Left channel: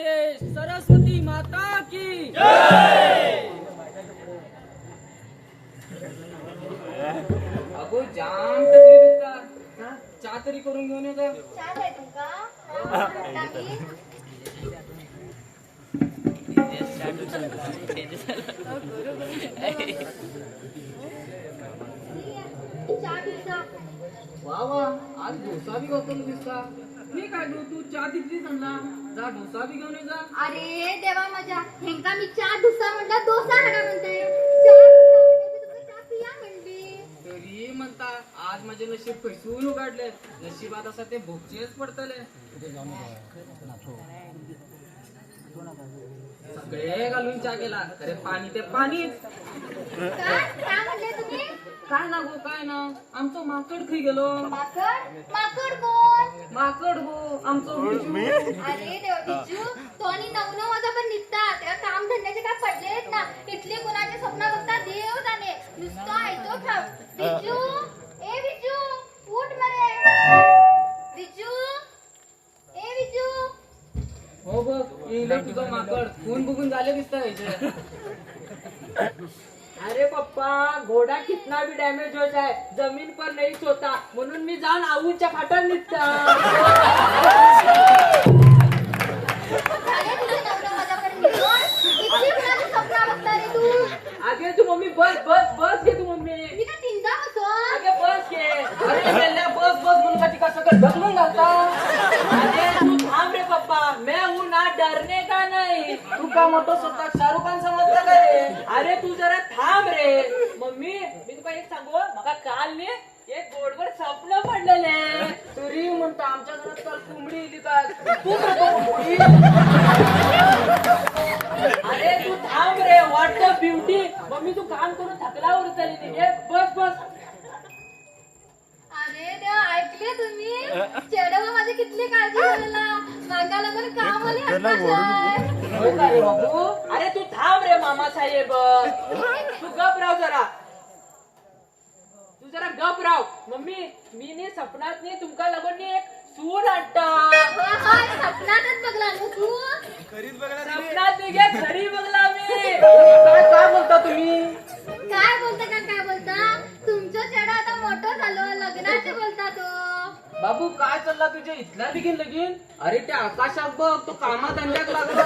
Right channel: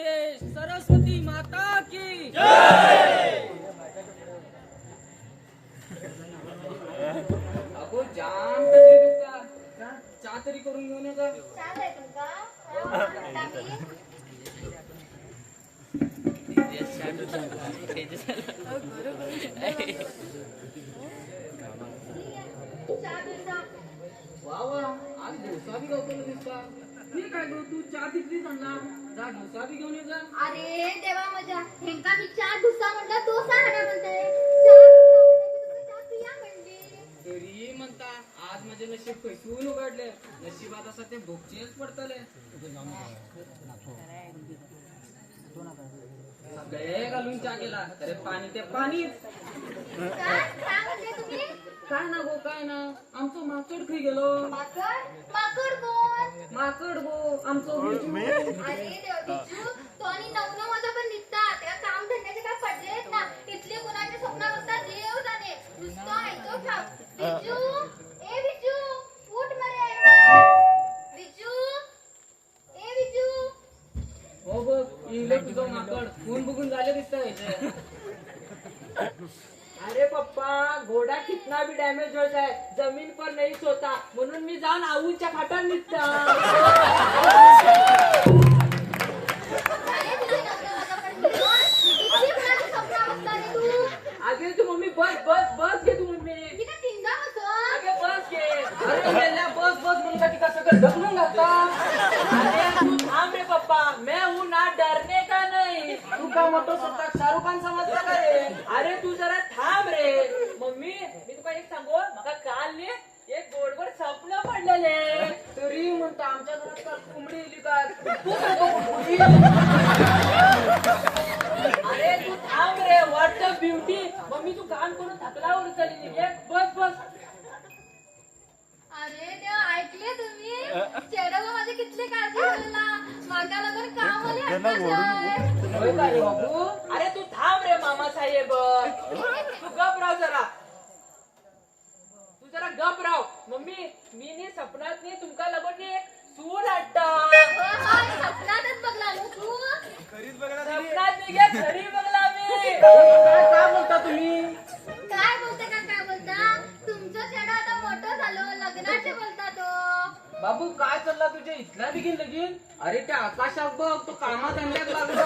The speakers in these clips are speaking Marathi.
गणेश सरस्वती माता की अगो जाम तकलीफ दुखता चहा तरी करून घेऊन ये ग. वा वा आज डोसा बी गवताना दिसता. ठीक आहे गो तू चहा तिथलीच आणला जा डोसा बी घेऊन ये जा. अरे देवा माझ्या हेंका मी चहा डुसा म्हटला डोसा हडा म्हणताय चहा डुसा म्हटलं तुम्ही चहा पिया म्हणली तरी म्हणता आज माझे नशीब खैसून उघडले. नशिबात असा ते भोगचेच पडतले. सगळे घालून चहा केला अरे पाणी ते पाणीच. काय म्हणले तुम्ही काय ना गो काय ना आमचं माकड खरी गेलो. माकड माकड कोण माकड गो आमचं विजू. अरे देवा बिजू तो आणि नवनो माझा पण निघतात त्या काम धंद्याचे काय पडलेत ना इथले कुणाचे स्वप्न बघता देव जाणे नुसता ऐतो ठाव बिजू ए बिजू उठ मरे बिजू ए बिजू हो बघ इंग्लंड तुझं माकड खून बघून झाले दिसत. अरे पप्पा घोडा कितना भी डैमेज हो जाए जमीन पर नहीं सोता म्हणून मी जाऊन आऊच्या खाटात निघता. अरे तुझे नवनो माझा पण निघून इथले कुणाचे स्वप्न बघता रे तू आगे तू मम्मी बस बस बस घे तू मम्मी. मी काय तिंजा बसून आगे बस घे. अरे मेल्या बस बस म्हणून का तिका सगळं ढकलून घालता. अरे तू थांब रे पप्पा मैं हूं ना डरने का नहीं. तू का मोठं स्वतः शाहरुख खान समजता का रे. अरे तू जरा थांब रे. मम्मी मी तुला एक सांगू मका काल ने एक गोडवर स्वप्न पडलेले. तरी म्हणता आमच्या घरात काल कोंबडी इली काय तू कोंबडी. अरे तू थांब रे व्हॉट अ ब्युटी. मम्मी तू काम करून थकलावर चालली नाही बस बस. अरे देवा ऐकले तुम्ही चेडवा माझी कितली काळजी करायला मागा लागून काम आले होय का रे बाबू. अरे तू थांब रे मामा साहेब. तू गप राव जरा. तू जरा गप राव. मम्मी मी ने सपनात ने तुमका लगून एक सून आणता. सपनातच बघला ना तू सपनात निघे घरी बघला मी. काय बोलता तुम्ही. काय बोलता तुमचं चेडा आता मोठं झालं लग्नाचे बोलता तो. बाबू काय चालला तुझ्या इथला बिगीन लगीन. अरे त्या आकाशात बघ तो कामात आणल्यात लागला.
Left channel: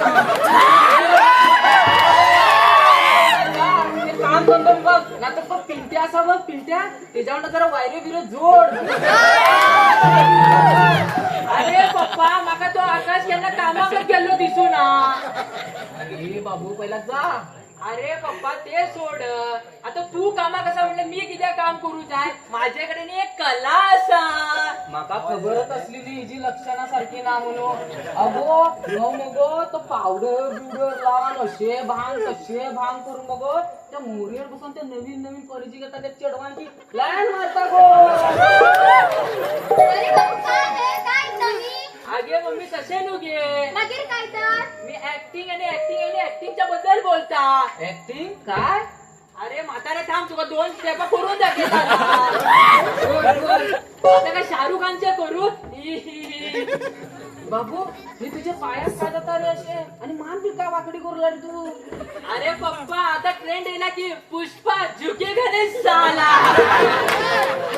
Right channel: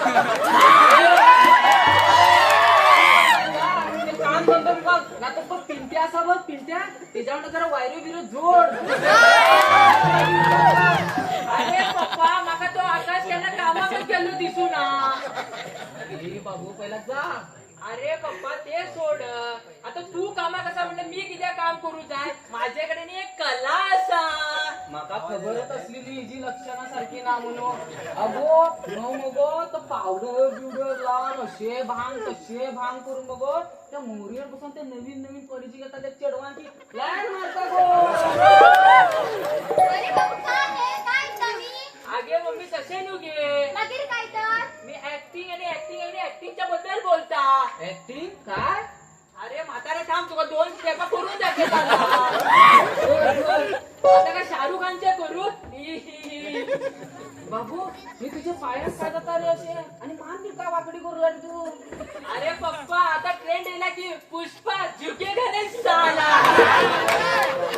काम करतो बघ ना तर बघ पिंट्या असा बघ पिंट्या त्याच्यावर जरा वायरे बिरे जोड. अरे पप्पा माका तो आकाश केला कामात गेलो दिसू ना. अरे बाबू पहिला जा. अरे पप्पा ते सोड आता तू कामा कसा म्हणलं मी किती काम करू जाय. माझ्याकडे एक कला असा माका खबरच असली नाही जी लक्षणासारखी ना म्हणून. अगो मगो तो पावडर बिवडर लावून असे भांग तसे भांग करून बघ त्या मोरीवर बसून त्या नवीन नवीन कॉलेजी घेतात त्या चढवांची प्लॅन मारता गो. अरे बाबू काय नवी आगे मम्मी कसे नुगे मगीर काय तर मी ऍक्टिंग आणि ऍक्टिंगच्या बद्दल बोलता. ऍक्टिंग काय. अरे म्हातारे थांब तुला 2 स्टेप करून दाखव. आता काय शाहरुख खानच्या करू. बाबू मी तुझे पायात काय जाता रे असे आणि मान बी का वाकडी करू लागली तू. अरे पप्पा आता ट्रेंड येला की पुष्पा झुके गणेश साला.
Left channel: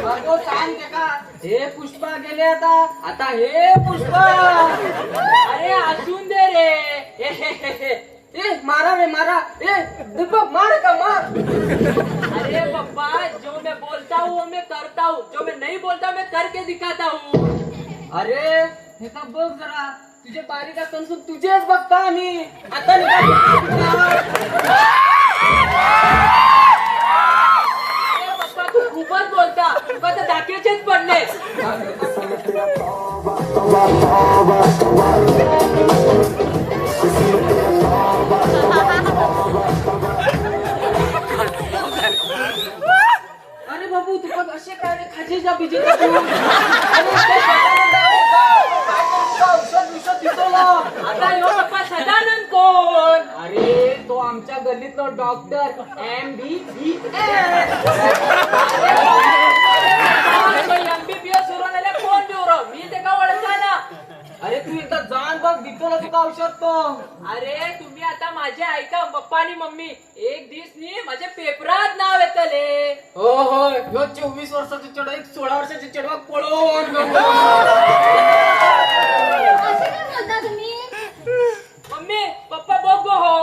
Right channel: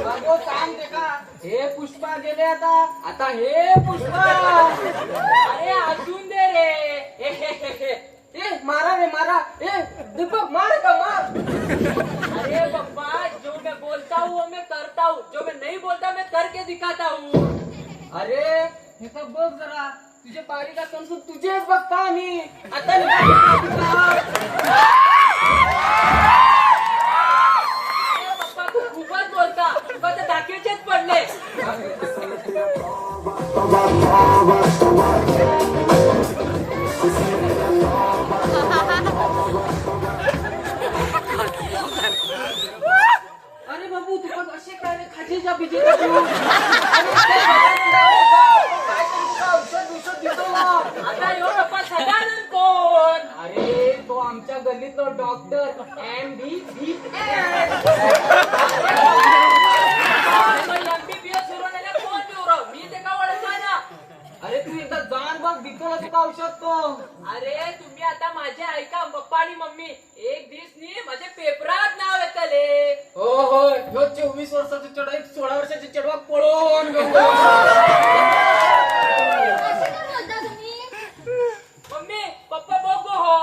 बाबू सांग ते का हे पुष्पा गेले आता हे पुष्पा. अरे असून दे रे. ए मारा रे मारा. ए दीपक मार का मार. अरे पप्पा जो मैं बोलता हूँ वो मैं करता हूँ जो मैं नहीं बोलता मैं करके दिखाता हूँ. अरे हे का बघ जरा तुझे बारीक असून तुझेच बघता आम्ही आता. पप्पा तू खूपच बोलता तुका तर दाखवचेच पडले. अरे बाबू तुका असे काय रे खाजेच्या बिजे आता यो पप्पा सदानंद कोण. अरे तो आमच्या गल्लीतला डॉक्टर MBBS. MBBS सुरू झाल्या कोण देऊ मी ते का ओळखा ना. अरे तू एकदा जाण बघ दितो ना तुका औषध तो. अरे तुम्ही आता माझे ऐका पप्पा आणि मम्मी एक दिवस नी माझ्या पेपरात नाव येतले. हो हो ह्यो 24 वर्षाचा चढ एक 16 वर्षाचा चढवा पळून असे काय बोलता तुम्ही? मम्मी पप्पा बघ हो.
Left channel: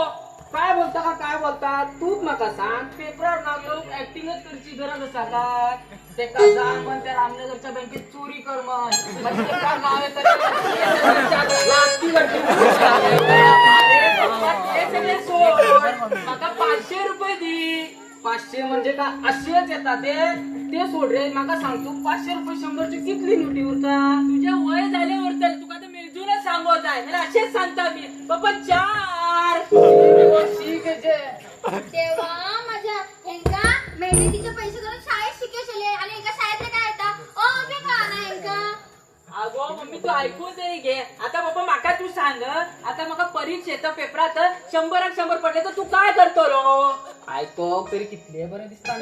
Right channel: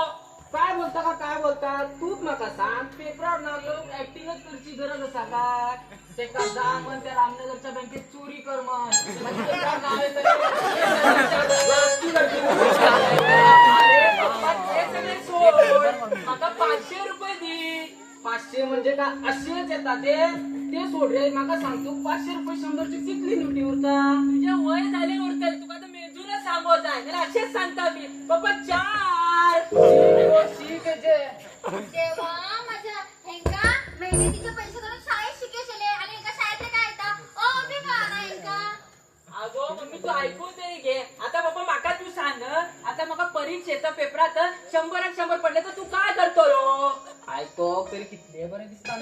काय बोलता का काय बोलता तूच नका सांग पेपरावर नाव येऊन ऍक्टिंगच करची गरज असा काय ते का जा म्हण त्या रामनगरच्या बँकेत चोरी कर म्हण म्हणजे पेपरावर नाव येतं अरे पप्पा ते सगळे सोड. माका 500 रुपये दी. 500 म्हणजे का अशीच येतात ते सोड रे नका सांगतो 500 रुपये 100ची कितली नोटी उरता. तुझ्या वय झाले उरतल तुका तर मिळूनच सांगत आहे मला असेच सांगता मी पप्पा 4. ठीक आहे तेव्हा माझ्या हेंका मेहनतीचे पैसे करून शाळेत शिकवले आणि एका शाळेत काय येतात बे का ना हेंका. अगो मम्मी तू ऐकून तरी घे. आता बाबा माका तू सांग आता मका परीक्षेचा पेपरात 100 आणि 100 पडले तर तू काय करतो रो. ऐको तरी कितले बरे दिसता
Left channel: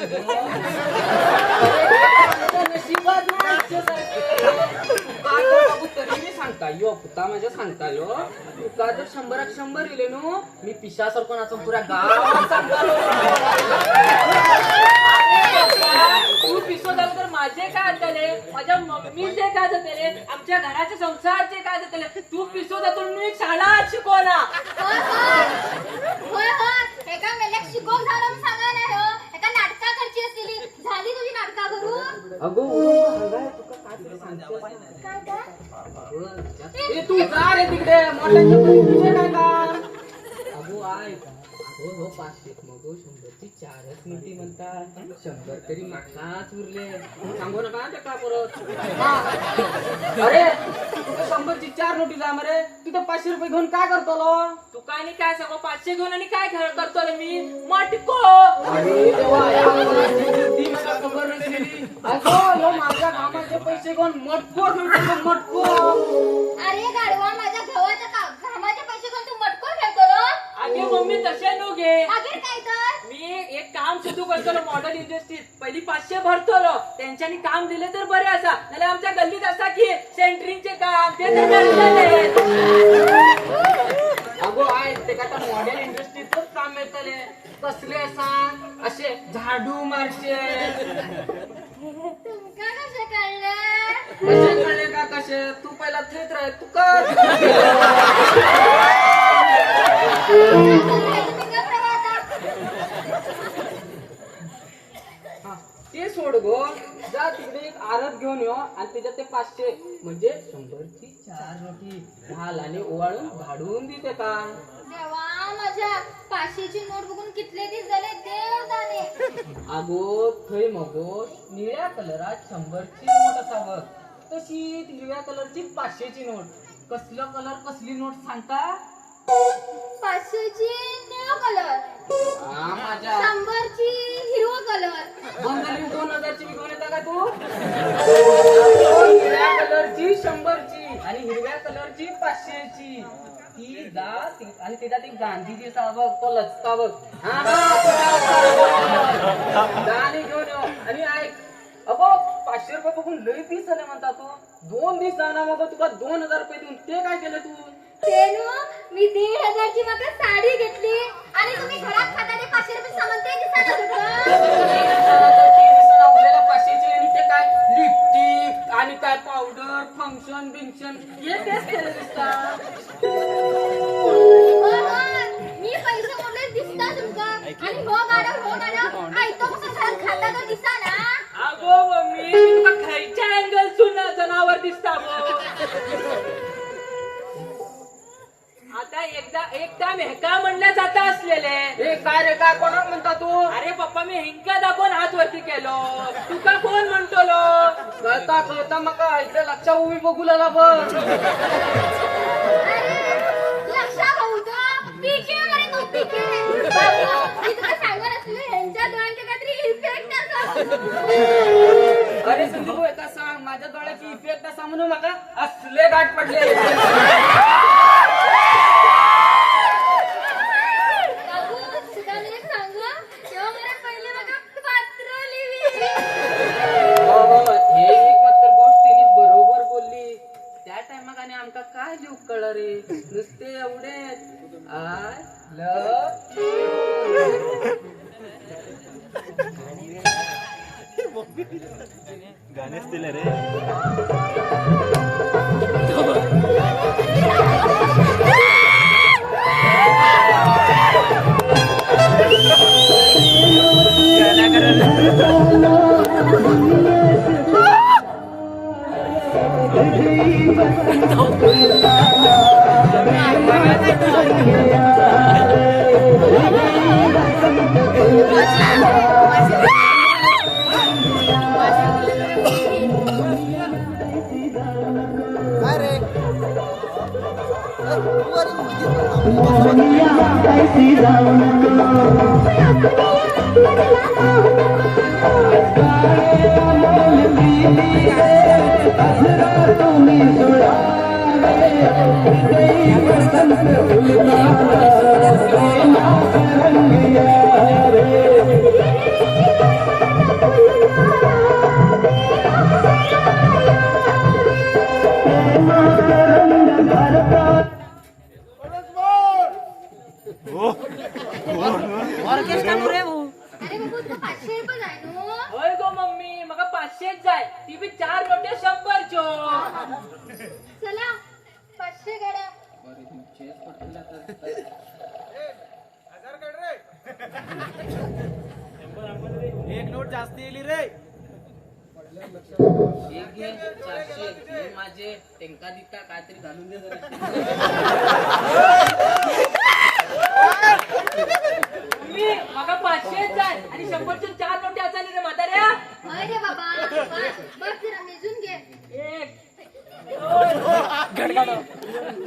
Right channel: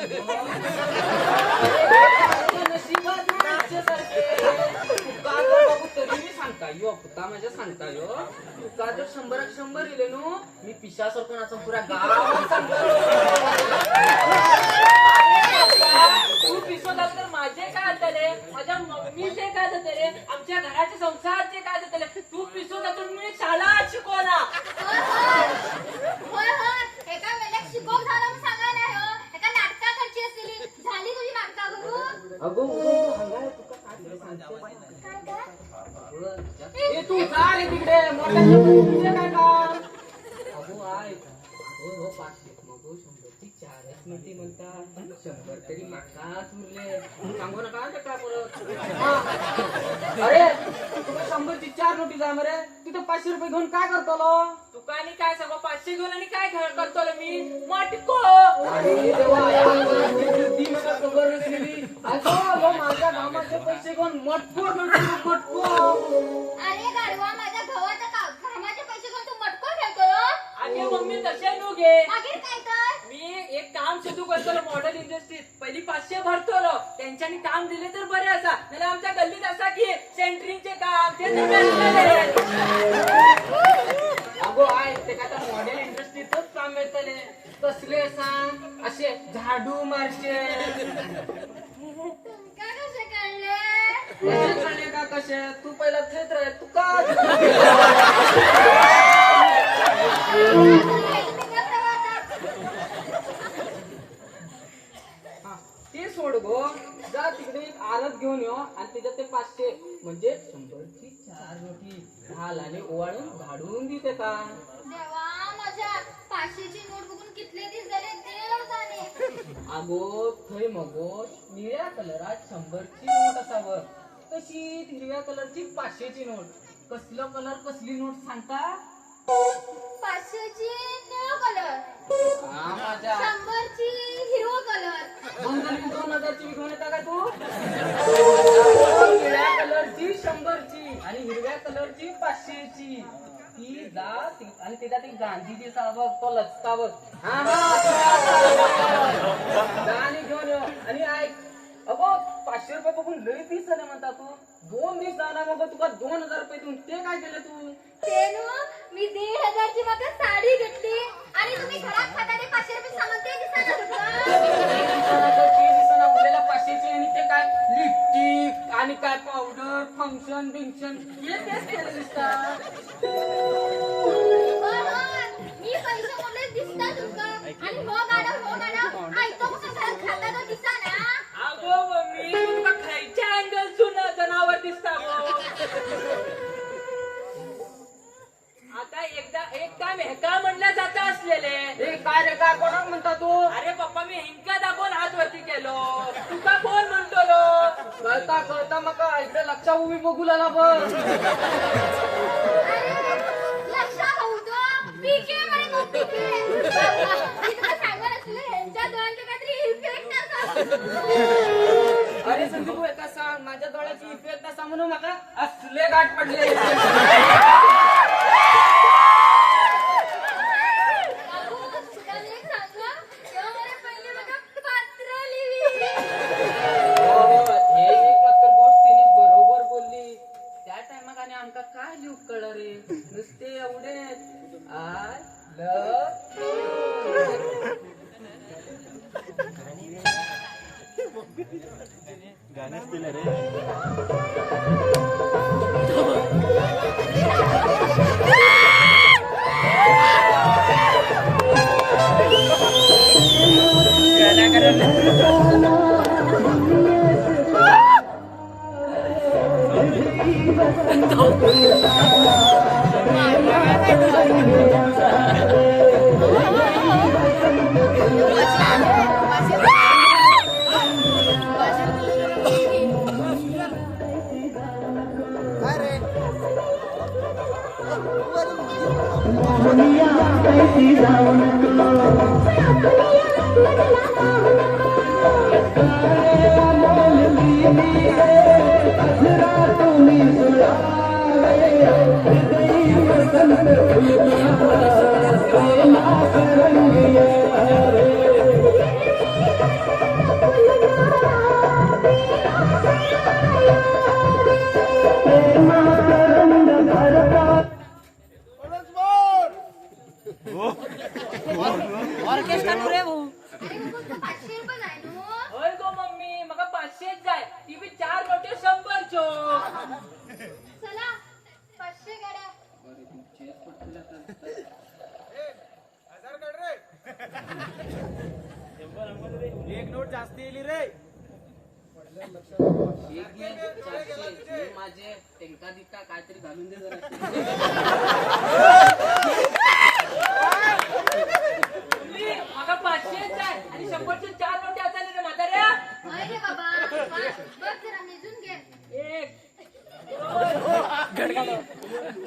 तरी मी सांगता यो पुता माझ्या सांगता यो तुका जर 100 इले नो मी पिशा सारखं नाचून पुऱ्या गावात सांगतो. तू पिसो झालं तर माझे काय झाले माझ्या मम्मीचे काय झाले आमच्या घराचे संसारचे काय झाले. तू पिसो जातो मी शाळा शिकवला. होय होय एका मेलेक शिकवून झालं मी सांगा नाही हो एका नाटका करची असलेली झाली तुझी नाटका करू. अगो तुका काय सांगतो काय तू जा रे तिकडे मोठ्या काय का अगो आय हो हो 500 नको 100ची 4च नोटी म्हणतात 100 तरी मागनाच उरले सांगू नका ते काय परत. अरे तुका 100ची 4 नोटी जा मरे तिथं 500 रुपये घेऊन काय करतो तुका आणि काय सांगू 500 घेऊन आणि काय खेळ करतो रे मी मटको. अरे देवा ती मला खबर नसली अगो ह्यो माझ्या कामाचे पैसे घेऊन मटको म्हणतो मटको. अरे गाडवा माझ्या घवाच्या घामाचे पैसे घेऊन तू मटको खेळतो रो. अगे मम्मी तसे तू घे. आखिर काय कर मी एक काम सुरू करतो मॉडेल इंडस्ट्रीत पहिली 500 भरतो त्यांच्यानी काम दिले तर बरे असा त्याला आमच्या गल्लीत असा की सेंटरिंगचे काम ते तर भेटले. अगो आय ते का मॉडेल इंडस्ट्रीतच काम मिळतले कसले सांग असे झाडू मारचे तुमका कसे कळलं. कसे कळले का कसे तू पहिला तरीच राह तू कर. तुम्ही कसं वाटत. हा, ते सोड गो जा तिकडे एक आरत घेऊन ये आणि त्याच्यात ते 500 म्हणजे 100ची 4 नोटी घाल आणि ओवाळून झाडून देते का. देवा माझ्या 500ची नोट बघून कितले दिवस झाले देव जाणे. अगो थंय मगो निळ्या कलरात 100ची नोट असावं तशी हिरव्या कलरची 500ची नोट. कसलं कलर कसली नोट सांगता. 500ची निळा कलर हा माझ्या 100ची हिरवा कलर 2000ची घेऊन येता का तू. निळ्या कलरची 100ची आणि हिरव्या कलरची 500ची ती जा आणि त्याच्यात एक गांधीजी बघ तो लचका बघ जा आणि घेऊन ये आणि ऐक अगो 500 रुपये बघून लई दिस झाले म्हणता तू 2 दिवस जाणार मग तुला 2000 रुपये देऊन ते काय केलं तू. ते मी 1500ची मात्र साडी घेतली आणि तुम्ही घरात खाताना 500 रुपये सामान ते दिसणार उरलेला 500ची आणि ते काय लिपस्टिक आणि काय पावडर फंक्शन बिंक्शन हे तेच केलं दिसतात. मी पैसे कोणते दिसतात तुमका आणि हो गाडा आयतो कसं घरात खाताना दिसा ना. अगो मम्मी तुला खायच्या अँगल सुना जनावर दिसता आता एक काम हेका म्हणलं जात असलेले. हे काय रे काय कोणाला म्हणता तू. अरे पप्पा मी हिंका दाखवून हात वरती केलो तुका कोण म्हणतो कळता कळता मका इकडे लक्षा उभी बघू लागला बघ. लक्षा होतो पीके म्हणे तो पीके. मी तुला सांगणार असले यांच्या डोळ्यांचे काहीतरी इफेक्ट असतो. अरे संदीप एका सांग माझ्या डोळ्याची इफेक्ट असा म्हणून मका असले गाठ पडले. हे एक मात्र गोष्ट तिने बरोबर बोलली त्या टायमाक आणि आमका काय गाणेच दिले रे. ऑर्केस्ट्रा रे भाऊ. अरे बाबू तू 500 रुपये जाय नो. होय गो मम्मी मका 500 जाय ती बी 4 नोटे 100 चो. चला 500 गड्या. एक नोट जास्त येली रे. एक घे 400 हे माझे टेंका दिका काहीतरी घालून दे जरा. मम्मी मका 500 जाय आणि 100 चे 4 नोटे असायले रे म्हाताऱ्या. होय रे बाबा. बस जरा मेजून घे. 1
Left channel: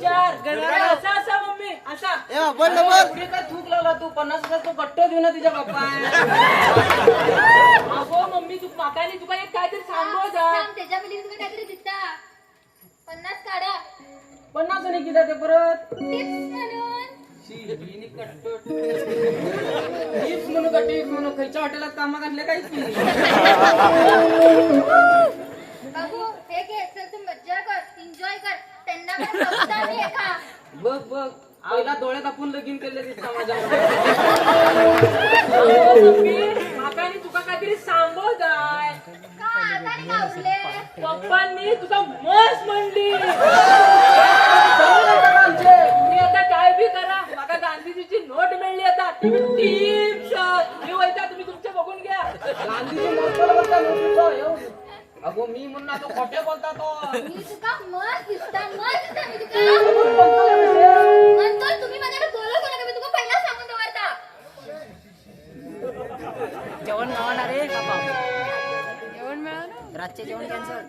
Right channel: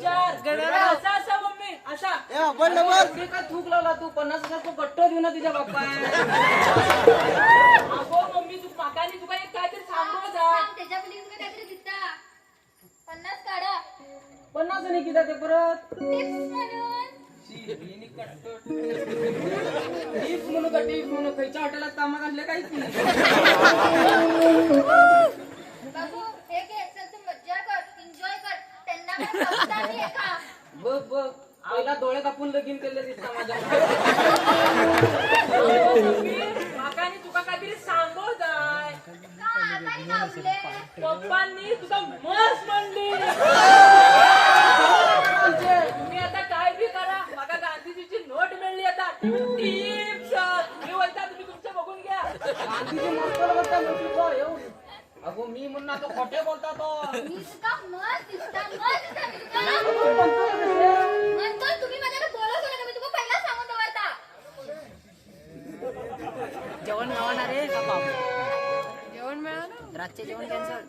4 असा असा मम्मी असा. पुढे काय थूक लावला तू 50,000 तो गट्ट देऊ ना तुझ्या बाप्पा. अगो मम्मी तू माकाने तुका एक काहीतरी सांगो जा. थांब, त्याच्या खाली तुला काहीतरी दिसता. 50 काढा. 50 नाही किती ते परत टिप्स म्हणून. टिप्स म्हणू का टिप्स म्हणू खायच्या हॉटेलात कामात आणले काय की बाबू हे घे. चल तू मज्जा कर, एन्जॉय कर. त्यांना पण संस्था दे खा. बघ बघ पहिला डोळे कापून लगीन केले ते समाजात. माकाने तुका काहीतरी सांगो जाय. का आता नाही आपले. पप्पांनी तुका मस्त म्हणली. तुम्ही आता काय बी करा माका गांधीजीची नोट मिळली आता टिप्स हे वैता तुम्ही तुमच्या बघून घ्या. गांधीजी म्हणतो बोलता म्हणतो एवढं. अगो मी म्हणून तो खोटे बोलता तो. मी तुका मस्त दिसता, मस्त दिसता मी तुका. म्हणतो तुम्ही माझ्याकडे बोलू नका. मी तुका पहिला सांगून दवरता. जेवण मिळणार रे बाबा. जेवण मिळणार रातचे जेवण कॅन्सल.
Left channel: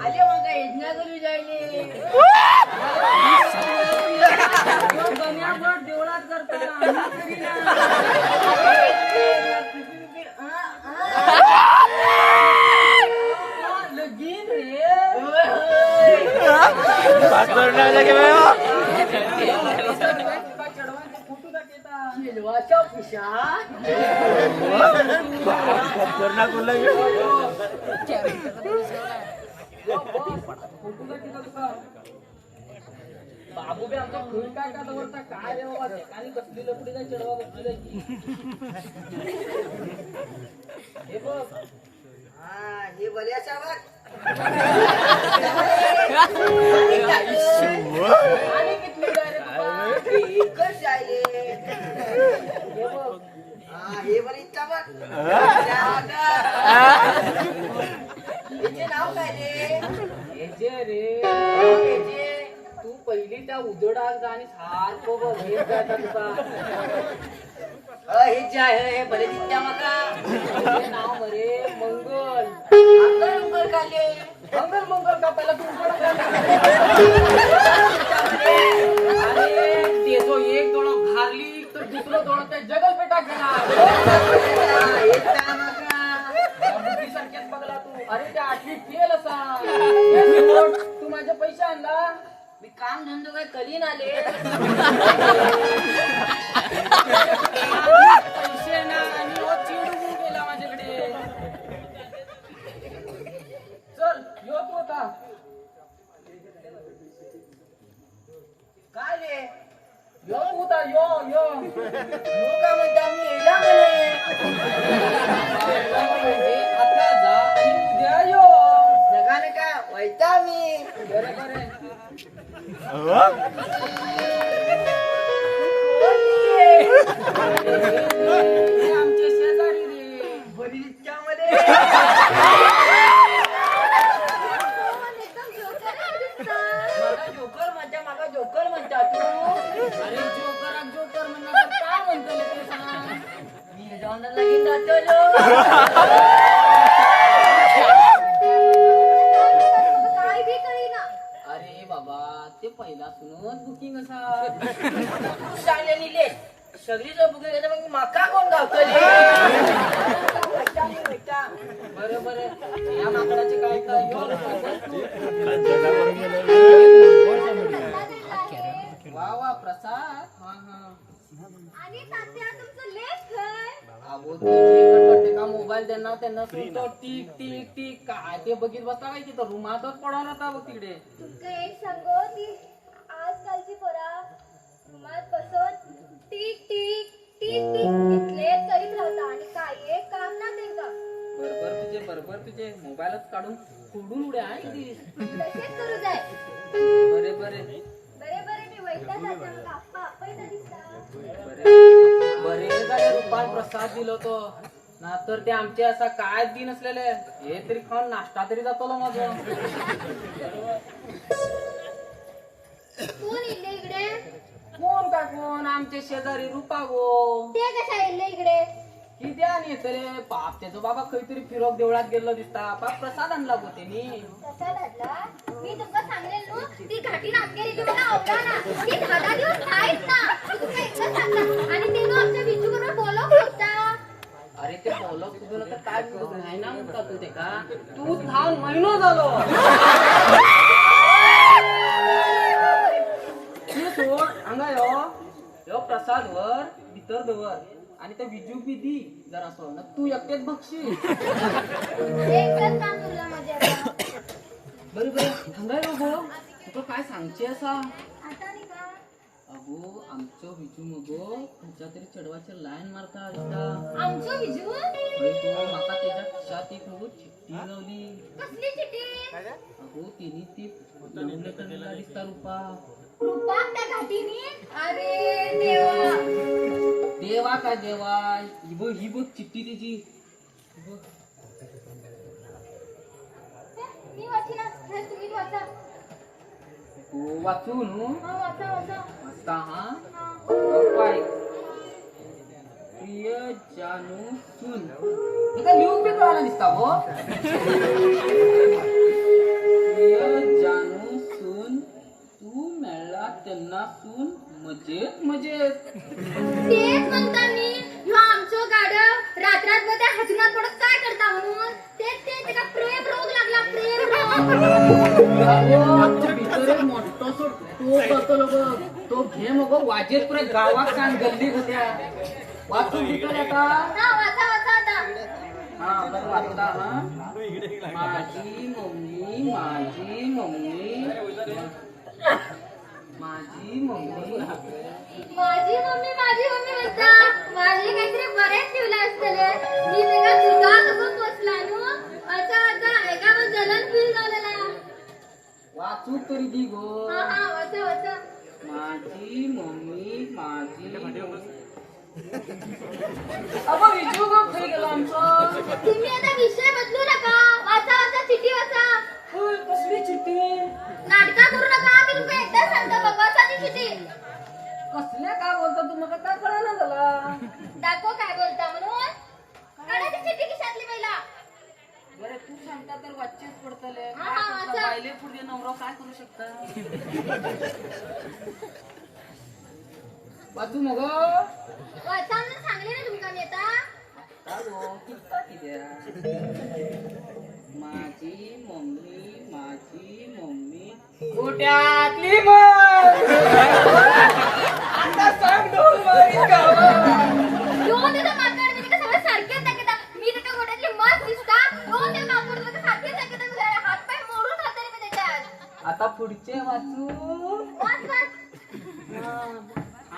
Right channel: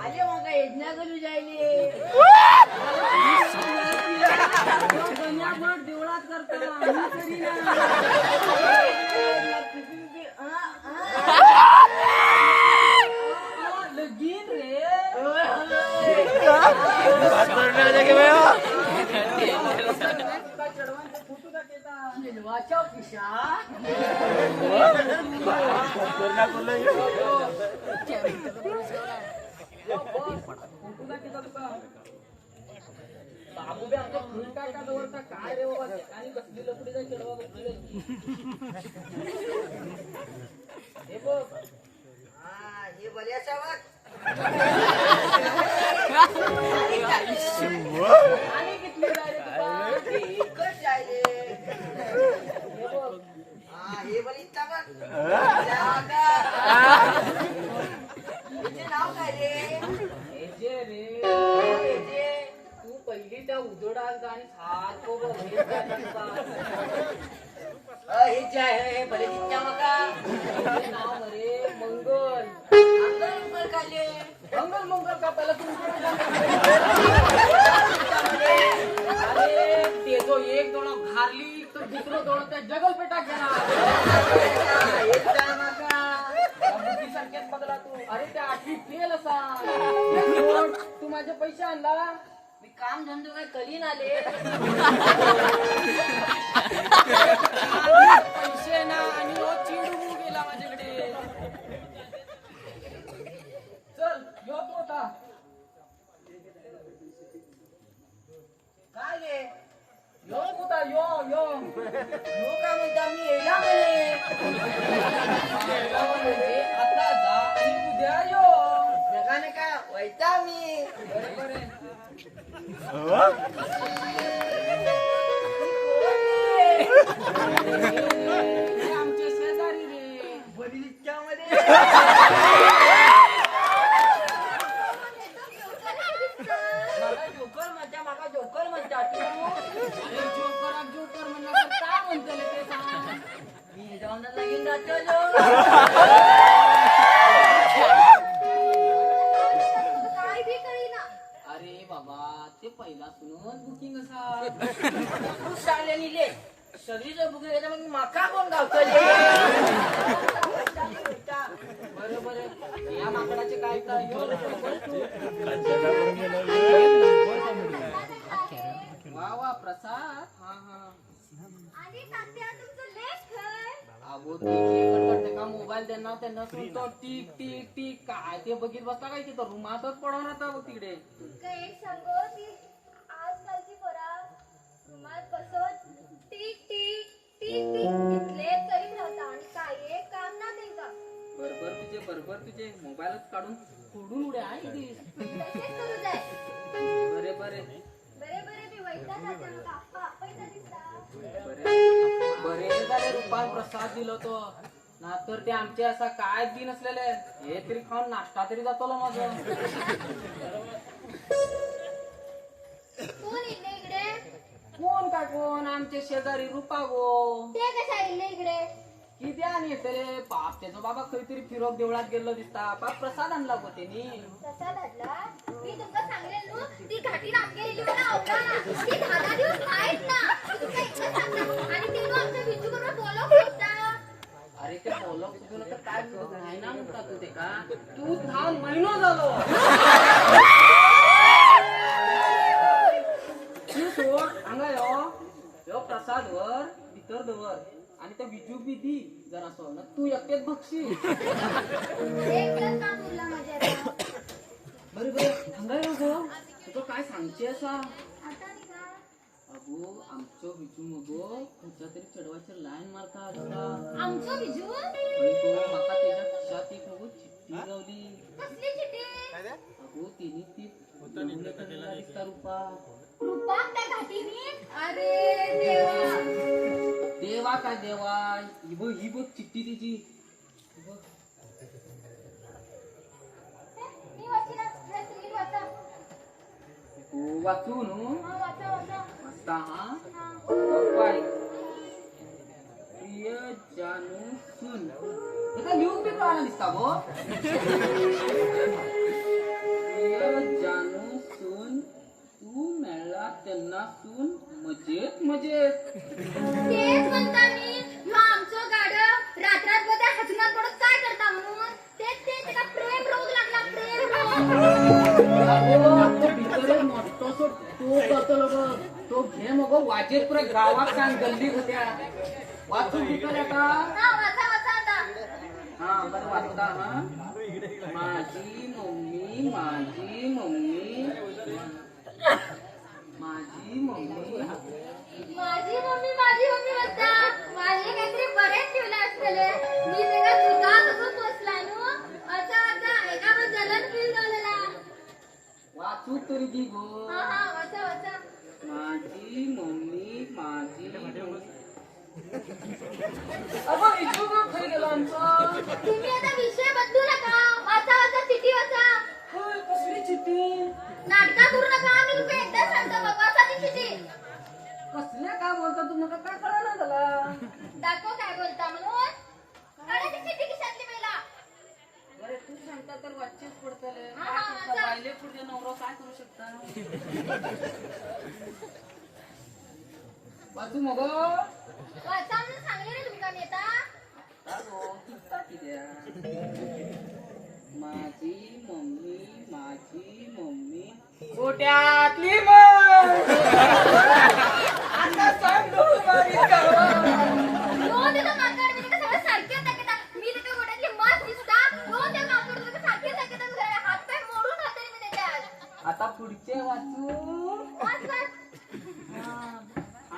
आले मग योजना करू जायले देवळात करता लगीन रे. शेलवाच्या खिशात बाबू बी आमच्या फुल काय का दवरता काय रे बाबा आणि कसली लपडी जाय चढवा बसली जायची. हे बघ हे बरे असा बघ आणि कितली जाय रे बाबा एकच जाय रे. हे बघ हे बरी इच्छा बघ नाव काय रे. हेजे रे हेजे तू पहिली त्या उजोडात जा आणि सारखं बघ हे हे जे आहे हे बरे दिसत्या मका. हे नाव बरे मंगल मंगल मंगल काले मंगल मंगल का पहिला तू अरे ते जो एक दोन घारली तर दुसरं दोन त्या जगल पेटा घेणार. सारख्याच बघला तू. अरे त्या आठवी फेल असा तू माझे पैसे आणला. मी काम धंदो काय करीन आले पैसे ना आणि चिडू गेला माझ्याकडे. काय रे यो होता यो यो यो का म्हणता मी येला म्हणे आता जा आणि उद्या यो नका नका वैता मी बरे बरे आमचे शेजारी रे बरीच्या मध्ये माका जोकर म्हणता तू अरे जोकर म्हणलं तर काय म्हणतो ते सांग मी जाऊन लगीन जातो काय बी कळीना. अरे बाबा ते पहिला सुनून बुकिंग असा शाळेनी ले सगळी जर बुकिंग घेता मग माका कोण गावतले बरं बरं या माकडाचे काय काय वा वा प्रसाद हा हा आणि तात्या तुमचं लेख काय? अगो ते जे करते का मोबाईल त्यांना सुद्धा टिक टिक टिक काय ते बघित बसता काय तिथं रुमातच पडवून आता बघ तिकडे तुमका एक सांगो ती आजकालची पोरा रुमात बसत टिक टिक टिक टिक इतले करीत राहता आणि काही एक काम ना देगा. बरोबर तुझे मोबाईलच काढून सोडून उड्या आहे दिस तसेच करू जाय. बरे बरे बरे बरे मी वैद्या तात्या मग आप्पा आप्पाही दिसता. बरे झाले रुपान प्रसाद दिलो तो ना तर ते आमचे असा काय दिन असलेले हे तरी खाऊन नाश्ता तरी जातो माझं कोण इले इकडे? कोण का कोण आमचे शेजारी रुपा गो ते कशा इले इकडे? किती आणि रे पाप त्याचा बाबा काहीतरी फिरक देवळात गेलो दिसता पाप प्रसाद आणला गो त्यांनी प्रसाद आणला? मी तुमका सांगेल नो ती घाटी नामकेली जी मला आवडा ना ती 10 दिवस आहेत ना तुमका इतकं सांगता आणि ते नो आमच्या बिजू बरोबर बोलव शकता. अरे ते बोलव तुझं तर काय नाही ना म्हणता तू ते का तू 10 महिनो झालो यो प्रसाद वर भीतर दवर आणि ते विजू बिदी जरा असं ना तू एकटेच बघशील एकच काम तुला माझ्या आता. बरी बरी सांगाय गो तुका काय सांगचे असा आता नाही का? अगो आमचं विजू मगो तुझ्या तरी चढवायचे लाईन मारता असता आमचं बिजू? माका त्याच्या खिशात एक मगो चिठ्ठी लावली कसली चिठी? अगो तिने ती लग्न करायला दिसता रुपा रूपा त्या घाटीनी? अरे देवा. देवा काय देवा ही बघ चिठ्ठी तिची मी वाचीना. नाही, तुम्ही वाचा. तू वाचू नु हा, वाचा वाचा. वाचता हा हा. काय प्रिय जानू सुन हे काय लिहून बी कळायला दिसता गो प्रिय जानू सुन तू मिळला त्यांना सून मजेत तेच म्हणता मी ह्यो आमचं गाडं रात्रात मध्ये हजनात पडत काय करता म्हणून तेच ते त्याला प्रेम रोग लागला प्रेम रोग. तो घे मग वाजेत पुरे गावात सांग गल्ली होत्या वाचून घेतलं का हा वाचा वाचा आता. हा बरं वाचता हा माझी मम्मी माझी मम्मी म्हणता माझे काहीतरी बरेच ठेवलं असतले मी त्याला तुझा कसं पोचला नु अच्छा अच्छा एका पण जलन फील झालेला. वाचू तरी दी गो हा हा वाचा वाचा. माझी मम्मी अगं विजू गो घरी गेलो आमचं तुम्ही आता विषय बदलू नका. वाचा वाचा चिठ्ठी वाचा. होय, कसली चिठ्ठी नाटका करू नका. मी तुमका एकदा सांगतो बाबा वाचा चिठ्ठी. कसल्या काय बोलता तू मग काय कळना झाला दाखव काय बोलता म्हणून. काढा ती चिठ्ठी खिशातली पहिला. अरे तू सांगता तर वाचेच पडतले हा, हा, वाचा. बायले पुढे नवरा काय करू शकता वाचू मग वाचा म्हणून सांगले ना तुमका मी आता. माझी मम्मी गोट्यातली आता सांग दोन ते माकड मी सगळं सारखेच दाखवता. मी ते गोड्यातले मस्त दिसता. दोन ते माकड सारखेच दाखवता. हात पाय मोडून राहते मी पुढचे वाचू वाच वाच.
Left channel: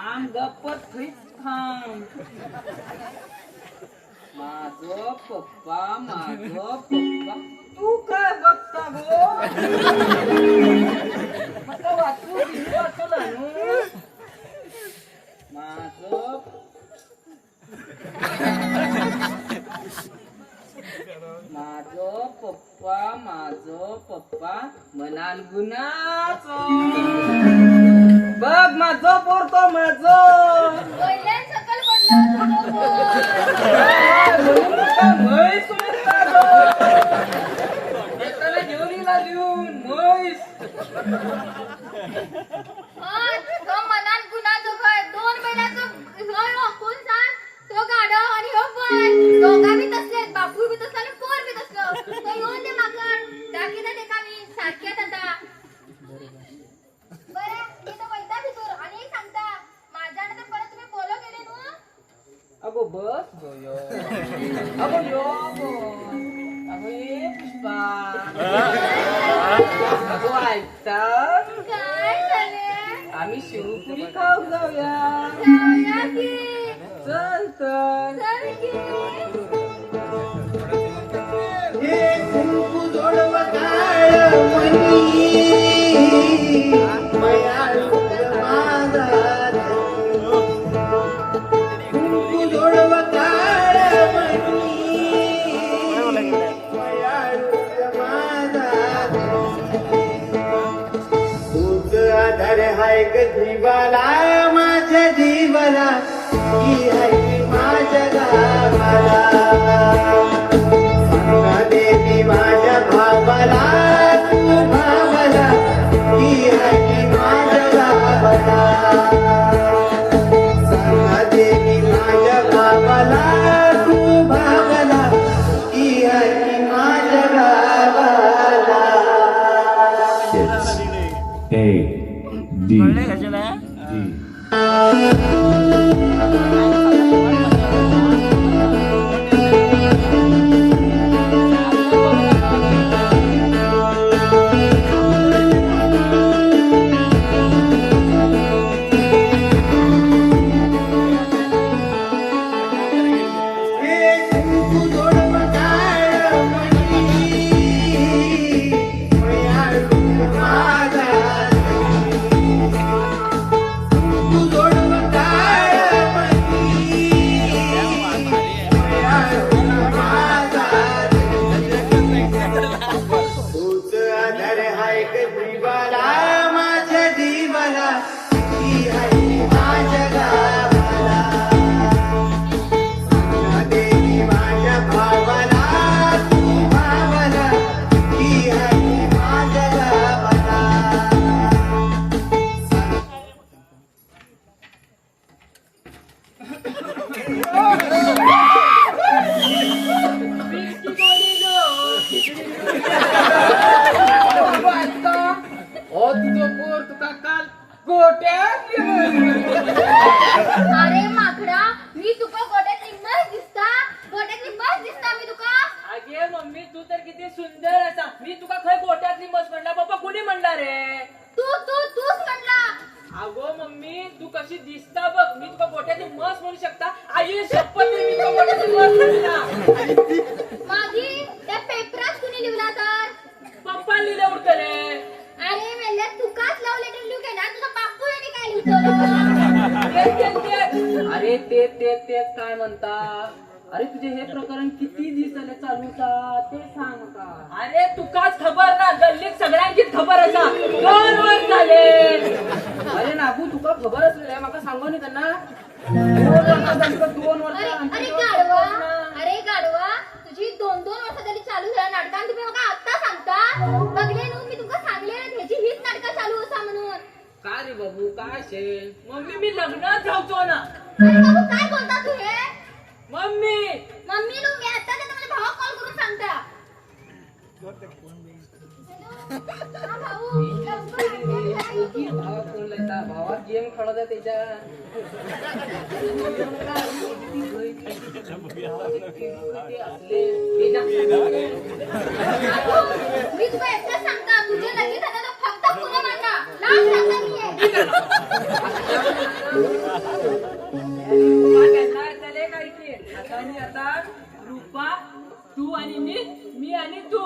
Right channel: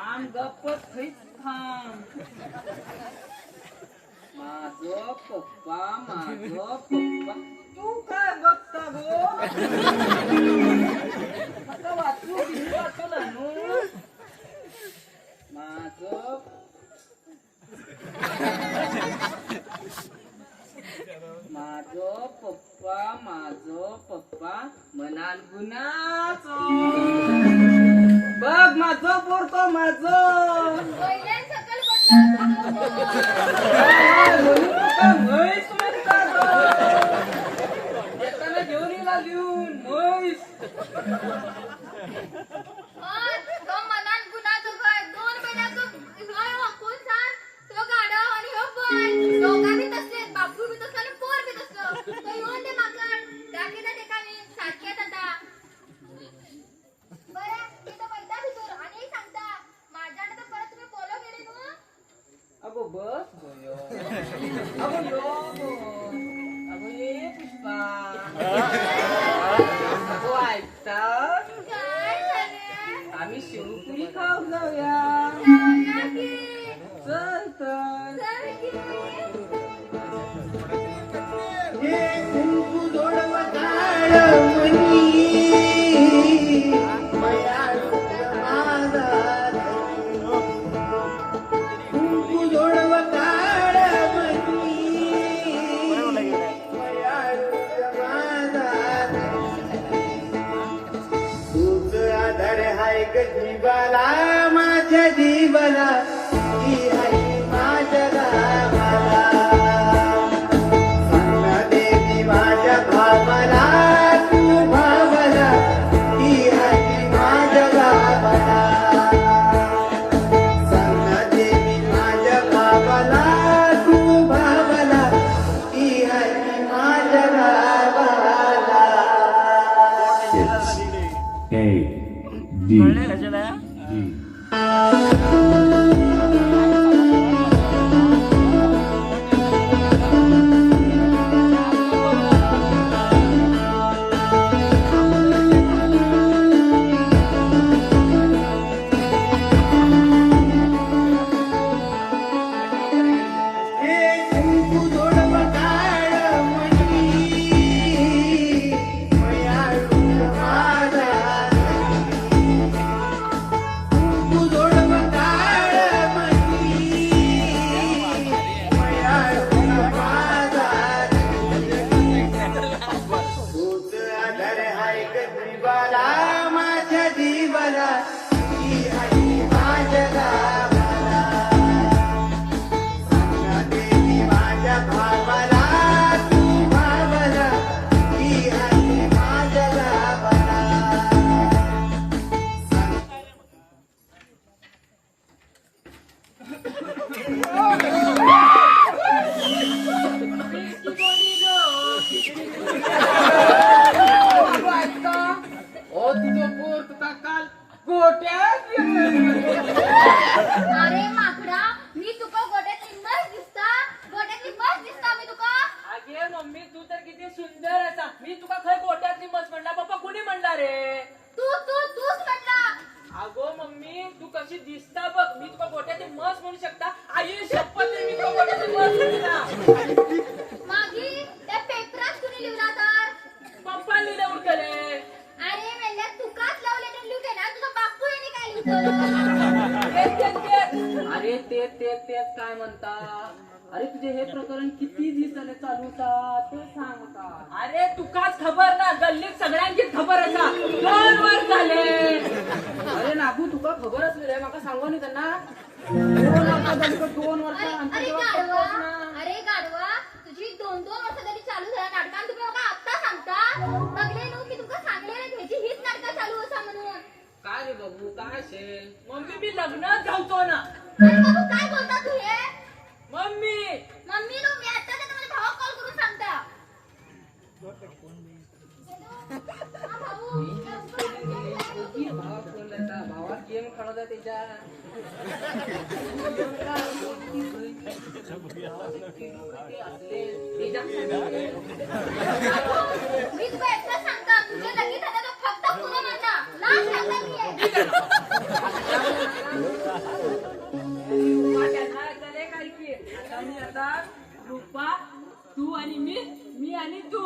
आम गप्पत थैच थांब. माझं पप्पा तू काय बघता गो? आता वाचू दिली वाचला नु. माझं पप्पा म्हणाल गुन्हाचं. बघ माझं पोरतो माझं पहिल्याच सकल पडलं येताना घेऊन येला लिहून म्हैस. तो मनात गुन्हाचं काय 2 महिन्याचं कोण सांग तो गाडव आणि हो पण दोघा बी तसलेच बापू बी तसला आणि पोर बी तसलं तो येऊन दे माकड दाखवता ते का मी सारख्यात आता बरं मी तो वैता भितूर आणि सांगता माझ्याने तर परत तुम्ही बोलो गेले नु. अगो बस गयो. अगो यो अगो ये पुष्पा. अगो ऐकता काय झाले आम्ही शिवपुरी खाऊ जाऊया. जाऊया की चल तर. चल की. जीवाला माझ्या जीवाला ही आहे माझ्या गावाला. सांगा देवी माझ्या भावाला तू भावाला ही आहे माझ्या गावाला. सांगा देवी माझ्या भावाला तू भावाला ही आहे माझ्या गावाला. अरे माकडा मी तुका गोट्यात निम्मच दिसता गोट्यात निम्मच दिसता मी तुका. अगे मम्मी तू तर किती सुंदर असा. मी तुका खय गोट्यातली मस म्हणला पप्पा कुणी म्हणला रे? तूच म्हणला. अगो मम्मी तू कशी दिसता बघ. मी तुका गोट्यातली मस म्हणू शकता. आई शपथ आहे, मी तुका गोट्यातली मस म्हणला. मागी त्या पेपरात कुणी लिहिला तर पप्पा लिहिले उरतले. अरे मेल्या तुकाच लव लेटर लिहू के ना तुझा बापू यांनी काय लिहिलं. अरे ते काय म्हणता. अरे तुझे हे प्रकरण किती दिवसाने चालू होता ते सांग का. अरे तुकाच खबर ना गल्लीत सगळ्यांचीच खबर असा. 2 वर्ष झाले. अरे नागू तुका खबर असलेलं माका सांगू नी त्यांना. 2 वर्ष अरे गाडवा तुझी 2 वर्ष तरी चालू झाला नाटकान तुम्ही बघा आता सांगता. बघले नु मी तुका सांगले ह्याची हीच नाटकं चालू असा म्हणून. काय रे बाबू काय शे. मम्मी मी लग्नात जाऊचो ना. अरे बाबू काय बोलता तू हे. मम्मी मम्मी नु मी आता ते माझ्या भावाला कॉल करून सांगता. हा भाऊ भावा गेम खेळत आहे त्याच्या. मी तुला एकदा सांगता तुझ्या लगेच आता फक्त आणि मी आणि तू.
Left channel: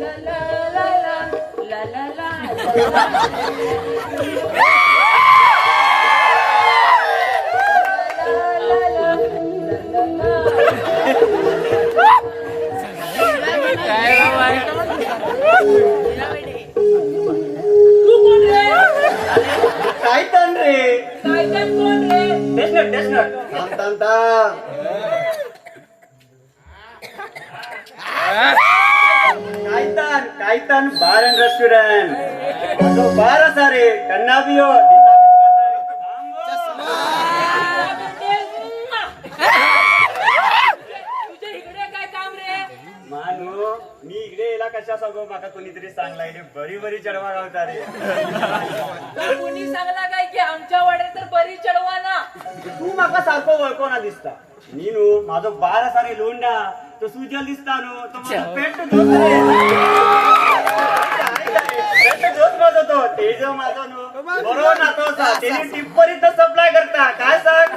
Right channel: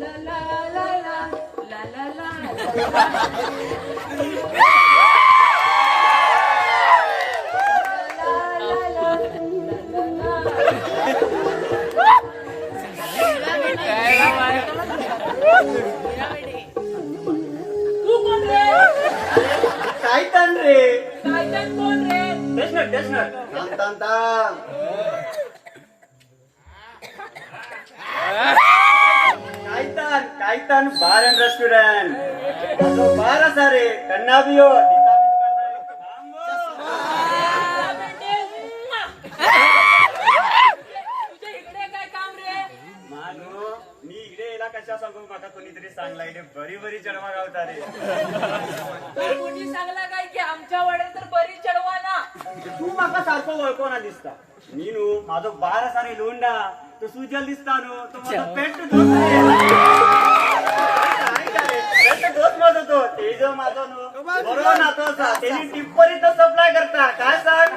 ला ला ला ला ला ला ला ला ला तू कोण रे? टायटन रे. टायटन कोण रे? थांब थांब थांब. Titan bar and restaurant. तो बार असा रे कन्ना भी हो. तुझ्या इकडे काय काम रे? मानो मी इकडे येला कशा सांगू माका कोणीतरी सांगला इकडे बरी बरी चढवा गावता रे. तर कुणी सांगला काय की आमच्या वाड्यात तर बरी चढवा ना. तू माका सारखो वळखोना दिसता. मी नु माझो बार असा रे लोंडा तो सुजल दिसता नु तो माझो पेट दोस्त रे. पेट दोस्त माझो तो तेजो माझो नु बरोबर नातो असा तेनी टिप्परी तर सप्लाय करता काय सांग.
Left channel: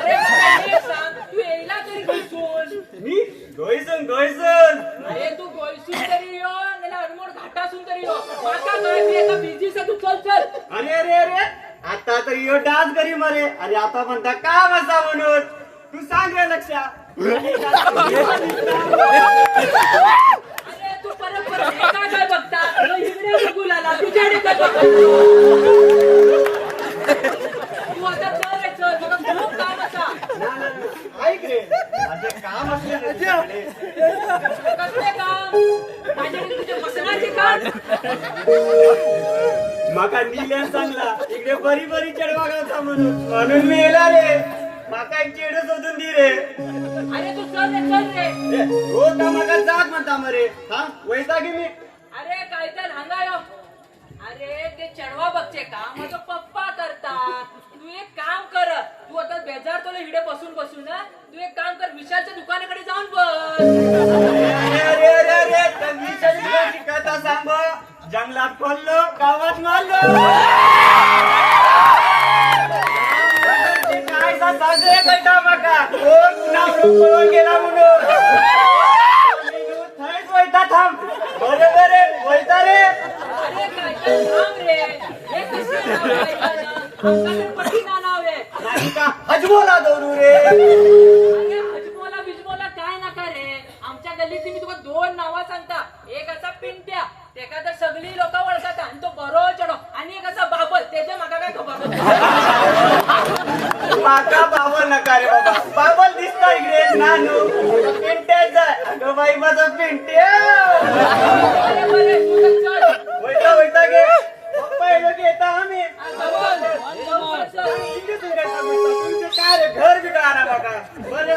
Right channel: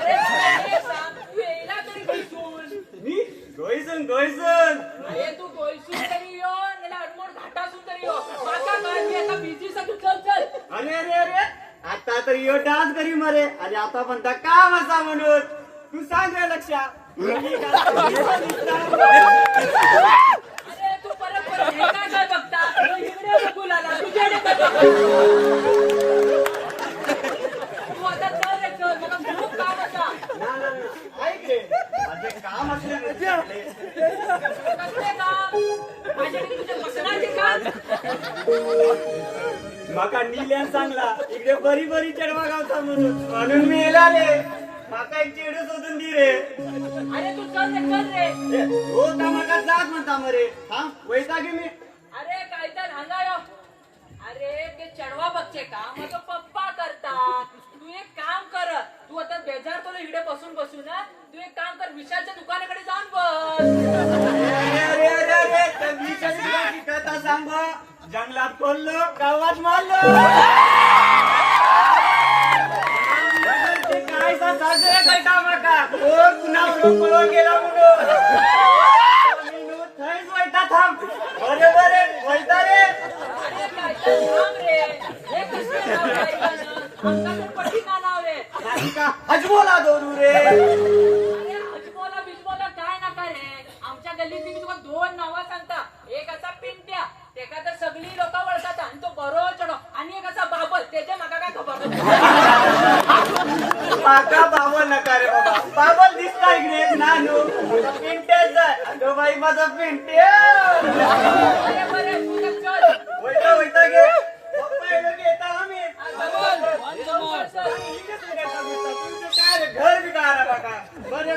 अरे काय सांग तू यायला तरी गोयसून. मी गोयसन. अरे तू गोयसून तरी यो नाही अनमोड घाटासून तरी यो. माका काय की आता बिझी सा तू चल. अरे आता तर यो डान्स करी मारे आणि आता म्हणता काम असा म्हणून तू सांग रे लक्षा. अरे तू परत हे काय बघता तो इकडे बघू लागला तुझ्याकडे काय बघता? तू आता चल तुला खूप काम असा. ऐक रे माझे काम असले रे तुझ्याकडे. कसले काम? माझ्याकडे तुझे मसनाचे काम. माका नील्या सांगला इकडे बरी बरी चढवा गावता म्हणून मी येला रे. माका एक चेड शोधून दी रे. अरे तू चल रे. हो का माका जात म्हणता मरे. हा वैता की मी. अरे काय तर हांगायो. अरे ते चढवा बघचे काम माझा पप्पा करतात. तू एक काम कर. तू आता बेजार तुला इकडे बसून ना तू एक काम कर विशालच्या दुकानाकडे जाऊन बस. अरे तर मी कशी कथा सांग. जंगलात खोललो गावात मारलो. काय सासरे करता माका कोण पुन्हा पळून गेला म्हणून. थंयच वैता थांब. बरे वैता रे. अरे काय तर थांब रे. हे कसं नाव आहे याचं? आमचं तर पटीना नाव आहे. नाही का हजमोला दोरू रे. अरे हजमोला बिजमोला काय नका रे. आमच्या गल्लीतली मी तुला 2 नावं सांगता. एक असा पिंट्या तेका तर सगळी लोक ओळखतात आणि तो बरो चढो. आणि एक असा बाबल त्याच्या मागा काय खबर. माका बाबल नका रे बाबा. बाबल दिसता इकडे नानू पिंट्याच आहे. अगं बाई माझा पिंट्या. अरे बरे तू तर चल. वैता घे. पहिलं घेता आम्ही. काय रे घर बिघाडा बघा. बरे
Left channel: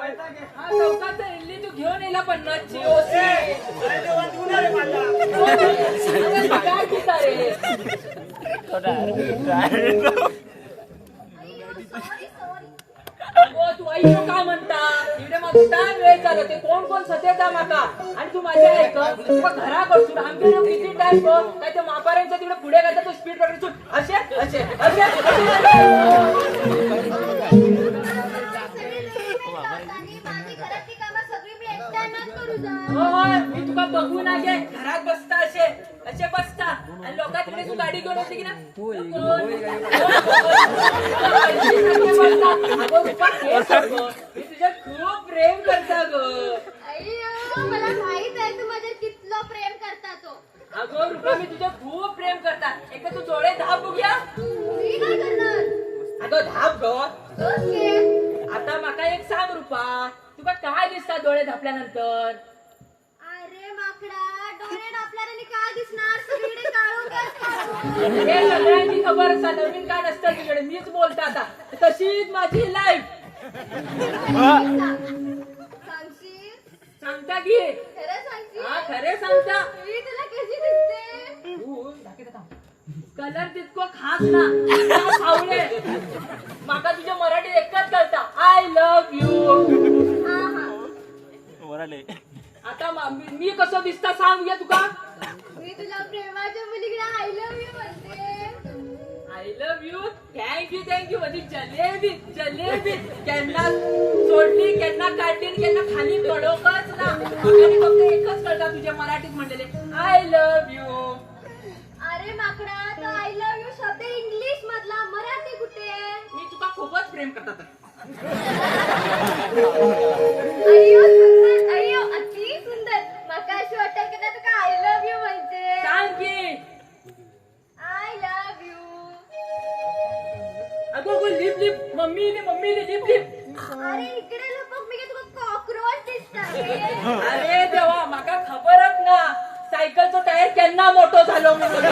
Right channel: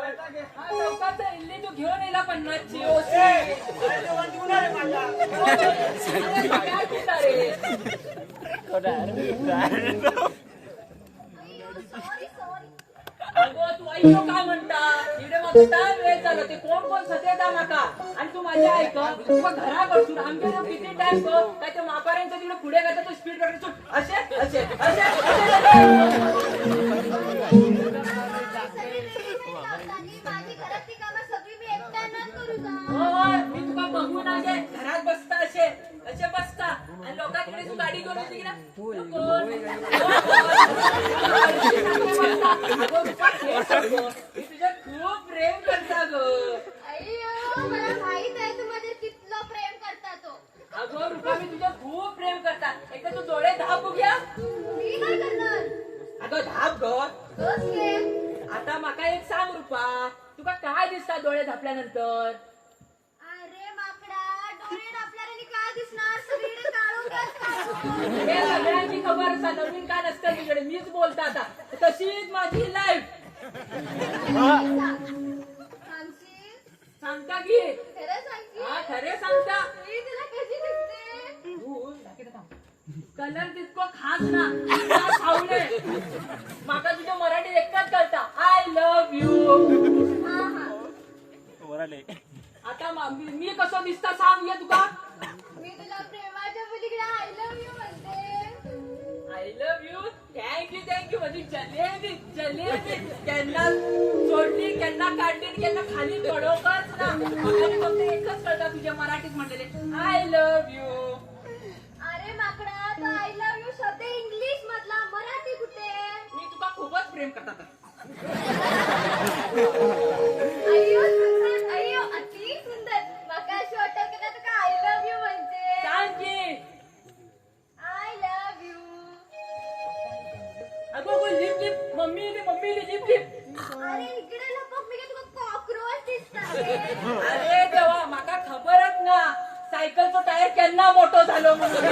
वैता घे. हा चौकाचा इल्ली तू घेऊन येला 50ची ओसी. काय घेता रे? अगो तू ऐको काय म्हणता इकडे मग टाइम वेळ झाला. ते कोण सतेदा माका आणि तू माझ्या ऐक तुला घराकडसून आमच्या किती टाइम काय ते मापाऱ्यांच्या तिकडे पुढे काय तू स्पीड ब्रेकर सुट असे होय मी तुला बघू ना घे घरात बसता असे बसता आणि लोकांकडे तू गाडी घेऊन होती की ना मी तुझ्या खूप प्रेम करता ग. मला माहित आहे तू माझ्या कितलं प्रेम करता तो. अगो रुपा मी तुझ्या खूप प्रेम करता. एक तू डोळे धाप बघूया. मी काय करणार. अगो धाप ग. बस घे. आता माका एक सांग रुपा तुका काय दिसतात डोळे धापल्यानंतर. अरे माकडा डोळे डापल्याने काय दिसणार सगळीकडे काळोख असतो. हे सगळ्यांची खबर असा नवीन काय नसतं तुझ्याकडे. मीच बोलते आता तशीच माझी लाईफ. सांगशील सांगता की खरं सांगशील. हा खरे सांगता. मी तुला कशी दिसते. तू कलर तितको खास ना आवडे माका तुझ्या मराठीत एकच कळता आय लव्ह यू. वराले आता मी कसं दिसता सांग या तुका. मी तुला प्रेमाच्या मुलीकडे आय लव्ह यू म्हणते. आय लव्ह यू थँक्यू म्हणजे जलेबी जलेबी त्यांना सोडली त्यांना काढली त्यांना खाली पडवच ना. आणि फक्त एकच कळता तुझ्या मराठीत म्हणलेले आय लव्ह यू. अरे माकडा तो आय लव्ह यू शब्द इंग्लिश मधला मराठी कुठे. मी तुका खूपच प्रेम करतात. अय्यो सुंदर अय्यो अति सुंदर. माका अशी वाटत की तुका आय लव्ह यू म्हणते. सांग की आय लव्ह यू. अगो कोण लिप मम्मी लिप. अरे इकडे लपक मी तुका कॉकरोच दिसता. अरे देवा माका खबरच ना सायकलचो टायर केन्ना मोठो झालो म्हणून.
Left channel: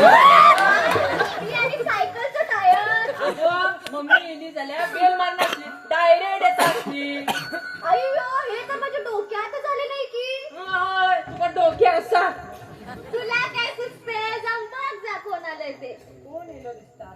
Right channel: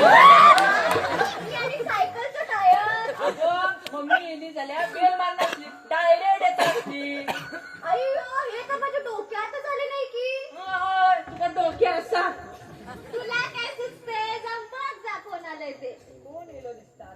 मी आणि सायकलचं टायर. अगो मम्मी येली जाल्यार बेल मारनासली डायरेक्ट येतासली. अय्यो हे तर माझ्या डोक्यातच आले नाही की. होय तुका डोके असा. तुला काय सुचते जमतात जा कोणाला ते. कोण येलो दिसता.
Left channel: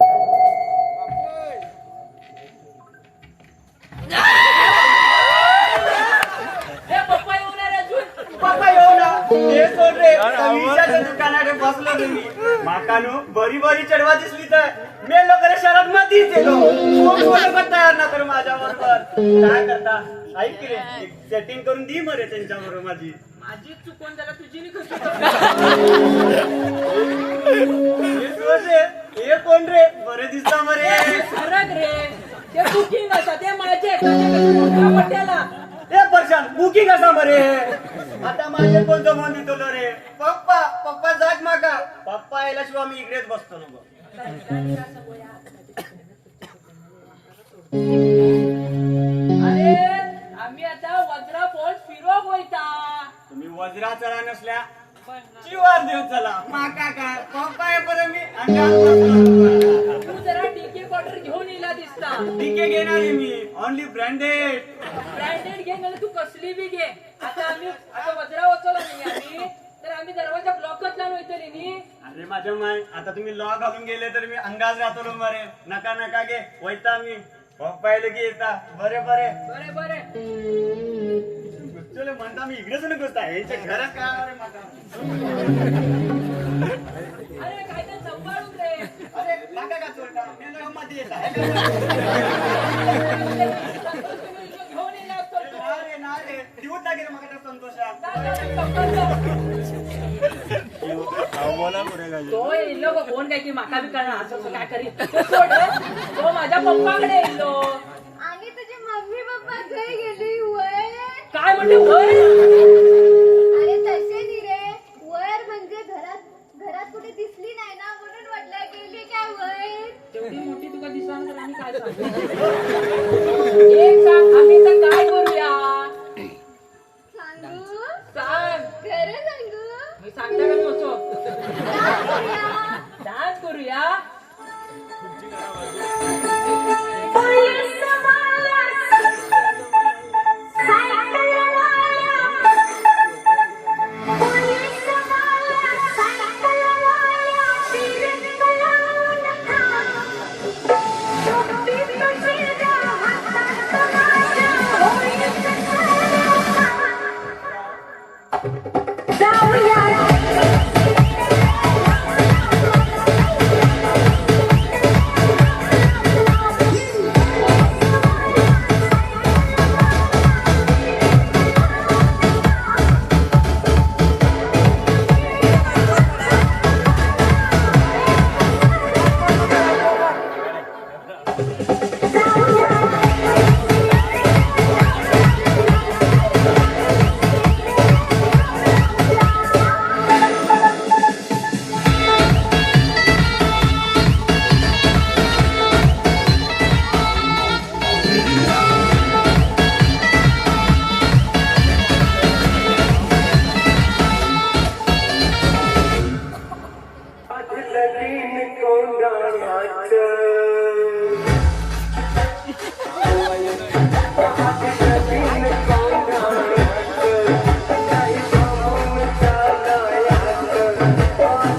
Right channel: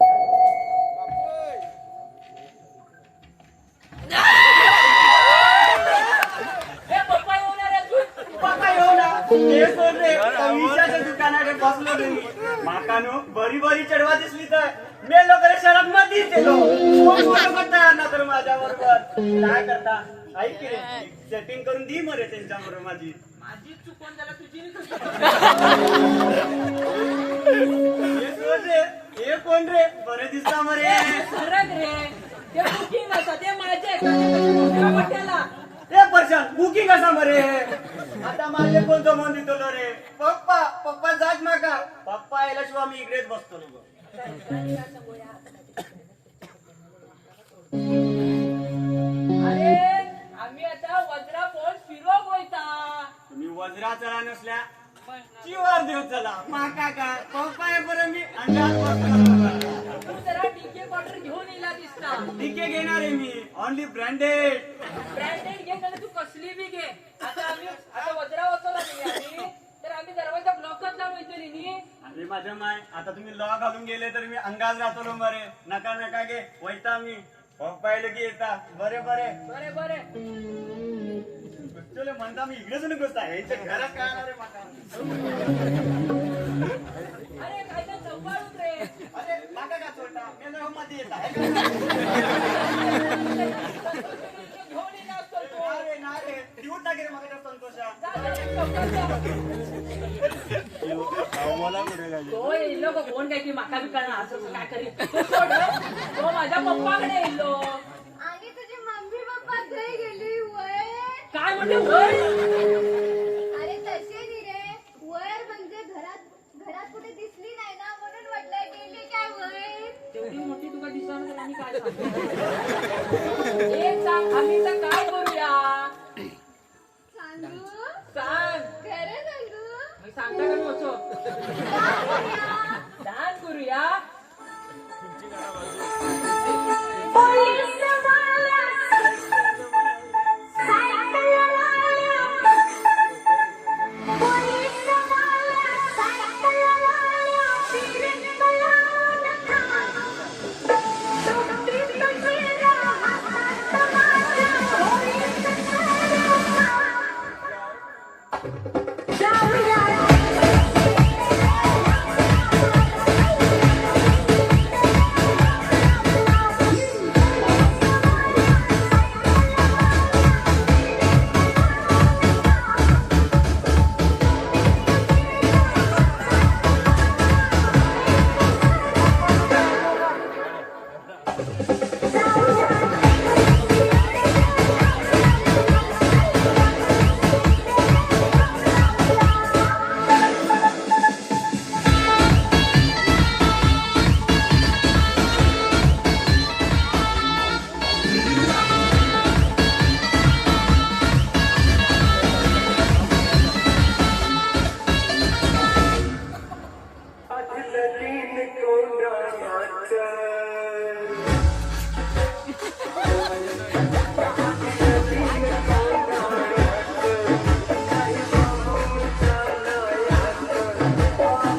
हे पप्पा येऊन आले अजून. बाबा येऊ ना हे कोण रे विचारच्या दुकानात बसलो तुम्ही माकानू बरी चढवा दिसली तर मेलो करे शाळेत मधीच गेलो फोटो पण तयार ना कर माझ्या बरोबर काय करता ऐक रे सेटिंग करून दी मरे त्यांच्या बरोबर माझी चुकून जरा तुझी नी कशी. हे कोण रे हे कोण रे बरे दिसता मरे खरंच रे ते बुकिंग असा ते माझे मोठ्या मोठ्याला. ए परशान बुकिंग असा मरे आता माझे कोण जमवून दितो रे पप्पा जाग माका पप्पा यायला मी इकडेच बसतो ना अरे आम्ही आता वज्रा फॉल्स फिरोक वयता. तुम्ही वज्रा चला नसल्या चिवार देव चला माका का पप्पा येईपर्यंत मी अंगात बसतो. तू जरा डीके क्वार्टर घेऊन येला दिसता. डीके घेणार आहे मी ओनली ब्रँडेड घे म्हणजे तू कसली बी घे. आता वज्रा वाचवला नाही आम्ही तर आम्ही दरवाजा ब्लॉकच लावून येतली नी. अरे माझ्या माय आता तुम्ही लॉ घालून गेले तर मी अंगात राहतो मरे नका घे वैता मी पप्पा येईल की येता बरे बरे चले म्हणता मी इकडेच नकोसता यांच्या घरात काय अरे माका अरे काय तर सांभाळून रे. अरे माका का चोरता मी लॉ मध्ये येता घेऊन येला असतो. ना रे दिवत ना गेलं माका संतोषा तो येलो कोण काय की माका बी करणार असं काय करीत तो माझ्या पप्पाकडे येलो. आणि तुझी मम्मी पप्पा घरी गेली वय. काय म्हणते होय. अरे तसे नाही रे वर म्हणजे घरात कुठे दिसली नाही ना म्हणून म्हटलं गेली काय वर. तेवढी मोठी तुका दिसणार तर आम्ही काय सांगू. एक सांग आम्ही तर काय करूया सांगू सांग. खरं सांगू. मी सांगता का मी होतो काय करूया? डान्स करूया.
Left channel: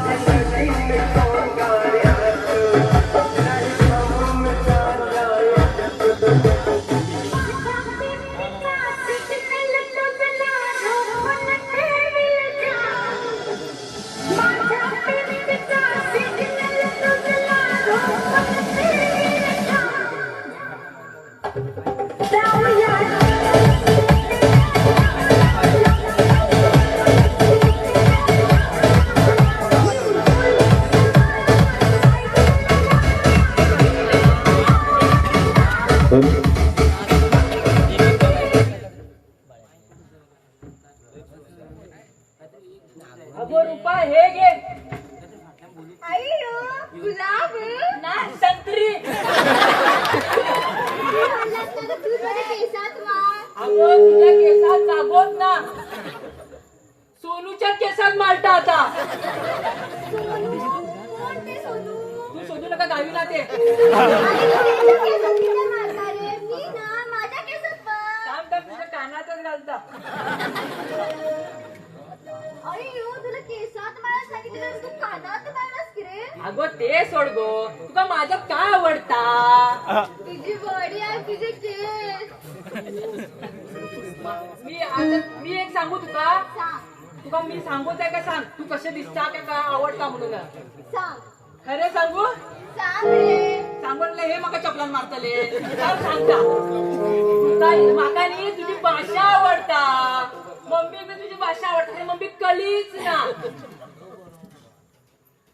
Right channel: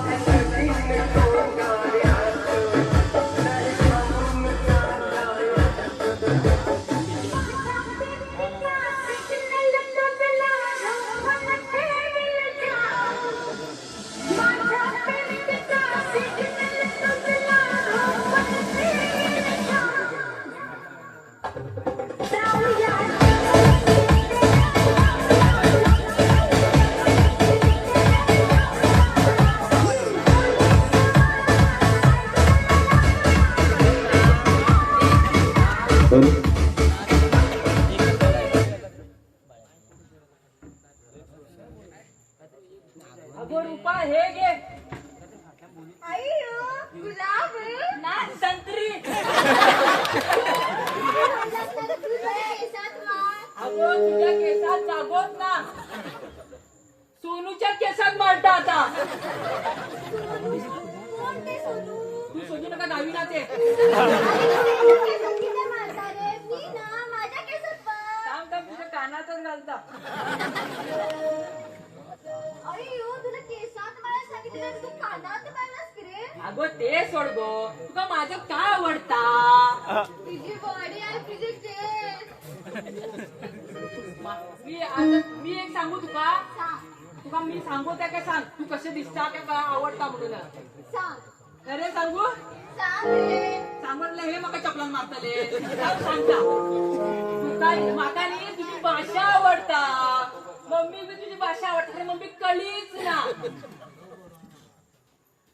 Thank you. का गावी ना ते मी ना माझ्या केसात पण. थांब थांब तुझ्या कानातच घालता अय्यो तुला केसात मला सांगितलं तू कानात मारलास की रे. अगो ते सोड गो तुका माझं काय आवडता तुझी बॉडी आहे तुझे केस. मी एक सांगू तुका सांग तुका मी सांगू त्या का सांग तू कसे दिसता का काय आवडता म्हणून सांग खरे सांगू सांग रे. सांगून हे मका चपलान मारतले सांगता माका नी तुझी भाषा आवडता मम्मी पण तुझी भाषा आवडते मम्मी कळीच ना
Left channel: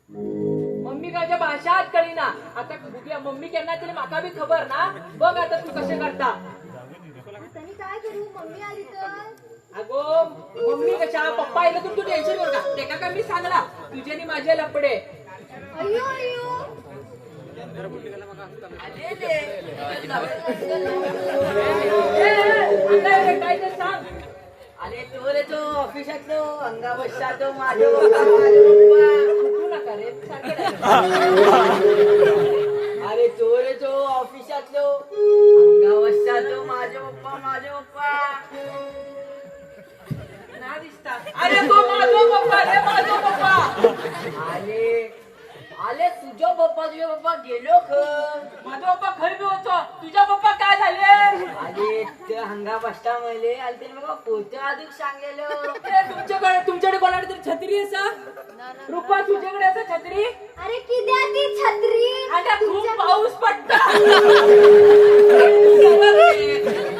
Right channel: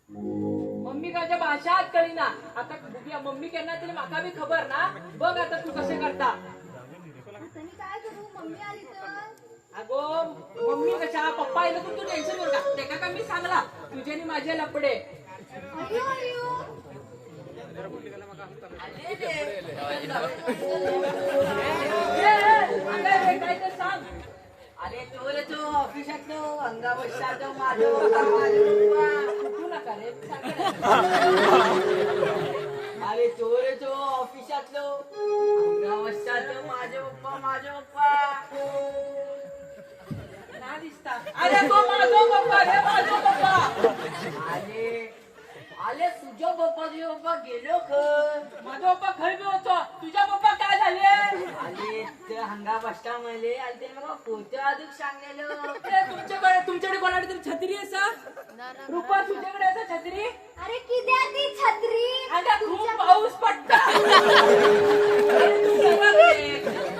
मम्मी काच्या भाषात कळी ना आता बघूया मम्मी केना तरी माका बी खबर ना बघ आता तू कसे करता आता मी काय करू मम्मी आली तर. अगो मम्मी कशा पप्पा आले तर तू टेन्शन करू का ते का मी सांगला तुझे आणि माझे लपडे अय्यो अय्यो. काय तर सांग अरे तो रे तो ऑफिसातलो अंगा बसतो माझे पप्पा तू नका रे अरे तो रे तो ऑफिसातलो अंगा बसतो माझे पप्पा ना दिसता अरे तो माझो पप्पा रे माझो पप्पा आले तुझ्या पप्पा गेलो माझा पप्पा खरी होतो तुझ्या पप्पा काय झाले अरे ते हंगा बसता मले आले ते मला पोतं अजून सांगलेलो तुमच्याकडे कोणाकडे तरी छत्री आहे सर रुपा तुझ्याकडे असं छत्री अरे किती ती छत्री. आता खूप पाऊस पडता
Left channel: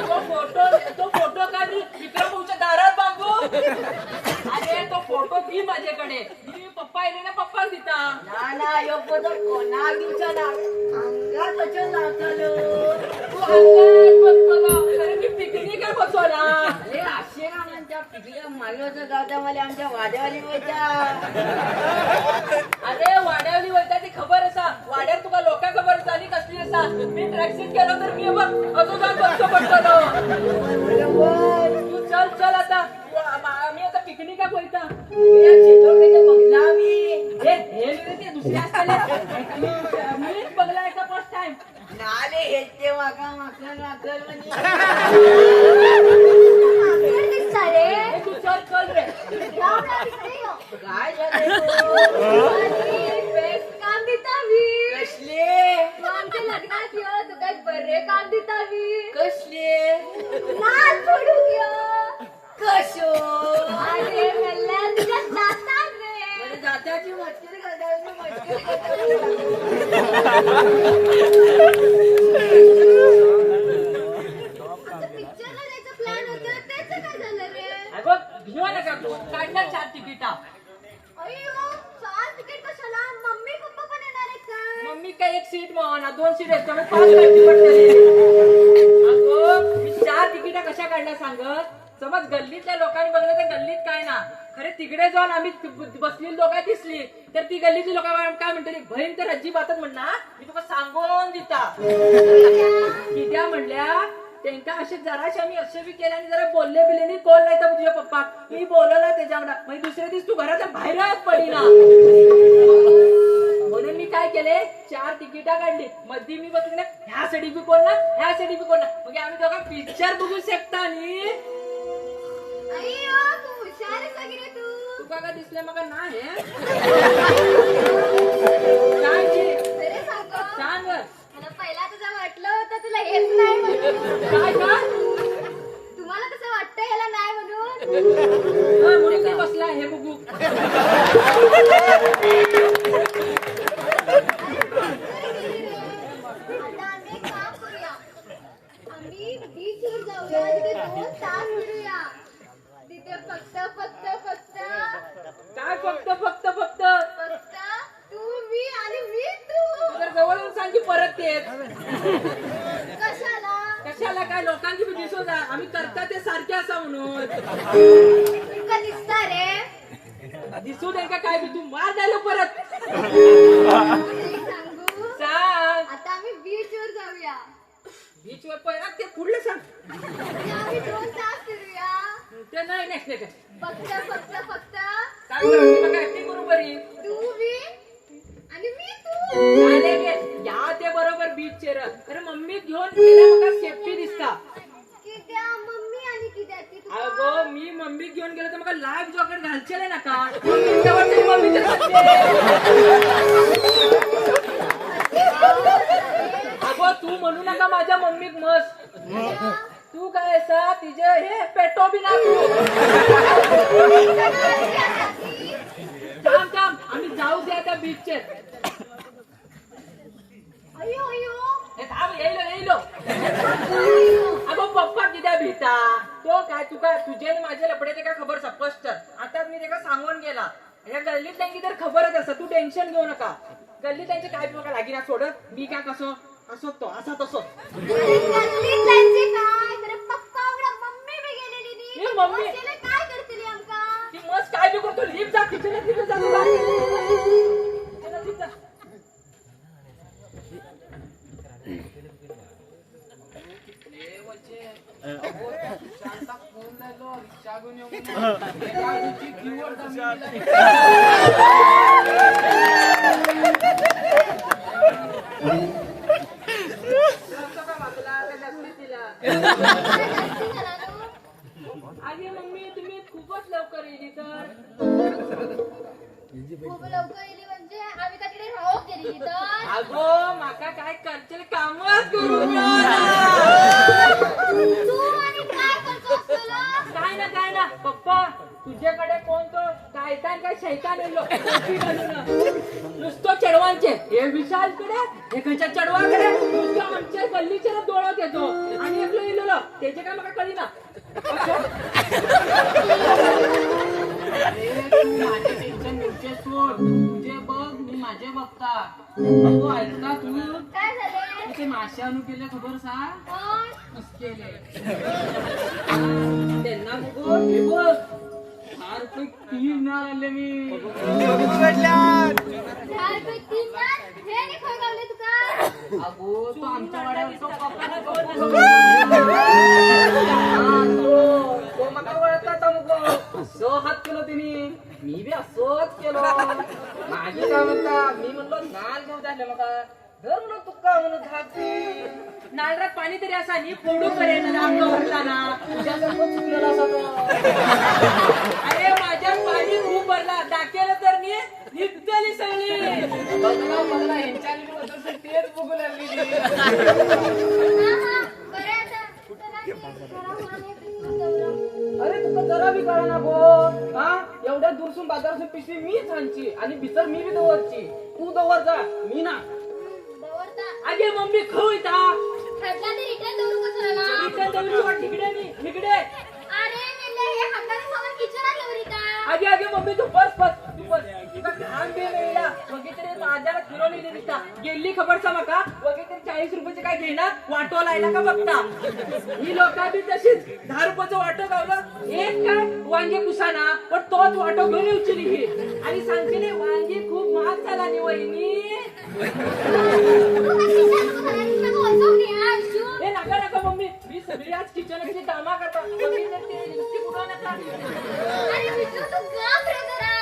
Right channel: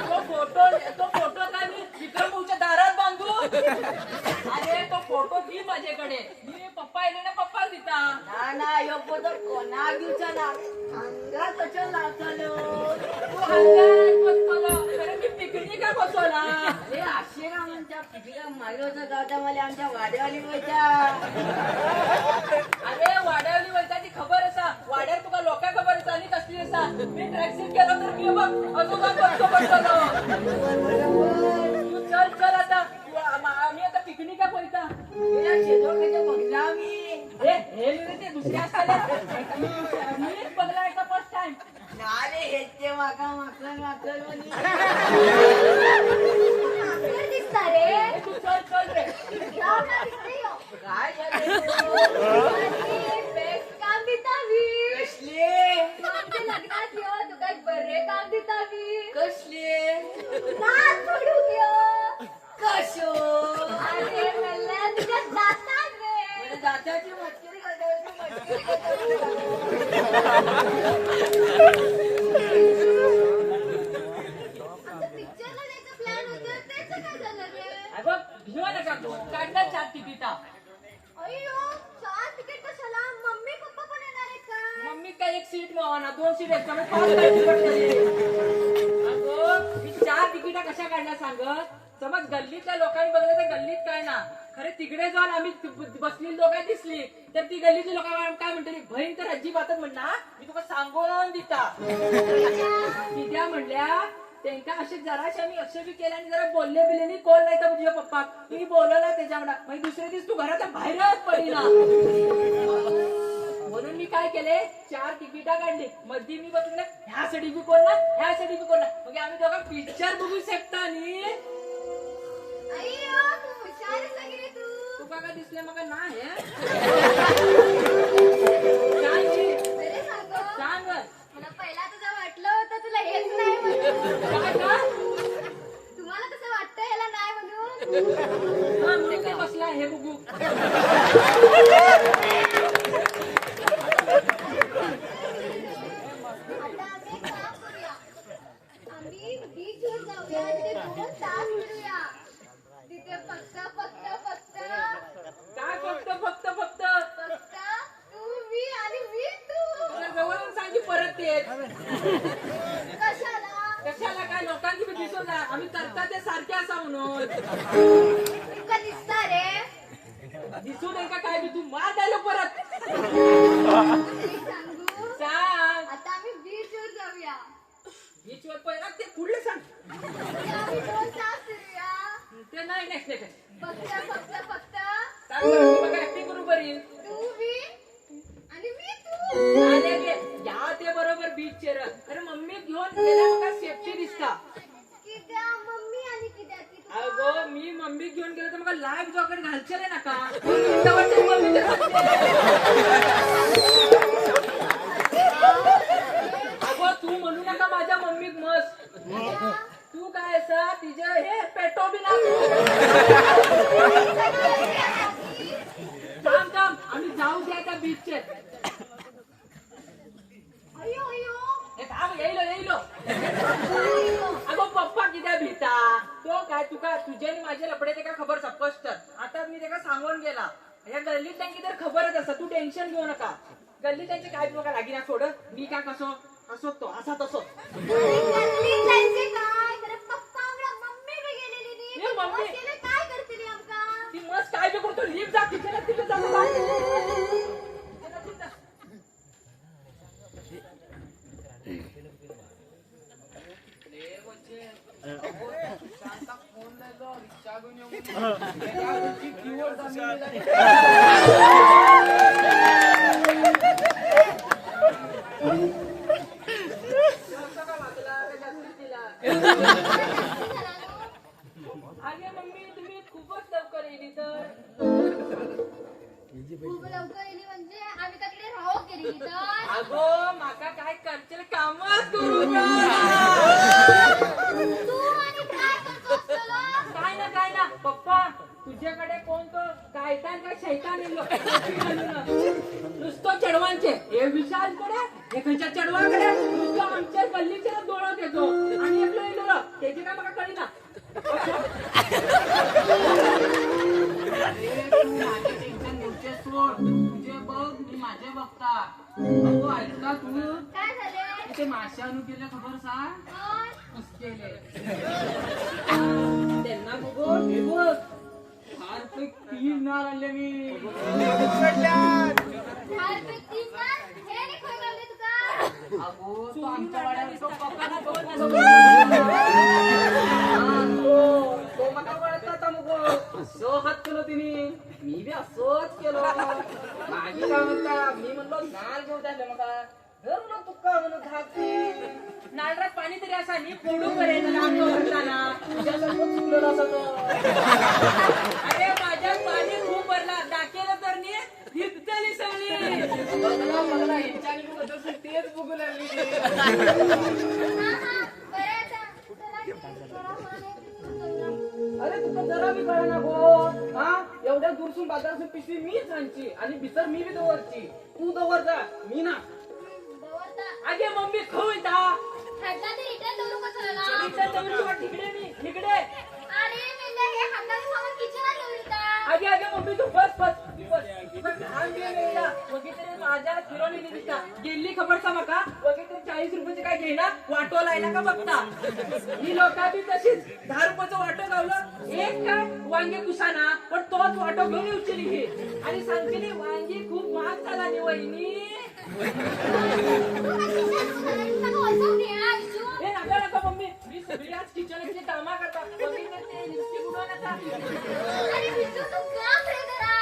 तो फोटो काढ विक्रमच्या दारात बांधू अरे तो फोटो दी माझ्याकडे मी पप्पा येणे ना पप्पाच दिता ना योग्य तो कोणा दिवसा ना अंगा कशा लावतालो पिकनिक बसवला अरे असे का म्हणता पिकनिका मागण्याचं गावता मला आमच्या वाड्यावाली माहिती अरे वाड्यावली वैता ती खबर असा वाड्यात तुका लोका खबर असा आणि कसली असा मी ट्रॅक्सिंग केलं तर मी बघ असं जा बसतो पडतो तू चल चल आता आम्ही आता पिकनिका बोलता बघला मी हे ते दुसरे असताना मीच बघला एका फर्स्ट टाइम नारे हेलते माका माकल म्हणे माकड दिसता रे. तू चल चल रे जाऊ ना तिकडे यो. काय आणि बेस्ट काम दिता मी. कसले तू आमच्या लग्नात यो तू काय बरे काम दिता मी. कसले नाच सोडू यो. कसो अरे मेल्या तुझ्या जातात रे. म्हणजे जात्याची मस्ती आता पिक्चरला जायचं प्लॅन होतं त्याचं काय झालं रे. अगं घेऊ नका तू काढला 4 तिकिटा अय्यो 4 तिकीट कशाला मम्मी पप्पा पण येणार आहेत का. मम्मी काय एक सीट मावाना 2 सीट आहेत त्यामुळे 5 तिकीट केली अगो मी 4 तिकिटा कशा काढल्या सांगत समज गल्लीतल्या लोकांनी बघलं तर गल्लीत काय ना खरे तिकडे जाऊन आम्ही बसलेली लोक दिसली तर ती गल्लीतली लोक काय म्हणतली बहीण तर अजिबातच म्हणणार मी तुला सांगून दिता कित्या म्हणल्या त्यांना असे जराशे आम्ही असे बी केले आणि जरा बोलले बिले नाही कोण नाही तर तुझ्या पप्पा मी बोलवला त्याच्याकडे म्हणजे दुसऱ्या दिवस तू घराच्या बाहेरच पडीना म्हणून मी काय केले 4 तिकिटा काढली मध्ये मी बघ ह्या साठी बी कोण ना ह्या साठी बी कोण ना म्हणजे आम्ही दोघं पिक्चर बघू शकता आणि अय्यो तू हुशार आहेस की रे तू. तुका का दिसले मग नाही अरे सांगतो सांग मला पहिला तुझं वाटलं होतं तुला हेच नाही म्हणून. काय का तुम्हाला कसं वाटतं याला नाही म्हणून. म्हणून मी बसला हे बघू आता आम्ही एक काम करूया. आम्ही बीचवर जाऊया तिथे 2 तास फिरूया. तिथे फक्त काय फक्त फक्त फक्त तू मी आणि मी तू. जर जवळून सांग की परत ते कशाला कशाला काय लोकांची बी दिसू ना आम्ही करता ते सारखे असा म्हणून तुमका दिसता रे. दिसू नये का काय बी तू मार द्यायला परत एक सांगू सांग आता आम्ही बीचवर जाऊया. बीचवर पहिला ते पुढले सांग आम्ही 2 तास फिरूया. ते नाही नेक्स्ट नेक्स्ट फक्त सांग बरं मी बघा ऍक्टिंग करू बरी तू मी आणि मी तू. चालेल विचार अरे मम्मी घेऊन गेल्या बघा सेफ्टी दिसता कित्या मम्मी आणि कित्या ती तुका? अगो मी मम्मी घेऊन गेलो तर मला लाईव्ह जॉकेट घालचेल ना का तेव्हा तरी मम्मीचे अगो तू म्हणू नका माझ्या मम्मीक मस्त तू काय असा तिचे हे पेटो बी ना थांब थांब आम्ही जाऊ द्या त्या बीचचे अयो अयो हे थांब येईल अगो पप्पा कित्या भीता तो काय तुका तुझे आणि माझे लपडे ते काय खबर स्पष्ट आता मी ते सांगून गेला या गल्लीत त्यांची तर खबरच असं तू टेन्शन घेऊ नका गल्लीत त्यांचे काय तुला लागिना सोडत मी काय कसं असो तो असा तसो अरे गल्लीत जायचे काय तर पप्पा उघडा मम्मी बी गेलेली नी ए, मम्मी. त्याला काय करतली आमका ती मस्त काय बी करतो लिफ्ट जा किचनात लिफ्ट जा तुला. किचनात लिफ्ट जा. अगे मम्मी तुम्ही खूपच लवकर येली तर खूप लवकर येली म्हणजे आम्ही का तिकडे राहू गेली तर अगो माका काय करचेल कामच करू नका. तू आणि काय करतो तुला काय ना पप्पा तुझ्याकडे कोण तो कायतान काय शैतान येलो नुसतं चढवांचे हे विशालकडे एकाच्या चढवाकडे नुसतं आमच्या गल्लीचे डोळत येतो आणि एकलो येलो त्याचे काय मला कळी ना माझे टेन्शन तुझे सोड तुझे बघ मी माझे बघता तू ऐकता तू काय झाले तुझे मासे आणू केले खबर सा कोण केले त्यांना बघू हे बघ 4 नार आणले मी 4 रुपये 3 ना हे नाही खोय गावले तुका अगो तो आमच्या वाड्यावर तो पप्पाला तो मका वळता आता मग असं हात केलो तिने मी बी असंच केलो माझी काय म्हणता मी म्हणलो नाल घेऊन झाले मका धर म्हणून तुका म्हणून धापती नालरात पाणी तरी असा नी फोडू करेन ना तुझ्यासारखं चुकलेलं असं तो अरे माझ्यात पाणी खूप भरला टाकेलं तर मी हिपतली सगळी बघला ह्यांच्या बद्दल तेच बघू लागली हा हा बरं आता अरे तुका जरा बी कळा ना गो हा एवढ्या दूरसून बाजारातून पिशवी मीच आणची आणि बिसर मी बी दवरची तू दवर जा मी ना दवरता आगे मम्मी खाऊ इता हटला ते रिटर्न दवरू कसला तिकडे अरे मेले हे हाताने सामान किचनात दवरीता आगे मम्मी तू बस तू तुका घाम बे वेळा वगैरे माझ्याला फिरवली दिसता गेली खबर सा मका वगैरे 40 रुपयाचे काय घेणार वाटो लायला का बघता ही लोक बी तशीच 10 रुपयाचं वाटो गावलं एक काय वांगे कुसाना पण तोच वाटो घेऊन उचली मी आणि सांगते वांगे खूप महाग झाला नि वहिनी हे नका मम्मी मी सगळी आज किचनची कामा करता वगैरे ते लिपस्टिक उडवू नका अरे विष्णू तू गप रे जरा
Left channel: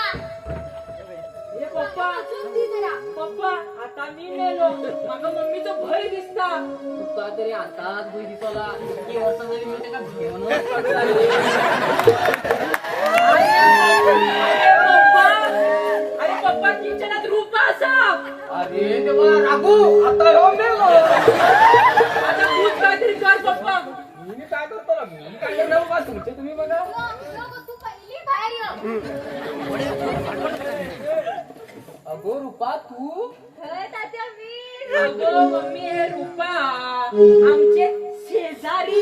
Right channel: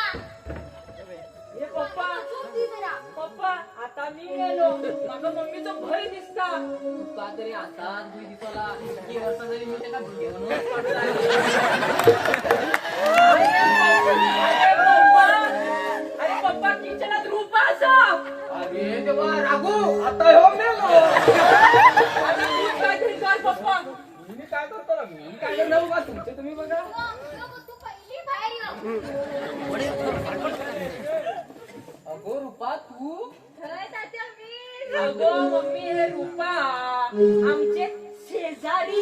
हे पप्पा चुप जरा पप्पा आता मी नेलो माझ्या मम्मीचं भय दिसता तुका तरी आताच भय दिसला की असं जरी मी त्याला घेऊनच अरे पप्पा किचनात रूपा असा अरे देवा रागू आता हो मेलो आता तूच काहीतरी कर पप्पा मी काय करतो ना मी काय करणार बा तुमचे तुम्ही बघा तू पहिली बाहेर ये अगो रूपा तू खरं तात्या मी अगो मम्मी हे रूपा आमचे शेजारी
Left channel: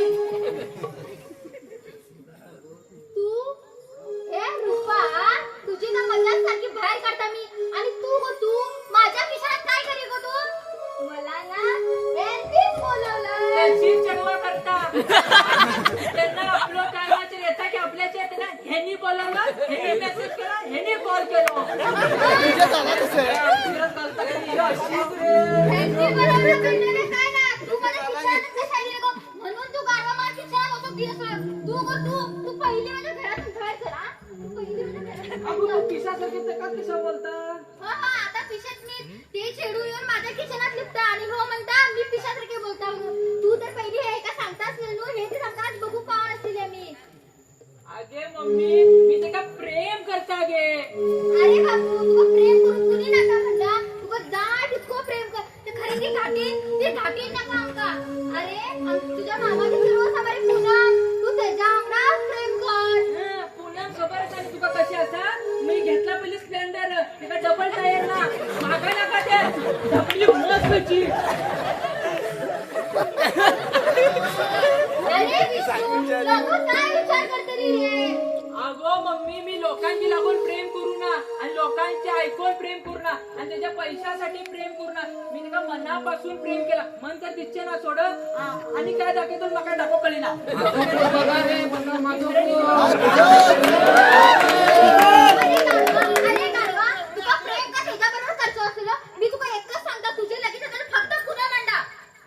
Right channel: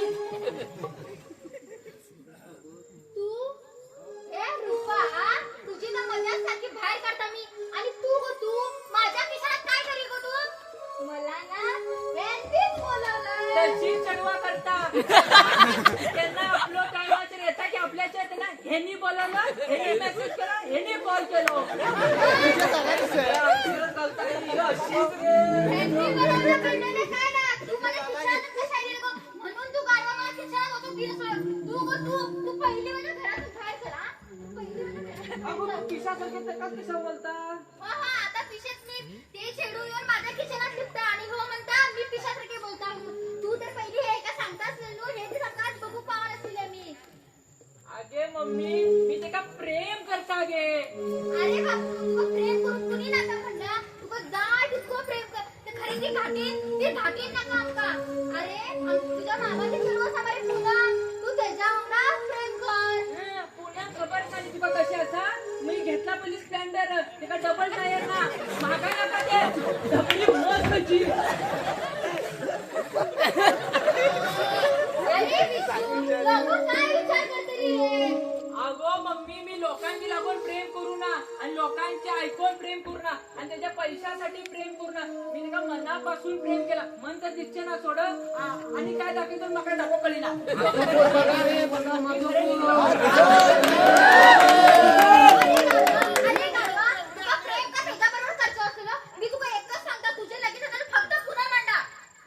तू ए रूपा तुझी ना मजाक सारखी बाहेर काढता मी आणि तू माझ्या खिशात काय करी गो तू मला ना यांनीच बोलवलं तशी चढवा करता त्यांना आपलं काय येता की आपल्याच्या येते ना ह्यांनी बोलावलं ह्यांनी मेसेज केला ह्यांनी कॉल केलो यांनी बरोबर कळलेले काय ना तू माझ्या खिशात कशाला गो म्हणून तू गाडवा माझ्या खिशात होतो दिवस तू पहिली माझ्या घरातून बाहेर चला पहिली माझ्या घरातून बाहेर आपण चला. किसा सगळे कशा बोलता आता पिशेत मी ते छेडू येऊन माझ्या किचनात लिपता आणि हो म्हणता मी पिशा मम्मी मी तिका प्रेम करता गे. अरे बाबू तुका प्रेम करून कुणी नाका म्हणला तुका जाय तितको प्रेम कर ते खरेदी घाटीन नाका आमका. अरे तुझ्या मामाची चेडू आसा मरे पूनम तू तेच्या वांगडा प्रेम कर. पूनम खबर का तुका कशी असा मी घेतला पहिले स्प्लेंडर तिका डबल टायर ना मागा नका ते डबली मस्तची. अरे विष्णू लोक काय विचार करतली रे. अगो मम्मी मी लोकांची लागून प्रेम करू ना आणि लोकांचे ऐकून प्रेम करू ना आणि त्याच्या पैशासाठी प्रेम करू ना. मी तिका मनापासून प्रेम केला मन तर तिचे ना सोड आणि काय दाखवतो मका डबो कळी ना. बघा माझं अरे गाढवा तुका प्रेम का त्याच्याबरोबर करतो असलो मी तुका एकच सांगता तुझे लगेच आता फक्त पुन्हा मांडा.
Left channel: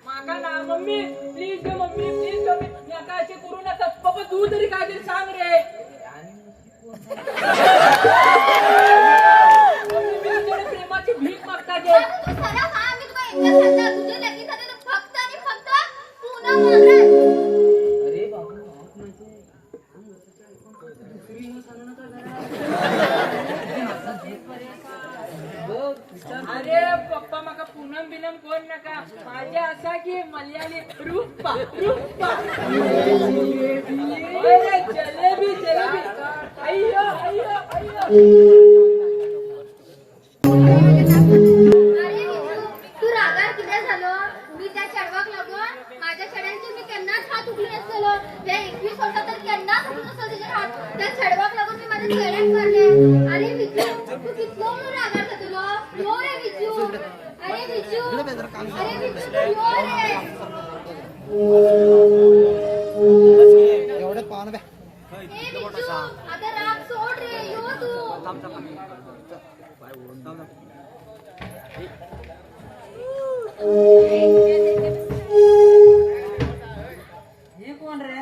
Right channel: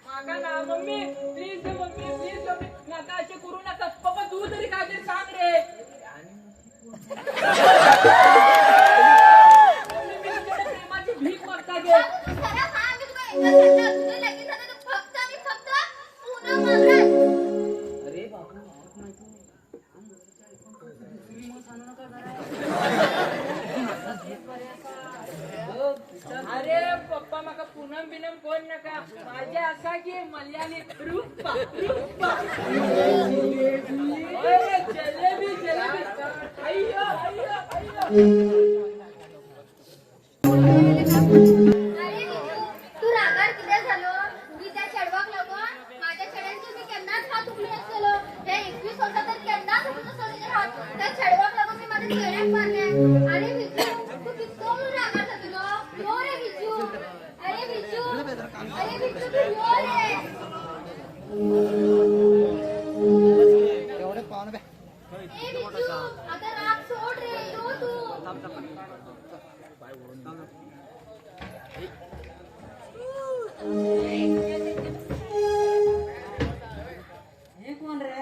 माका ना मम्मी प्लीज ग मम्मी प्लीज ग नका असे करू नका. पप्पा तू तरी काय तरी सांग रे. मम्मी मी तुझ्याकडे प्रेमाची भीक मागता गे. तू सरळ खा मी तुका एकच सांगता तुझे लगेच आता फक्त आणि फक्त पुन्हा मांडा. अरे बाबू तुम्ही मग सांगू नका जरा. अरे पप्पा माका पूनम बिनम कोण नका माझे असा की मल्याळी रूपा रूपा. अरे जलेबी जलेबी अय्यो अय्यो अय्यो. अरे विजू तू रागार किती झालो मी त्या चढवाक लागून माझ्या चढायचं मी केन्नाच हात उठलो नसलो. त्या 21 वर्षात तर केन्नाच उठलो नसलो तिचे हात त्या चढवाक लागून मी माझ्या चेहऱ्यात मारले. अरे विजू तू कितलो म्हणून रागार जातलो यो रे विजू. अरे विजू तू यो रे. ए विजू आता राग सोड रे यो तू. हे कोण रे.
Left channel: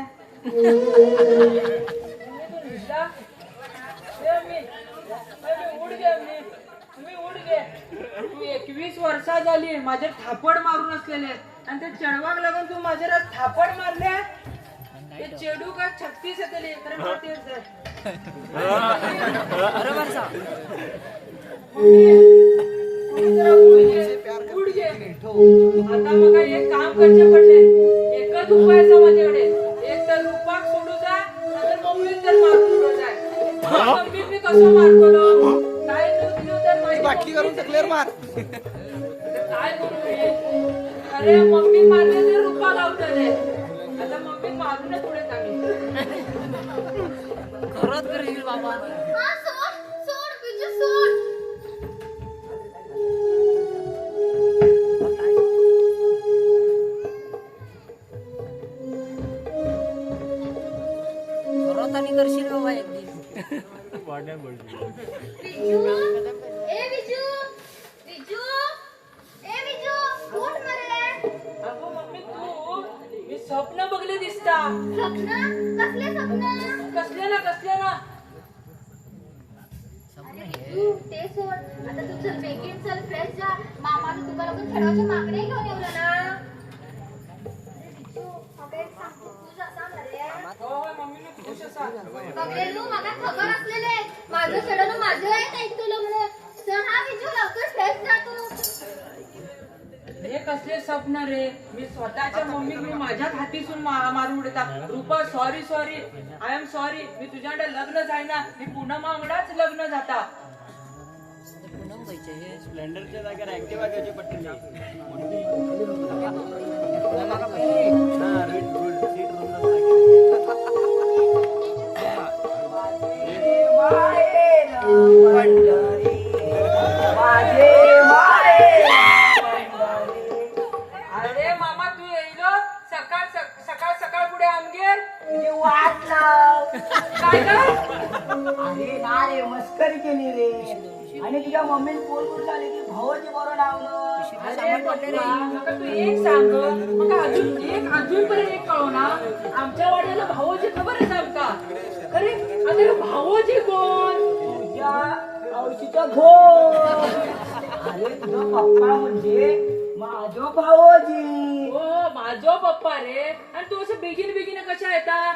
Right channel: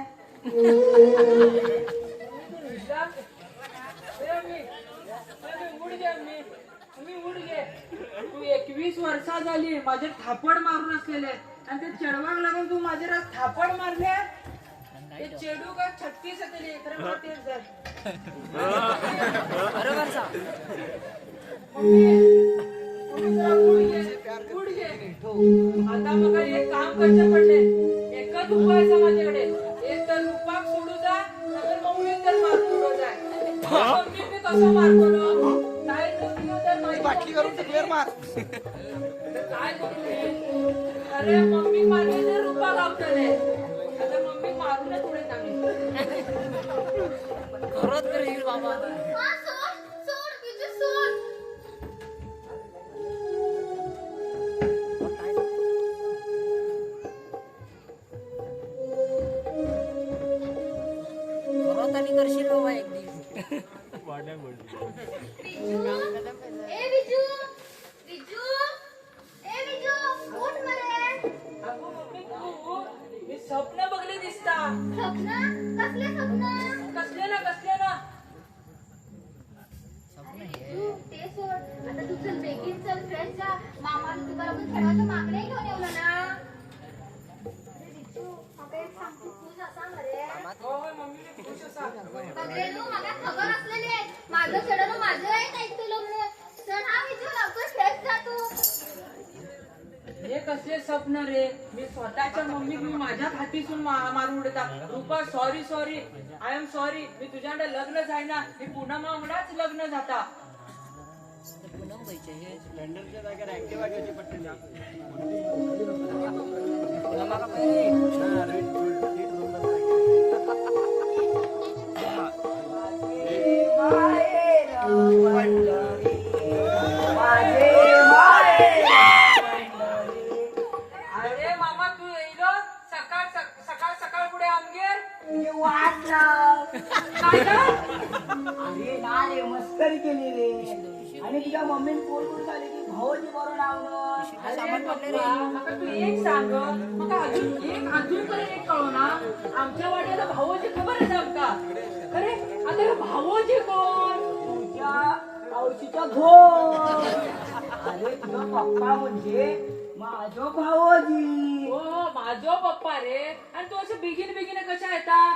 तू 21 वर्षा झाली माझे थापड मारून असलेले आणि ते चढवाक लागून तू माझे थापड मारले. ते चेडू का 36 येतले तर तेच आहे. बरोबर सा आता मग एक काम करचे पडले. एकच उपाय असा माझ्याकडे एक तर रूपाक सोडू द्या नाहीतर मम्मी तर मारून उडू द्या. मम्मी मी कसं मारतो काय नको तर बाटली करून क्लिअर मार. काय करू मी. अरे मम्मी मारले तर रूपा लावतले आता मम्मी मारूनच पुढे चांगली. खरंच करेल बाबा. हा सोड सोड विजू सोड. खरंच आणि करशील बाबा एक दिवस. विजू ए विजू विजू ए विजू उठ मरे. अगो मम्मी तू मी स्वप्न बघले दिसता. स्वप्न कसले स्वप्न. कसले ना तू ते सोड आता तू चल बेगीन चल फ्रेश जा. मामाने तुला पण खेळाच्या मागण्या घेऊन येवलं ना. अरे विजू मग एक सांगतो तू जसा मरे. मम्मी मी खुश असा. बघलेलो मला खबर असलेले माझं खेळानं माझं एक ऐकतो म्हणून. चल हा विजू लवकर फ्रेश जा तू. हे कसले स्वप्न रे. मी स्वतःच्या मम्मीक मी माझ्याच हातीसून मारून उडता. Rupa sorry sorry I am sorry. मी तुझ्याकडे लग्न जाय ना मी पूनम वांगडाच लग्न जाता. पूनम खायचे हे स्प्लेंडरच्या जागेवर ऍक्टिव्हा घ्यायची पडते. पूनम का पहिले अरे मामा तू येईल सकाळ सकाळ सकाळ पुढे आमगेर वाट लाव. काय काय अरे ना रे मस्करी केली रे. आणि तुझ्या मम्मीने फोन करून आले की भावाची बरोबर लावलं सामान पडले रे. मग तू एक सांग मग अजून पर्यंत एक कळव ना. आमच्या वाड्याला भावाची खबर सांग का. अरे आता भावाची कोण. तुझ्या औषधीचा घोर. अरे तुझा पप्पा म्हणजे माझो भावोजी. हो माझ माझो पप्पा रे. आणि तू असं बेगीन कशा येतात?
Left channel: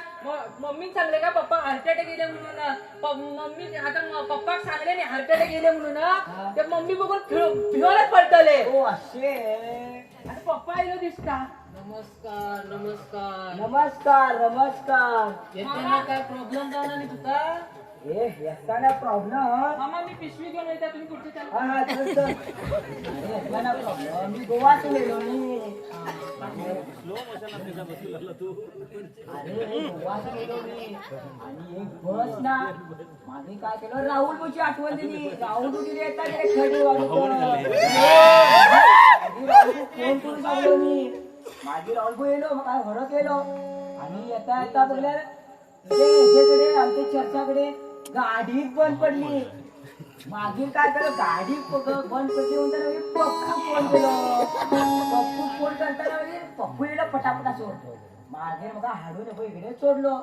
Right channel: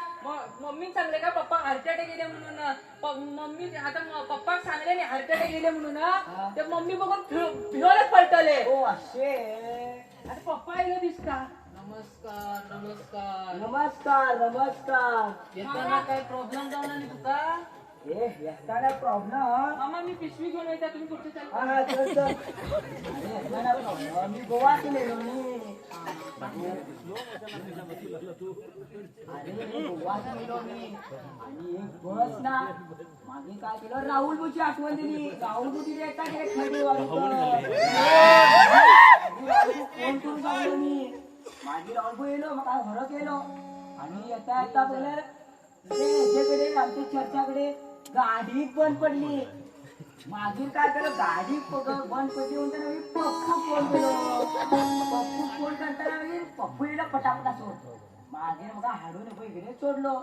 मम्मी सांगले का पप्पा हार्ट अटॅक गेले म्हणून? मम्मी आता पप्पाक सांगले नाही हार्ट अटॅक गेले म्हणून. ते मम्मी बघून भिवरच पडतले. हो असे. आता पप्पा येलो दिसता. नमस्कार नमस्कार. नमस्कार नमस्कार. येताना काय प्रॉब्लेम झाला नाही तुका? ए येताना प्रॉब्लेम. मामा मी पिशवी घेऊन येता, तुम्ही पुढचे चालू. हा चल चल. अरे येताना प्रॉब्लेम. मी गोवातून येलो मी. अरे गोवातून येलो मी. आणि एक बस ना मागे काय केलं, राहुल मुची आठवण दिली. राहुल मुची येता गेले खडी वाजवत. फोन करून सांगलो मी. माझी राहुल येलो मग काय घरात गेलो आणि येता येता बोले ह्याच्याकडे आमच्या चर्चाकडे गाडीच बंद पडली. मागील काय केलं, गाडी बंद पडली म्हणताना मी पप्पू फोन केलो. पप्पू फोन करताना म्हणजे पप्पू येलो पटापटा सोडतो. मागे मग हळू नको इकडे सोडलो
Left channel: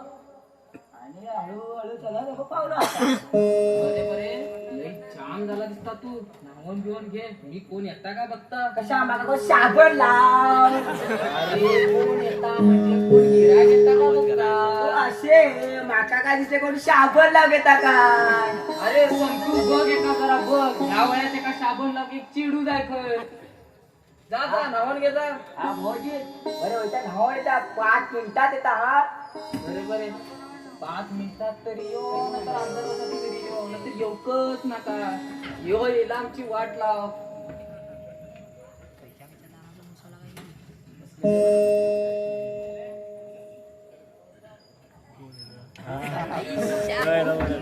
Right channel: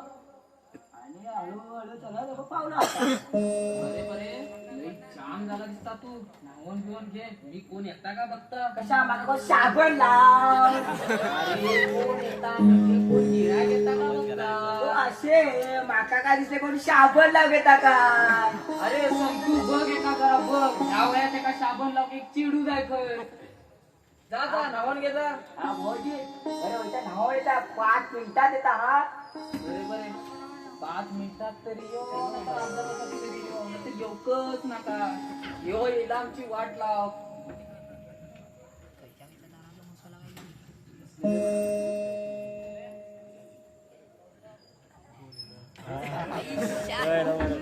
आणि हळूहळू चला पावलो. बरे बरे लई जाम झाला दिसता तू. नावून बिवून घे, मी कोण येता का बघता. कशा मला को साबण लाव. अरे कोण येता म्हणजे कोण गिरायक येता का बघता. असे माका काय दिसले कोणी साबण लाव घेता काय. अरे संतू बघ एका करा बघ. ह्या वयात एका साबण लाव एक चिडू जाय कर. जा जा नावून घे जा. हा भाऊजी बरे होता नाव येता 5 मिनिटात येता. हा बरे बरे 5 मिनिटात तरी यो. आता अर्धा तासात तरी यो. नाहीतर येऊकच नका. यो येला आमची वाट लाव.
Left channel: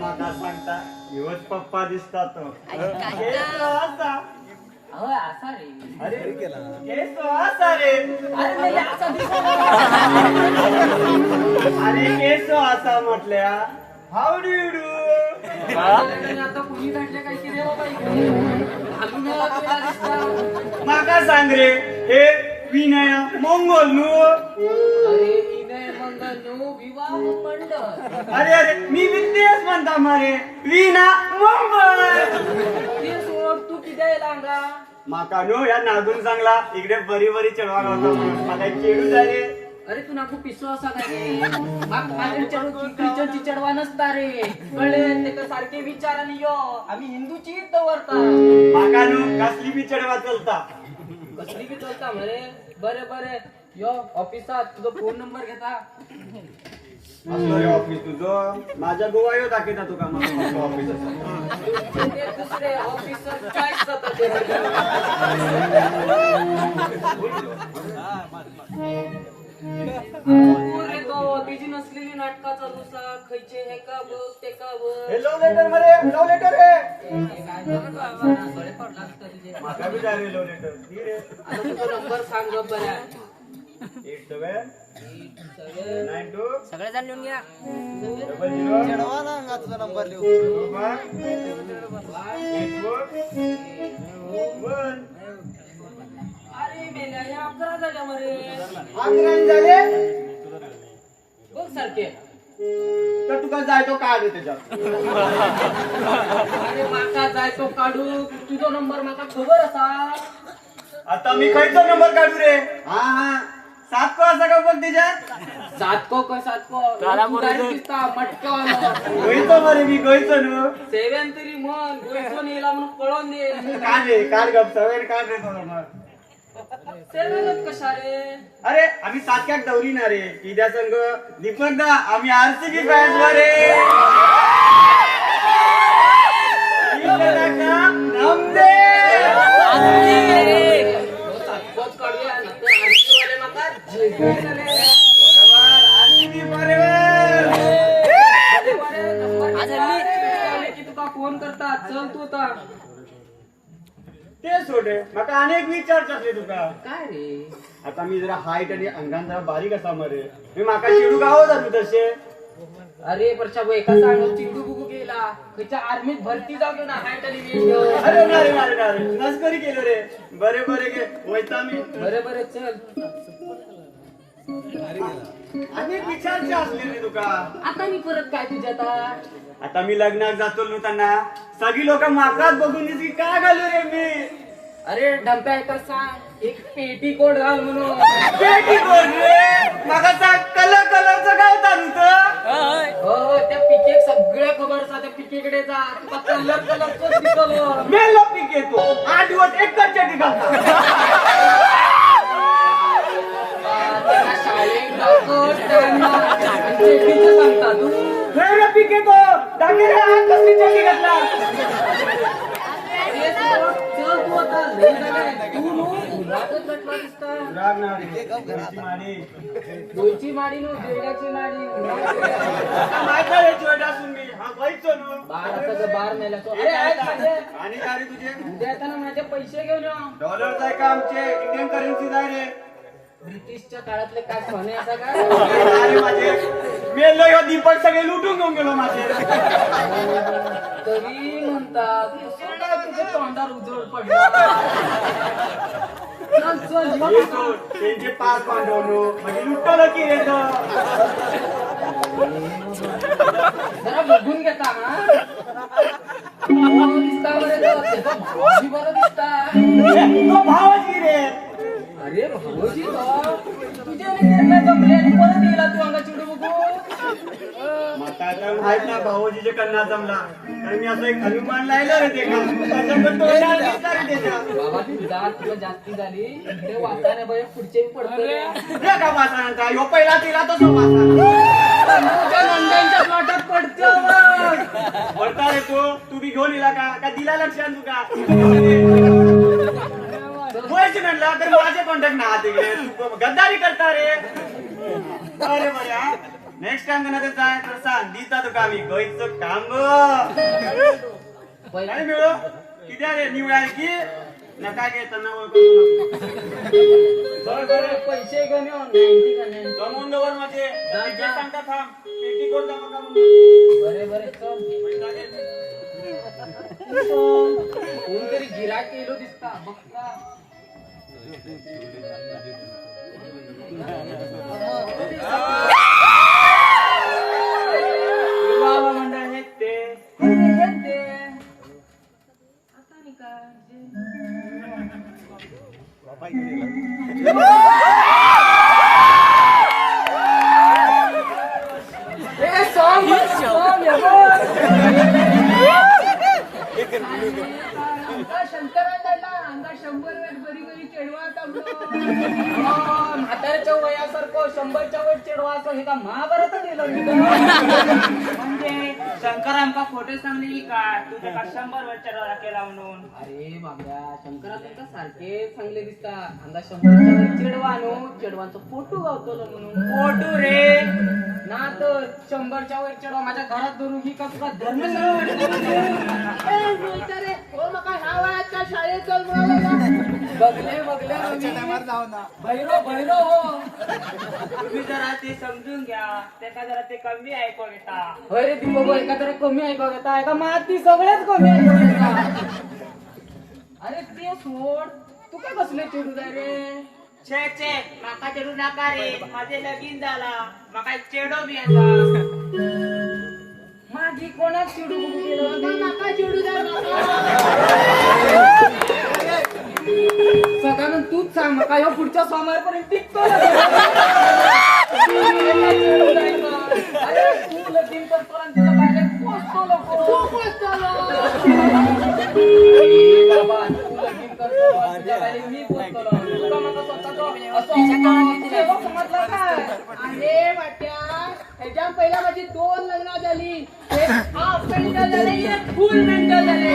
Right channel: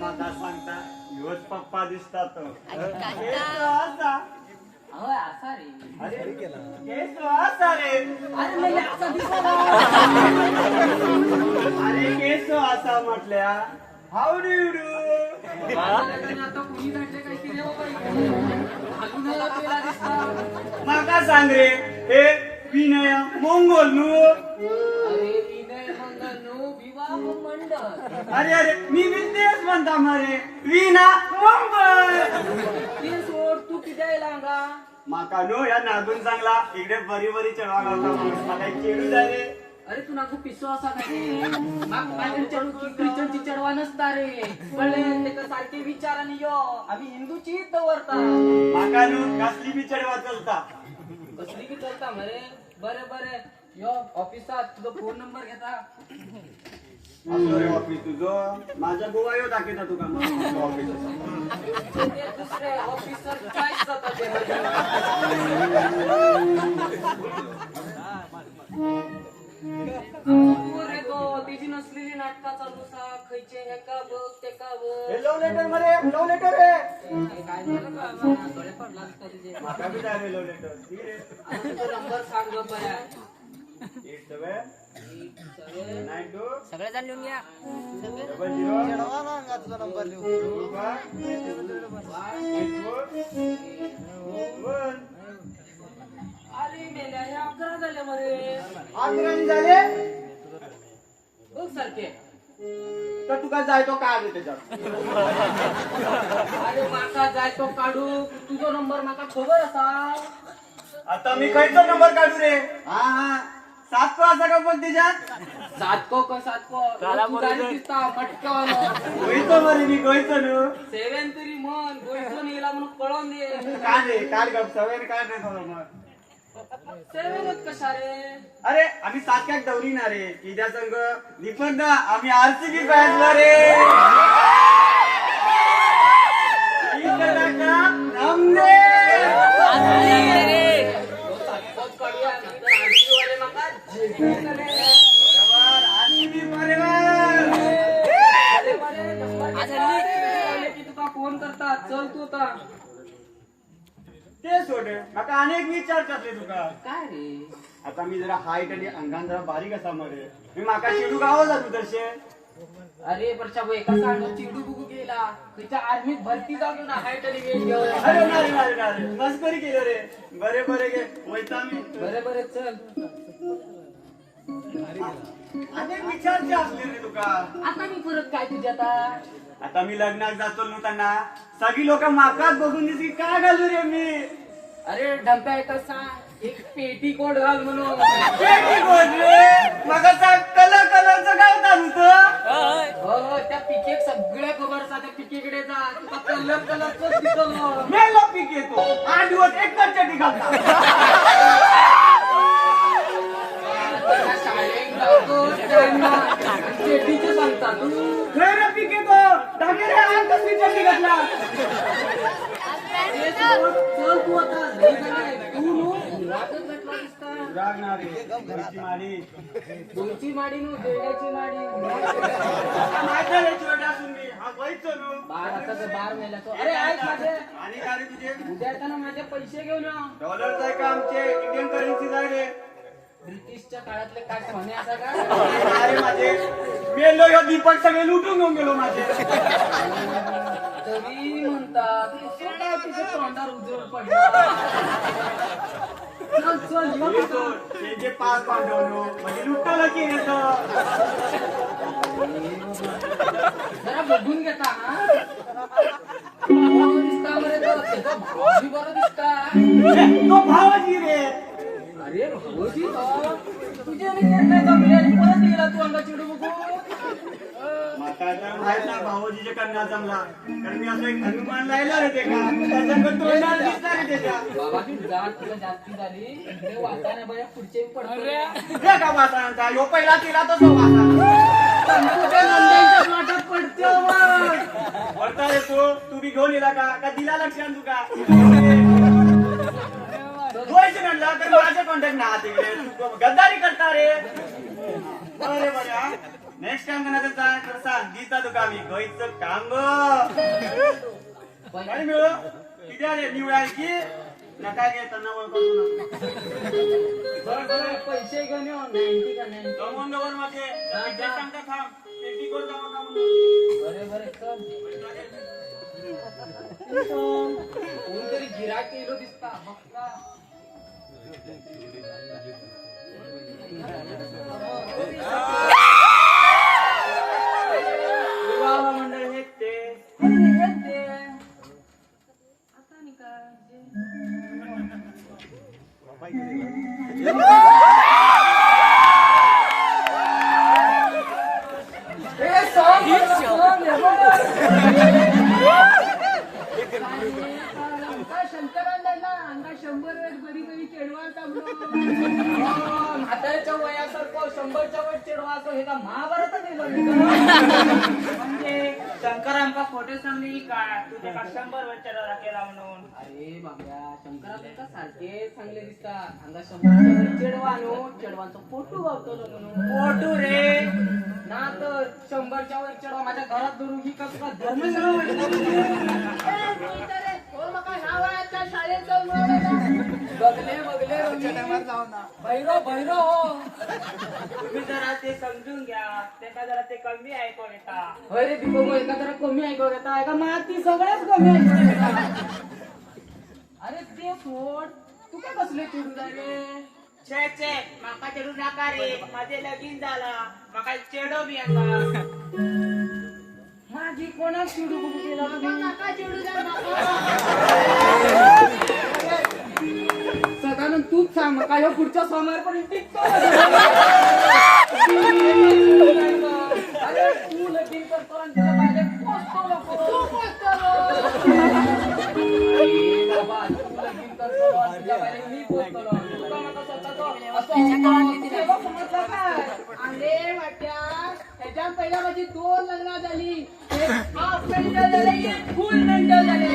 माझा सांगता योच पप्पा दिसता तो. केस असा. अहो असा रे. अरे केस असा रे. अरे नाही असा दिसतो. अरे केस असा म्हटल्या. How do you do. आता कुणी भेटले काहीतरी हो बाई. घालून यायला दिसतं. माका सांग रे हे विनय मंगल नु. अरे विनय मंगल नो विवाह मंडळ. अरे अरे मी विद्येश म्हणता मारे विना मंगल. ते सोड तू किती लांगा. माका नो या नागून चांगला इकडे बरी बरी चढवा लावतो. आता चेडू जाय रे. अरे तू नागू पिसो असा काय. माझ्या चढू ख्रिश्चनची चढवा नसता रे. कळले ते का सारखे विचार आणि यो आम्ही हिंदूची तवरता. माका नो कसली बी चढवा चलता. कसली की चलता म्हणे. बरे बरे यो ऑफिसात तुझा फोन नंबर घेता. असं रे ऑफिस तुझं. माझ्या गोवा येऊ दाखवता तुका ऑफिस. ते दुसरे ऑफिसर काय जातात ते. कोण रे तो. तिची नसलेली नाटका चालू सा. खयचे हे का बघ ते का बघ. हे लव लेटर मरे लव लेटर रे. काय झालं का. गळे पडला असता तुझे. माका बी जाय रे लव लेटर. दी रे. आता तुझा नंबर सांग गं बऱ्या. 8792 सगळेजण लिहून घ्या. 00 अरे बेल्या या 11 झाल्या मरे. आंगण झाले बघ सारखे. तर तुका जायतो काढ त्याच्यात. अरे माका जायचो काढू. तुझा नंबर माका खबर असा. आता मी खयचो नंबर काढू रे. हा हा 7 को असा का बघ त्याच्यात. सातको का सातको. तू जायच दिसता मटक्यावर. गयचो मरे मी गयचो नु. सेवन तरी म्हण. गोयचो नेला म्हणून पळून दे. काढ रे काढ गप सवय काढ रे तो मग. सेवनच कशा रे. अरे आम्ही सातक्याक दौरी ना रे. इद्या संघ दीपक दा आम्ही आरसीबी फॅन्स वा रे. सातकोच काढूया. नंतर आरती वाले नका जेवून रे. आज हल्ली की तुका फोन करता. चल तू आता. ते सोडे माका अनेक विचारतात रे तुका. काय रे. आता मी जरा हाईट आणि अंगान जरा बारीक असा मरे. मी माका चिडू गाव जातो तसे. अरे वर्षा भाऊ एका सांग चिडू बुकू गेला. त्याच्या आर्मीत भरती जातो ना. हाय तरी वेळ घेऊन. अरे नारे नारे नारे मस्करी केलं रे. बरे बरे गे वैता मी. बरे बरे चल. अनेक विचारचे असले रे तुका. आता मी परत काय तुझ्या. आता मी लग्नात जातो सगळी लोक माकाच बघून दिसली का घालू रे मी. अरे ढंप्या एकच सांग. एक पेटीकोट घाल म्हणून. पेटीकोट रे मागाचा कलरचं गावतात होतं. हो त्या पिकेक सगळ्या खबर त्या पिकेकडे जा तुका कलरच दिसलो. मेलो पीक येतो 8 दिवस एकच चटी घालतात. त्याच्या शाळेत जातो, त्यांना पेटीचे सांगतात. नाही रे पीक येतो टाके रे आज कसली चटी घातला. ते सोड, चल तू आता लई झालंय. तू नो घरातच गटला दिसता. दोची माडी नो देण्याची माडी. माहिती रे जोडा सुनी हा व्हायचो नो. बार आता तर बार नेला तो. अरे ऐक माझे आणि काय रे तुझे उद्या येताना माझे पैसे घेऊन या. डॉलरचं आहे का आमचे इंडियन करन्सी जाय रे. ब्रिटिशच्या काळातले काय सोने आता का अरे माझे मेलो ह्यो दीपक सगळे लुटून घेऊन गेलो माझे. तरी म्हणतात कसं काय तुझ्या तोंडावर उजळ पडला. चल चल मग. हे सोड, त्यांचे 5 पांडवनो म्हणजे लुटलं की येतो. जरा बघून घेता हा. दिसता बरं तो, त्याचा भाऊजी बरं दिसता. तो भावजी रे. अरे भाऊजी तो तुझ्या निघाला जमले आणि परत गेला तू अंगाची उडी बघून. माका तर माहित नाही भावजीचे कन्ना जमला कारण मी असं एक हनुमान लायला रे ते का त्याच्याकडे तोंडाला दिसता रे त्याच्या. बाबा तुला जास्ती झाली इकडे वाचा नाही बघा पुढचे पडतो रे. हे का वाचा म्हणता ह्यो पहिला तिला तो वाचा तुझ्या नंद्यांच्या वाटात पडतो वरता रे तू बी घेऊन येला का दिला लक्षात तुका व्हायचे म्हणला तर माझे कॉन्टॅक्ट ना तिकडे तू गद्दारी करता रे. अरे बऱ्या नेक्स्ट टाइम नका जाय तर सांग दिता तुका मी गईचं काम काय मिळो किती रे निवड आहे की नका घेताना बरं पैसे घेऊन येऊ 90 का 90. कमवून माझे जे सांगता थांब पेटीकोट जमा बरे चल. कोणतरी गिराक केलो दिसता बघता. मंडळ हे ते आता मी काय म्हाताऱ्याच्या वयासारखं 100च्या वर चिडवा असं हे का महाभारत म्हणजे शंकर आमका खोटे सांगली काय तू त्याला 100 वर्षाचा केला म्हणून. अरे बाबड्या शंकरा तुमका सारखे चांगले दिसता अंगा 100च्या वर चिडवा आणू चिडवांचा फोटो गावतो म्हणून. फोटो रे ना तर 100च्या वर चिडवा माझ्या घरात धरून ही का तुला धर्मेंद्र बघले भैरो तुम्ही जरा ते समजून घ्या त्याका जरा ते कमी ऐकून येता. होय रे दीपक एका जरा कमी ऐकू घेता एका माती सगळेच कमी ऐकू घेता. अरे ते सोड तू काय बसले चिडू जाय रे. छे माका चिडू नका रे माझे लगीन झाला माका चेडो बी आता. माझी कोणाच चिडू बघू केलं नका चिडू द्या सगळ्यांना तूच सांग नका ह्यो पुढच्या सोमवारपर्यंत टिकतो. अरे तू लगीन करतो आणि तिला पाहिलं पोचतो नको. बाबा तू लगीन करतो आणि तिला पाहिलं मी पोचतो. तुला माका स्वतःचं असं समजलं काय? अरे वाट्या ह्याच्या पहिला माझी 2 लग्न झाली. एक हाफ घंटा झाले एक फुल घंटा झाले.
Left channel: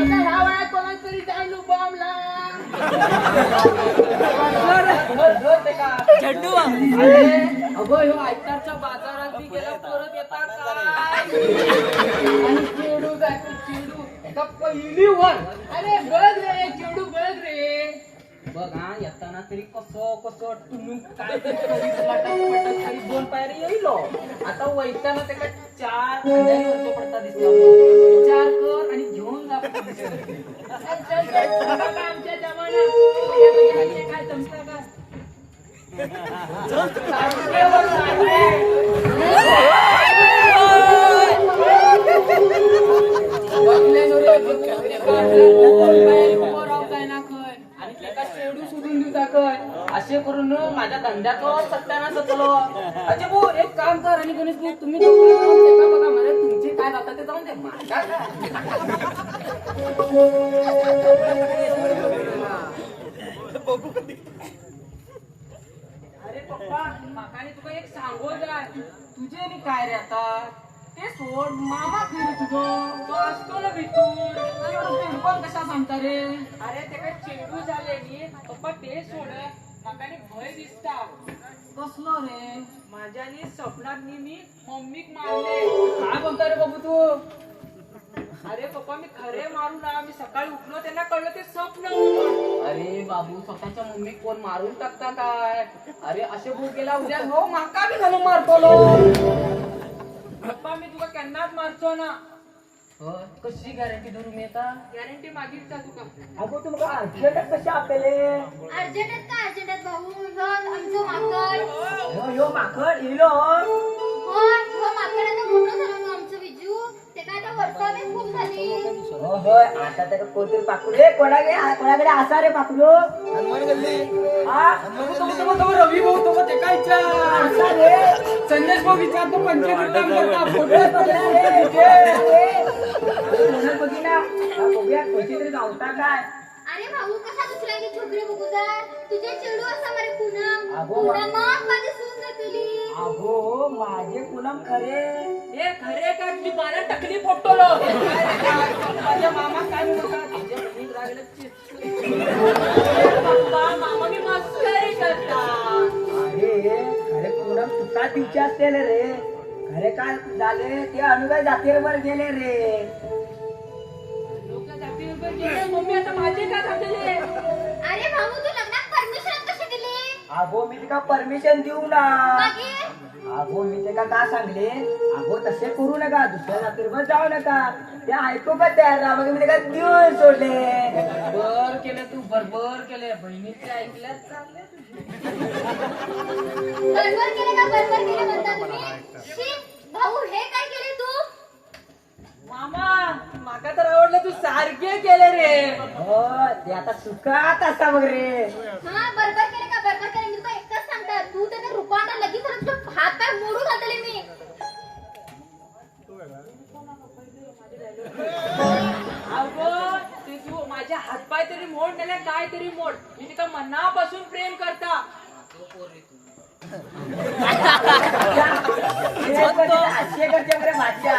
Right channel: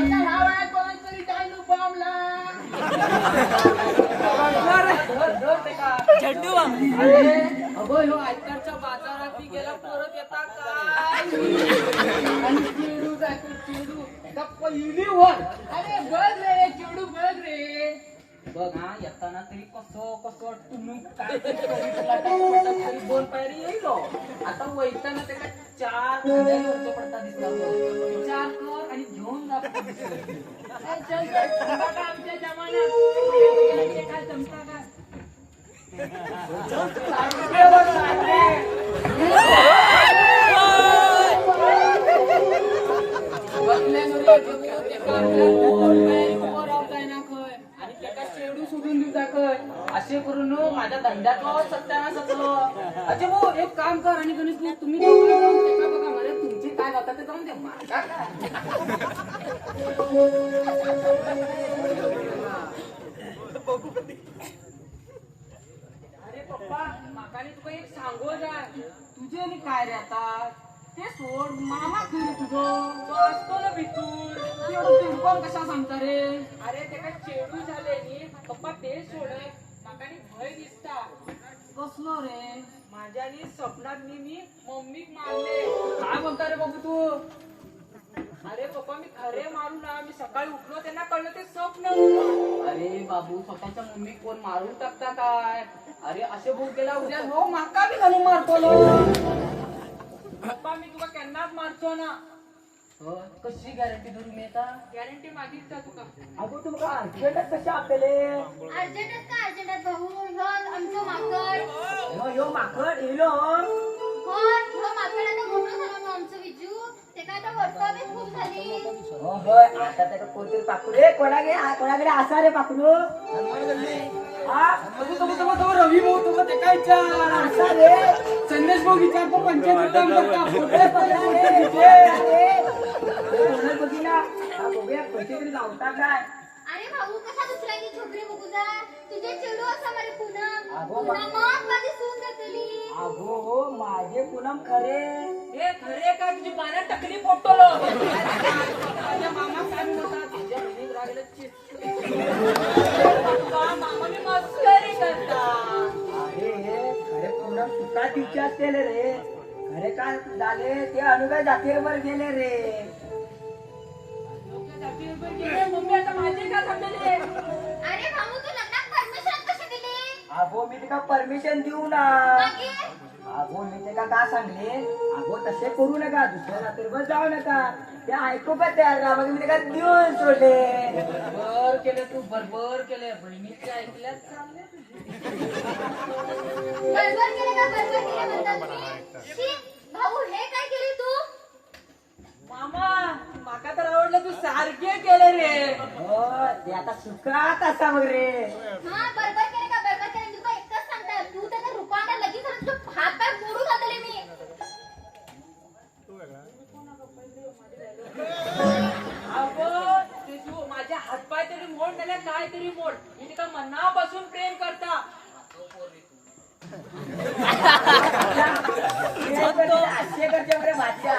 आता ह्या वयात कोणाच तरी टाइम बॉम्बला अगं ह्यो आयतारच्या बाजारात बी गेला परत येता काय आणि चिडू जातो चिडू एका पहिली वर. अरे बघ रे चिडू बघ रे. बघ हा येताना तरी कसं तुम्ही काय तरी करीत पटक तरी 2 पायरी येईलो. आता वैताना त्याला 4 खांद्याने खर्च पडता दिसला. विचार कर आणि घेऊन जा. चल आमच्या जमान्यात काय जमता का बघले नो रे आपल्या 2 पायरी उभं राहताय ना खय आणि त्याला शेडू सोडून सोडून दिवसा काय असे करून माझ्या धंद्याचो सत्यानाश जातलो. अजय भाऊ एक काम कर आणि गणेश भाऊ तुम्ही दोघं मिळून ते का बघा मला तुमचे काय जातात ते जाऊन दे माझा अरे पप्पा माकाने तुका एक सांगो जाय तुझे आणि काय रे आता ते सोड मामा खरी तुझं तो असतो ना भितूर एवढं पण कशा सांगता रे अरे ते काय चेडू झाले नी पप्पा ते सोड माकाने भय दिसता कसलो रे माझ्यानी स्वप्नात मी मम्मीक मारले काय म्हणता रे बाबू तू अरे पप्पा मी खरे मारू ना मी सकाळी उठलो त्यांना कळलं ते स्वप्न होतं. अरे बाबू स्वतःच्या मम्मी कोण मारून टाकता काय अरे असे भूक गेला उद्या हो माका बी घालून मारतो पप्पा मी तुका केन्नाच मारचो ना कशी गॅरंटी धरू मी आता गॅरंटी मागीच का तुका अगो तुमका अर्जंट कशा आपले अर्जंटात का अर्जंटात भाऊ आमचं माकड यो माकड येलो हो माकड आता मोठं झालं ना आमचं विजू ते काय आता वर्षावेच खूप झाली होय आता तर कोणतरी पाकडे कोणाकडे असा रे पाकडो हा रवी भाऊ तो ते काय असा रे संदेश भाऊ विचारतो पंचायत काम कोणा बघिना बघूया पैसे तरी गावता काय अरे भाऊ कशा दुसऱ्याची छोकरी बघू जाय तुझे चेडू असं मरे पूनम अगो, पूनम माझी सून देतली अगो माझे पूनम खरे हे खरे का तुझी बारा टकली फोटोलो माझ्या मामा काय म्हणतात तुझ्या बहिणीत रागले मामा मी मस्करी करता अरे खरे पूनम तुका दिवचे असतील रे खरे काय झाले ते अनुगाय जातीवर गेले रे मम्मी आता माझे का थांबलेले अरे भाऊ तू लग्नात परमिशन कशी दिली अगो मी तिका परमिशन देऊ ना बाकी अगो मी ते का सांगले अगो तसे करू नका दुसऱ्या जातीवर जाऊ नका ते ऐकू का तयार ना मग मी ते देऊन सोडले बर केले तू बरोबर केले बहिणीचे ऐकल्यात चालले बरोबर केले म्हणता तुम्ही शी भाऊ हे काय केले तू मामा माका तर आवडलं तू सारखे केले रे हो ते आता सुखात असा मग रे हा बरोबर केले मी तुला एकच सांगता तू त्याने रुपांना लगेच तुझं हात पाय मोडून घातले मी अगं ते तू माझे हातपाय तरी मोड नेले काय तरी मोड मी तिका मनापासून प्रेम करता असे करते रे माझ्या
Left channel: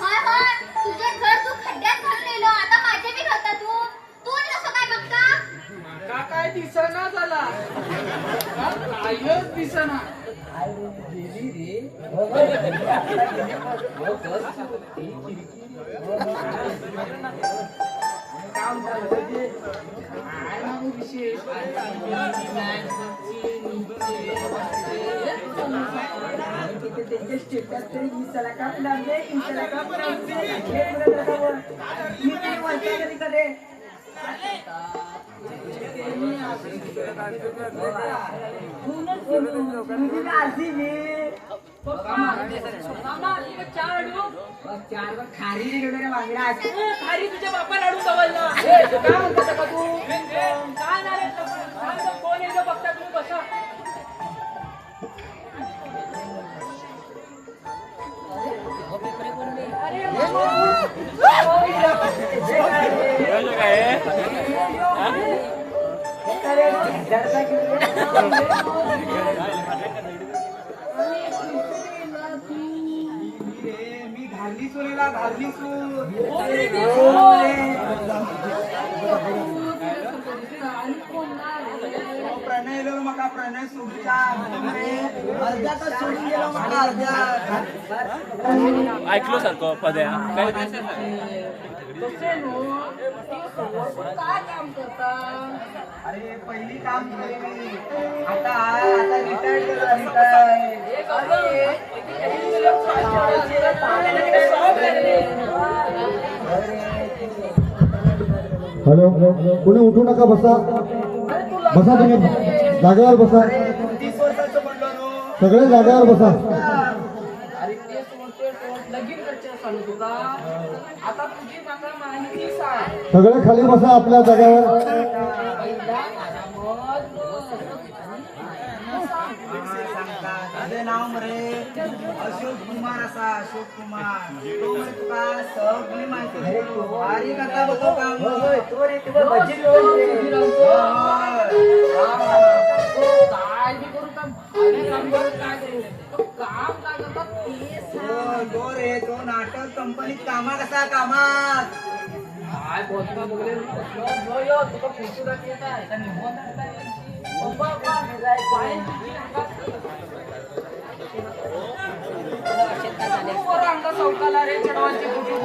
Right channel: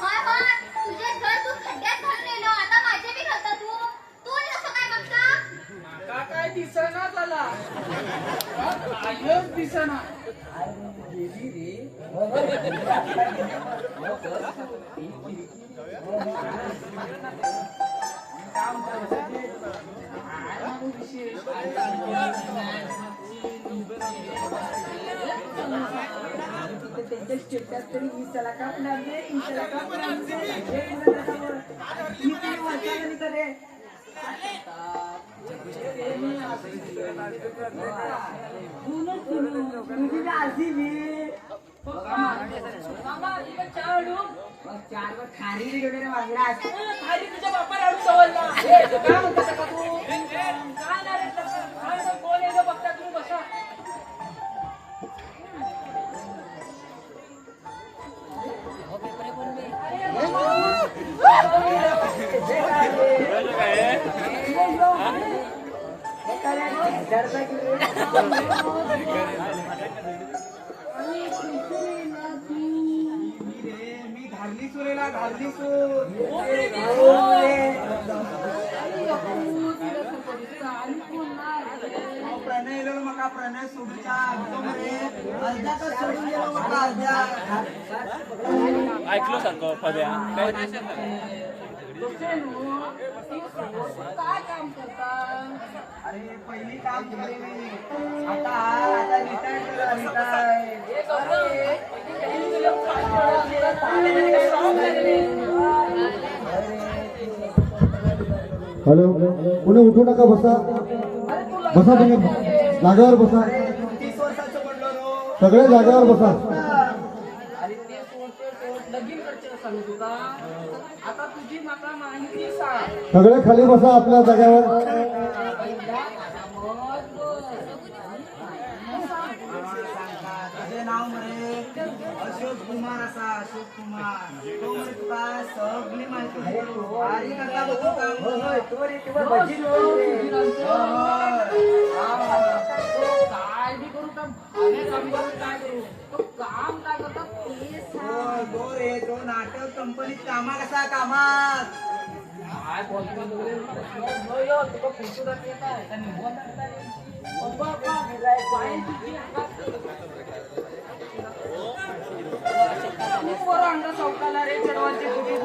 हा तुझे घर तू खड्ड्यात घाललेलं आता माझे बी घालता तू आणि कसं काय बघता का काय दिसना झाला कायच दिसना गेली रे काम काय मागू विशेष त्यांचे स्टेटस तरी इंस्टाला कापले इंस्टाला कापले करे चार वर खारी गेलो रे वांगडा खाली तुझ्या बापा लाडू सवलला काय म्हणता का तू काय ना रे काय ना कोण येतो बघता तुम्ही बसा मी घालली सुलेला घालली प्रणय लो मका प्रणय सोडूचा अर्ध्यातच सोडून गेलो मला अर्ध्या ऐकलो सारखं पद्या काय काय काम करता अरे पहिली काम केले मी आता रिटायर्ड करा रिटायर्ड हॅलो कोणी उठू नका बसा बसा तुम्ही जागेवर बसा 30 वर्षाचं म्हणलो रो. सगळे जागेवर बसा अरे ते सोड लगीन करचे सांगू तुका आता तुझी माका माहिती सांग सगळे खाली बसा आपल्या जागेवर अशोक कुमार तुका सगळी माहिती अरे काका बघतो काम होय, तो रे, तो भजी बनवते. काय बी करू काम अरे काम करत काय ते काम काय करतात ते सांग. तो रे तो नाटक कंपनीत कामात असा कामात काय बोलतो बघले यो यो तुका पुढची दाखी येत आहे त्या निघून पप्पा पाय पोरं अंगा संपला रे चढवायची कुठे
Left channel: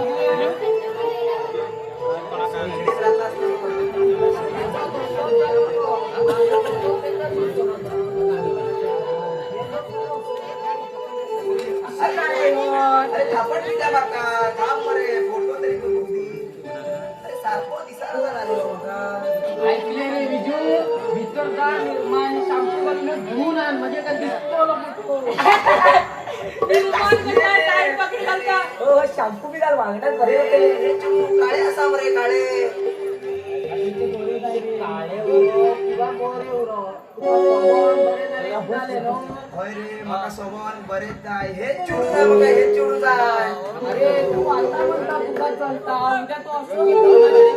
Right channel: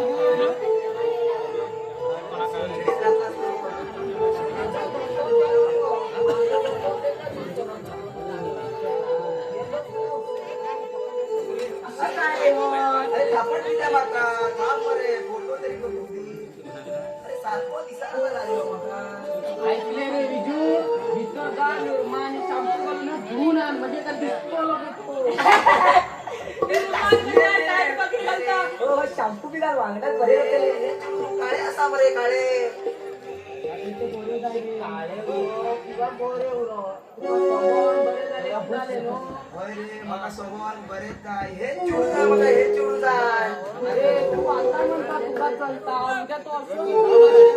अरे थापट मी काय मारता काम मरे फोटो तरी करून दे अरे सारखं दिसायला लागलो ऐकले रे विजू मित्र का निर्माण शांपू करून घेऊन आण म्हणजे का दिसतो बघतो हो, शॅम्पू बी घाल वांगडात बरे होते. काळे असा मरे काळे काळे उरो किंवा गोरे उरो तुका पवन बरे झाले झाले नो होय रे माका सोबत बरेच जाय हेच चिडून जाय मका हेच चिडून जाय अरे तू आता म्हणता तुका चलता उद्या तू असं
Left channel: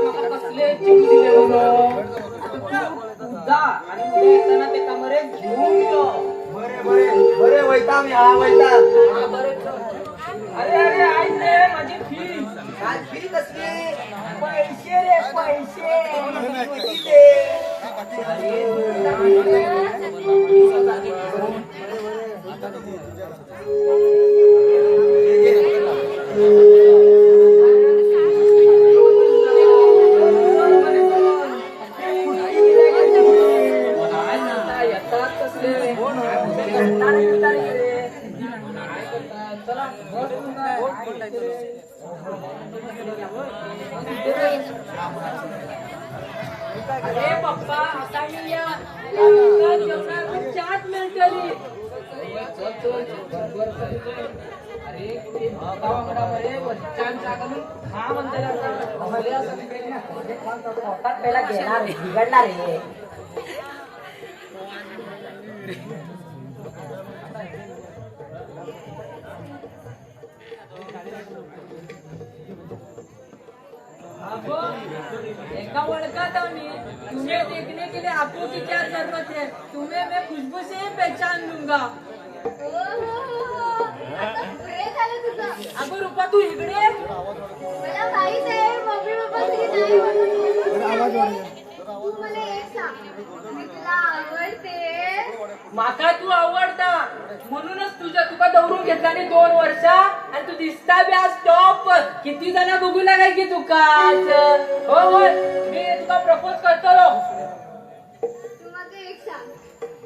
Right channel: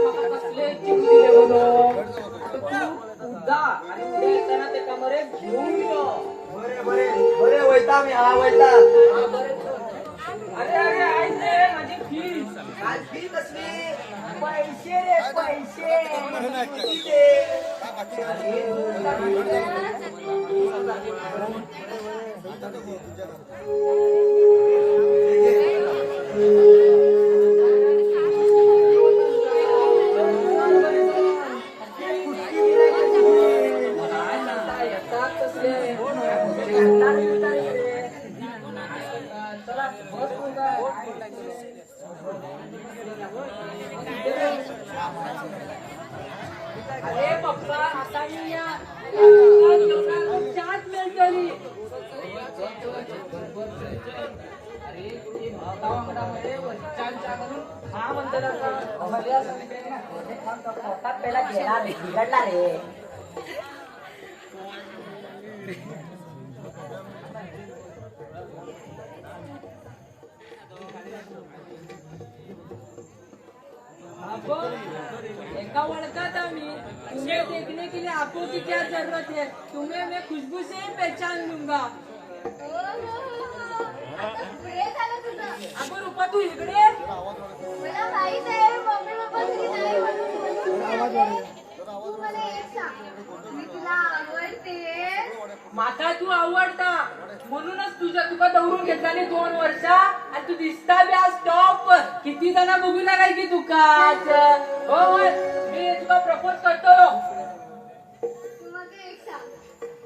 मला कसले चिडू दिले म्हणून तू उदा आणि उद्या येताना ते कमरे घेऊन यो बरे बरे बरे वैता मी हा वैता हा, बरे चल. अरे अरे ऐक रे माझी फीस काय फी कसली पैसे रे पैसे. काय म्हणता येतात कसले काय करतात चला बस अरे पप्पा आता मी या चाट मिळतली अरे कुठे गावाकडे वरच्यांच्या कडून हा म्हणताना पोटात पहिला घेणार रे, बिघडणार रे. एका ओळखात आम्ही तुम्हें देखने के लिए आपको की क्या जरूरत है तुम्हें मैं खुशबू से ही पहचान लूंगा पुढे झालं तुझं. अगं रूपा तू इकडे मला माहित आहे मम्मी पप्पा घरी नाही म्हणून. तू मला एक सांग, मी तुला आवडते. माका तू आवडता म्हणूनच तुका दौरून घेतला नाही 2 वर्ष आणि तू दिसता बी आज टॉप किती जण बघू लागाय की तुका हो होय मी तुका प्रपोज करतलो तू मग एक सांग,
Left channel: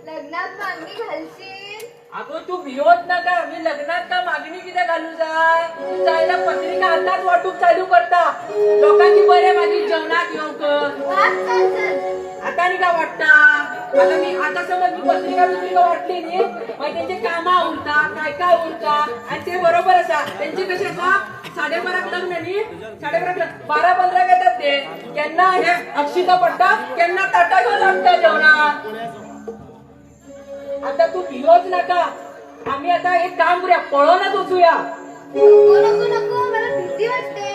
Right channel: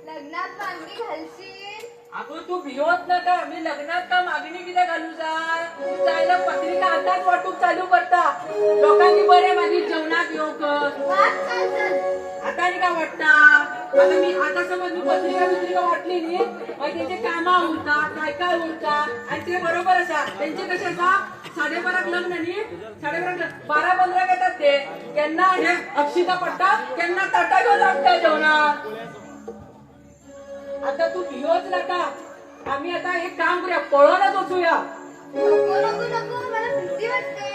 लग्नात मागणी घालशील? अगं तू भिवत नका मी लग्नात का मागणी किती घालू जाय तू जायला पत्रिका आताच वाटूक चालू करता लोकांनी बरे माझी जेवणात येऊक वाट चल चल. आता नाही का वाटता आता मी आता समज मी पत्रिका वाटली नी मग त्यांचे कामा उरता काय उरता आणि ते बरोबर असा त्यांचे कसे असा 12:30 लग्न नी 12:30 लग्न 12-15 येतात ते त्यांना हे अक्षिता पडता त्यांना ताटा घेऊन लागता जेवणा आता तू भिवच नका आम्ही आता एक काम करूया पळूनच उचूया नको नको नको, मला भीती वाटते.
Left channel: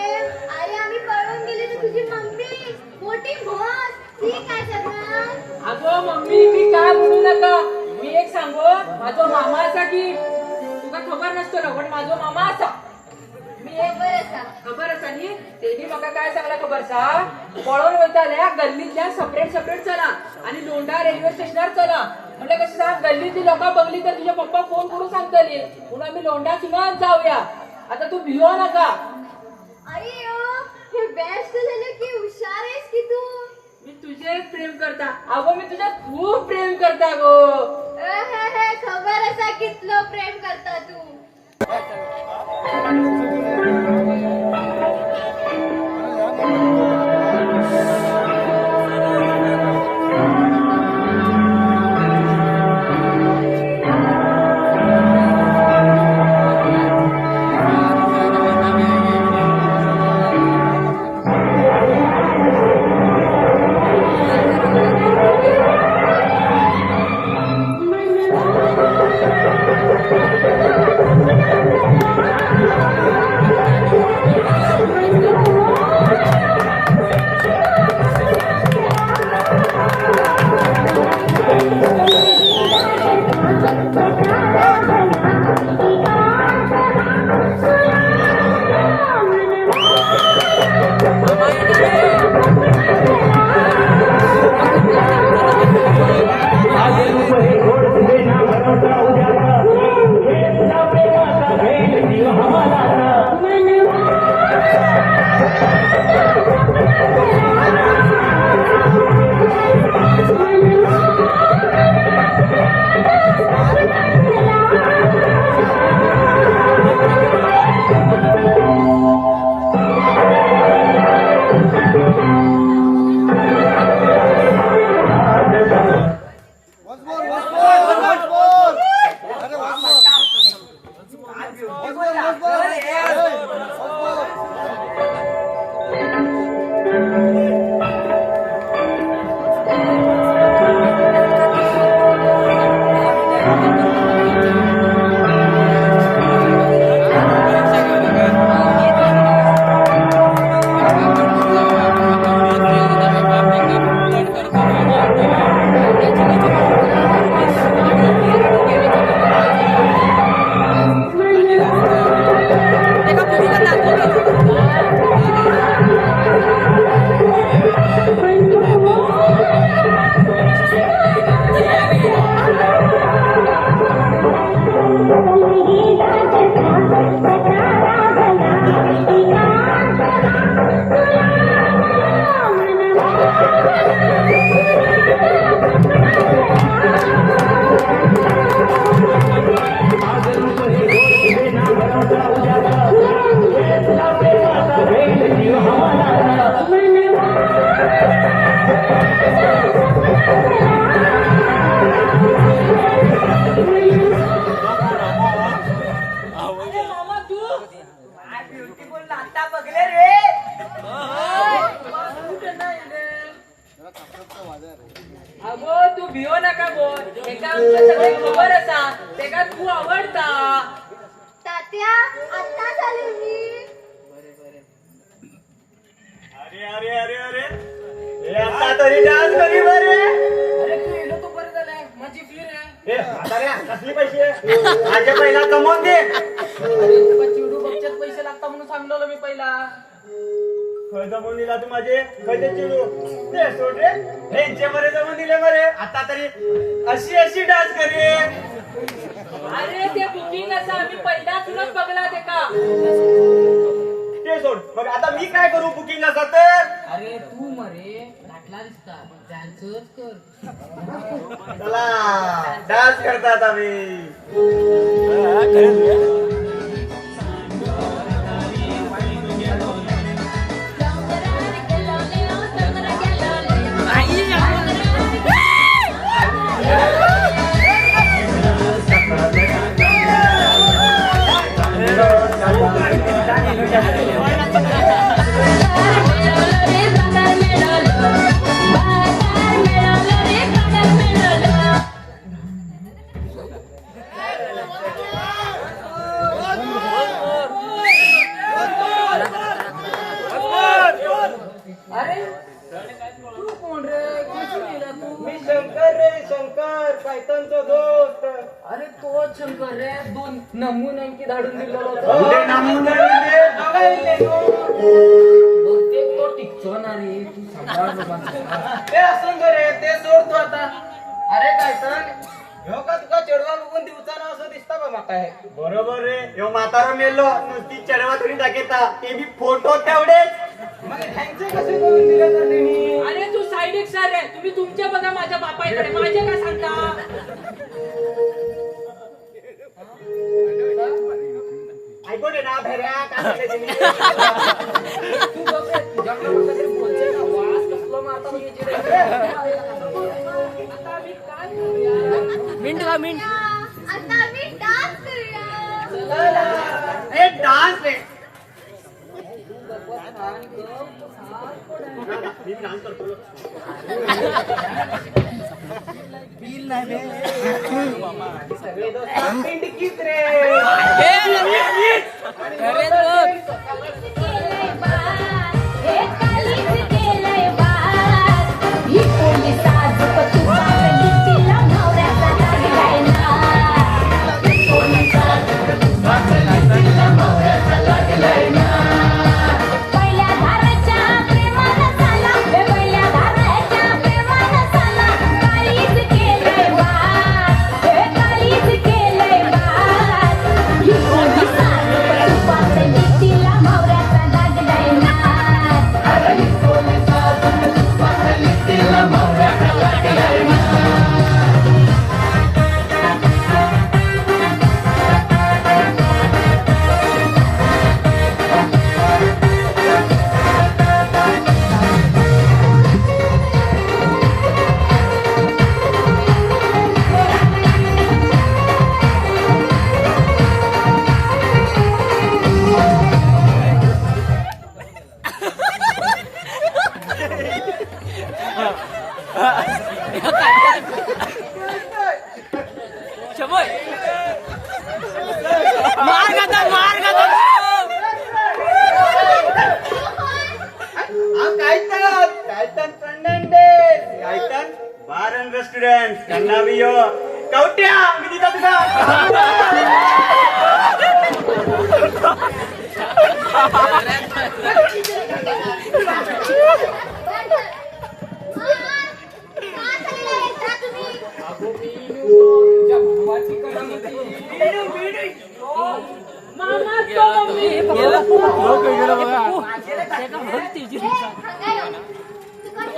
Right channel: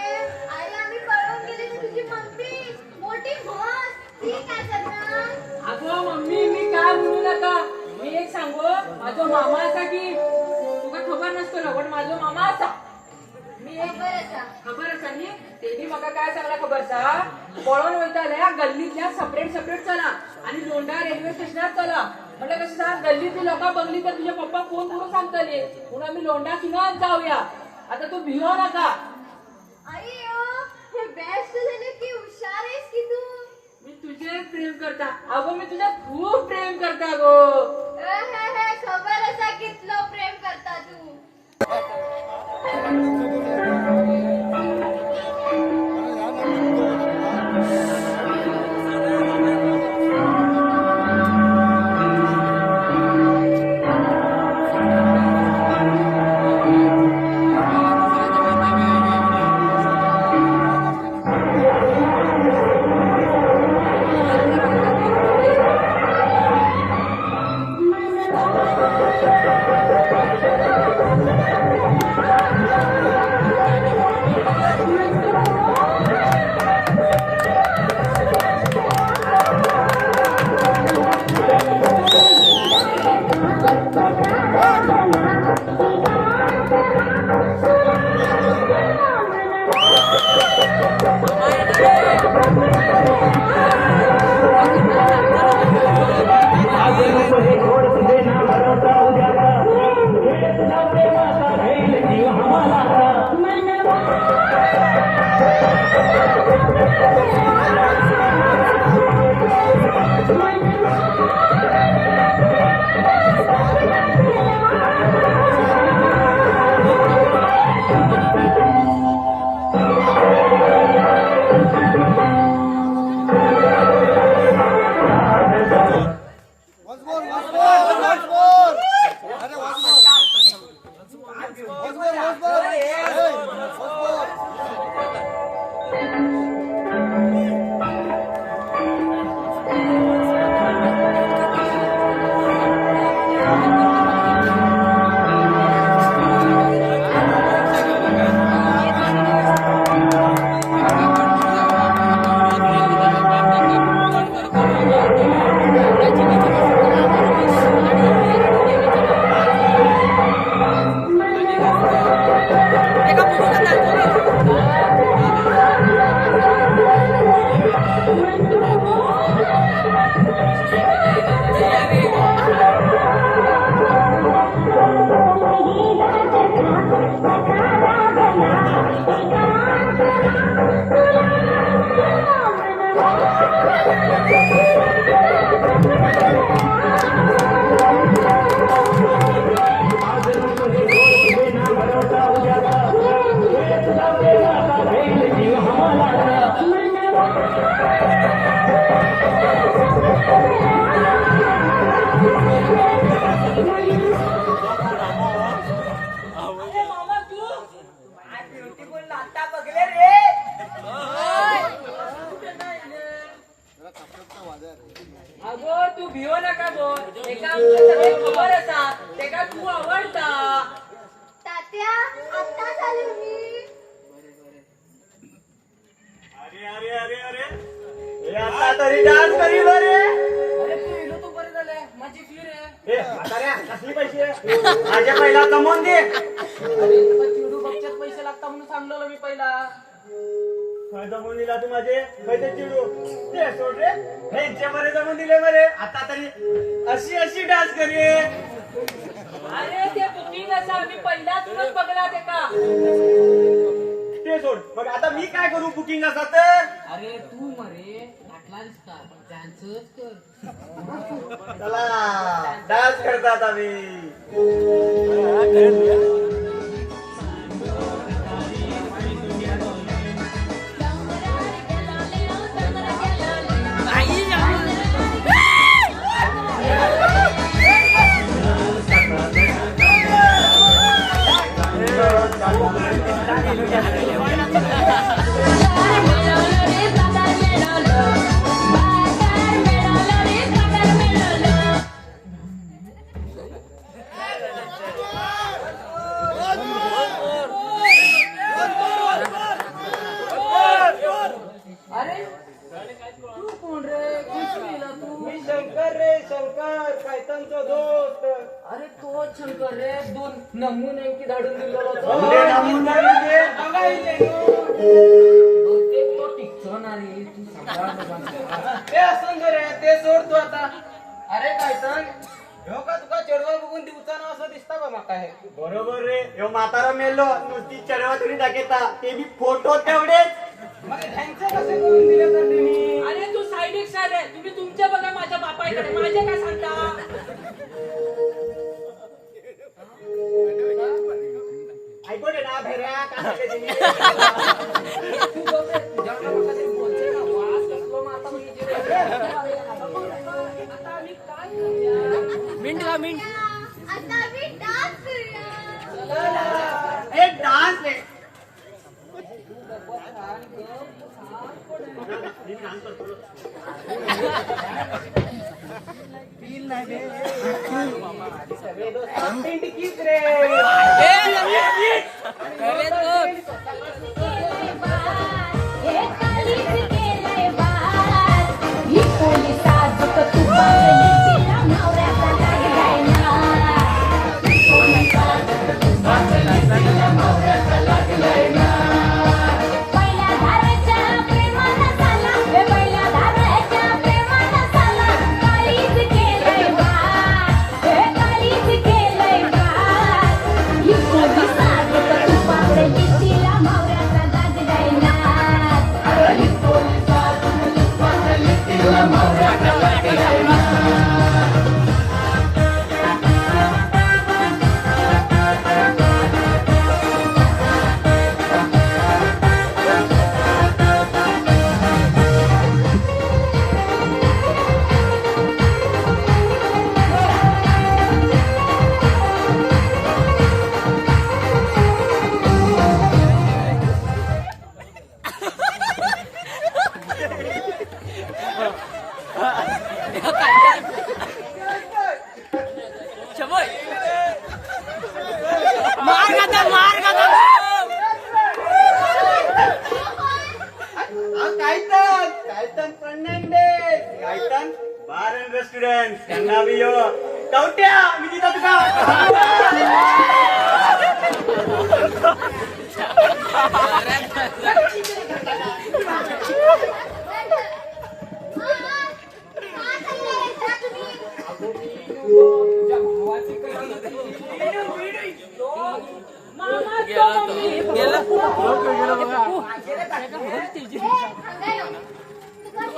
आई आम्ही पळून गेली तर तुझी मम्मी मोठी म्हस ती काय करणार? अगो मम्मी मी काय म्हणू नका मी एक सांगो माझो मामा असा की तुका खबर नसतो ना पण माझो मामा असा मी एक बरं सांग. खबर असा नी तेही म्हाका काय सांगला खबर सा पळून वयताल्या गल्लीतल्या सेपरेट चला आणि लोंढा रेल्वे स्टेशनार चला म्हणजे कशी सांग गल्लीतली लोकां बघली तर तुझे पप्पा फोन करून सांगतली म्हणून आम्ही लोंढा किंवाच जाऊया आता तू भिवू नका आई हे बेस्ट झालं की हुशार आहेस की तू. मी तुझे प्रेम करता अगो मी तुझ्या खूप प्रेम करता गो खबर असा कितलो प्रेम करता तू. अगो तू भियो नका बोल एका आमचं सगळे खबर असा ते का तू आवडता तात्या आता झाले मी अरे अरे अरे अरे हे आता तरी डान्स करी बरे अरे तू येलो तो बरं झालंय माझी फीर आहे ए म्हाताऱ्या कसली पैसे माझ्या पहिला कमवून दे अरे तुका चिडू बघच्यात पैसे लागता म्हणून सांगलो मी पहिला खय जमवून दिला तू माझे खयचे चिडू ते सोड रे ह्यांचे बरे जमवून दिले बरे आता तरी अशी अशी डान्स करी अरे ते बुकिंग असं आम्ही पहिला तुलाच बघला ते का ते सोड मग आता मी काय करू बुकिंग असं तर अरे तू मरे घातला दिसता डान्सच कर चला डान्स करतात आम्ही अरे तू कोण रे कशी गेला तू मी शंकर रे शंकर कैतनचा दोस्त अरे तो शंकर रे दोन नमुने की धाडून दिलेला उद्या नमुने दे बघायले बहुतेक तो टिकतो ना रे तू सांभाळ बाबा. ते असं रे ते सोड तू आता अरे काय तर ह्यो का तुका चढवा बघून दिवसानं असं दिसता बा माका हे बरोबर रे ह्यो म्हातारा मेलो नुसती चढवा तरी टाकेता ते बी फोटो तेवढेच मग ह्यांचं कसं करून दिलं तर त्यांनी अरे तू साईड सर आहे तुम्ही तुमच्या बघा माझ्या बापाकडे माझे काय सांगता ऐकू दे ना भेऱ्या काय सांगायचं मी तू बघ रे, तुझ्याकडे म्हटलं तरी बोलचे ना वास कसला मारता मी याची रे. आता आम्ही काय करूया? आता मी डान्स करूया ए डान्स रे मी डान्स करतो सगळे दोस्त पिंडकीच रे Kaitan Fernandez, Kaitan Bar and Restaurant, Kannavio, Kautia, मी तिथं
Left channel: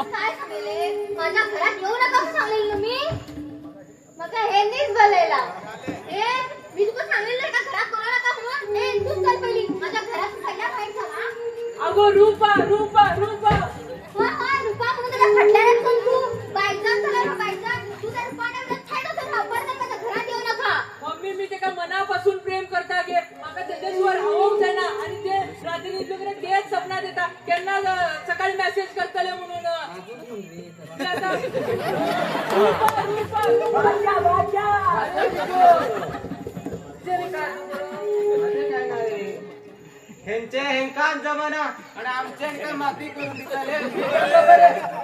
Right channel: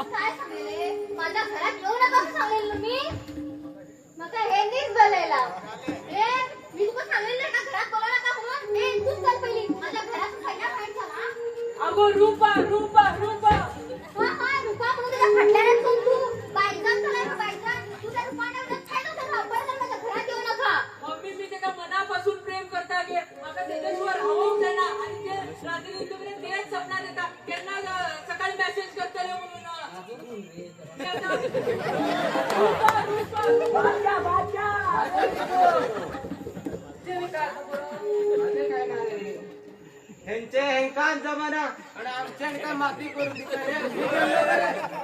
माझ्या घरात येऊ नका सांगेल मी मका हे नीच बोलायला मी तुका सांगेल नाही का घरात बोलू नका म्हणून तूच चल पहिली माझ्या घरात खायला खायचा अगो रूपा रूपा रूपा हा रुपा म्हणून तुझ्या फटल्यात पण तू बायजान झाला बायजान तू त्या रुपाने छाडा तर खबर नाही माझ्या घरात येऊ नका मम्मी मी ते का मनापासून प्रेम करता गे माका त्याच्याशिवाय हवं जायना आणि ते रात्री तुकडे तेच सपना देता त्यांना सकाळी मेसेज करतले म्हणून मी आता बादशाह, बादशाह. ह्यांचे हेंकान जमाना आणि आमचे हेंका माफी करून दिसले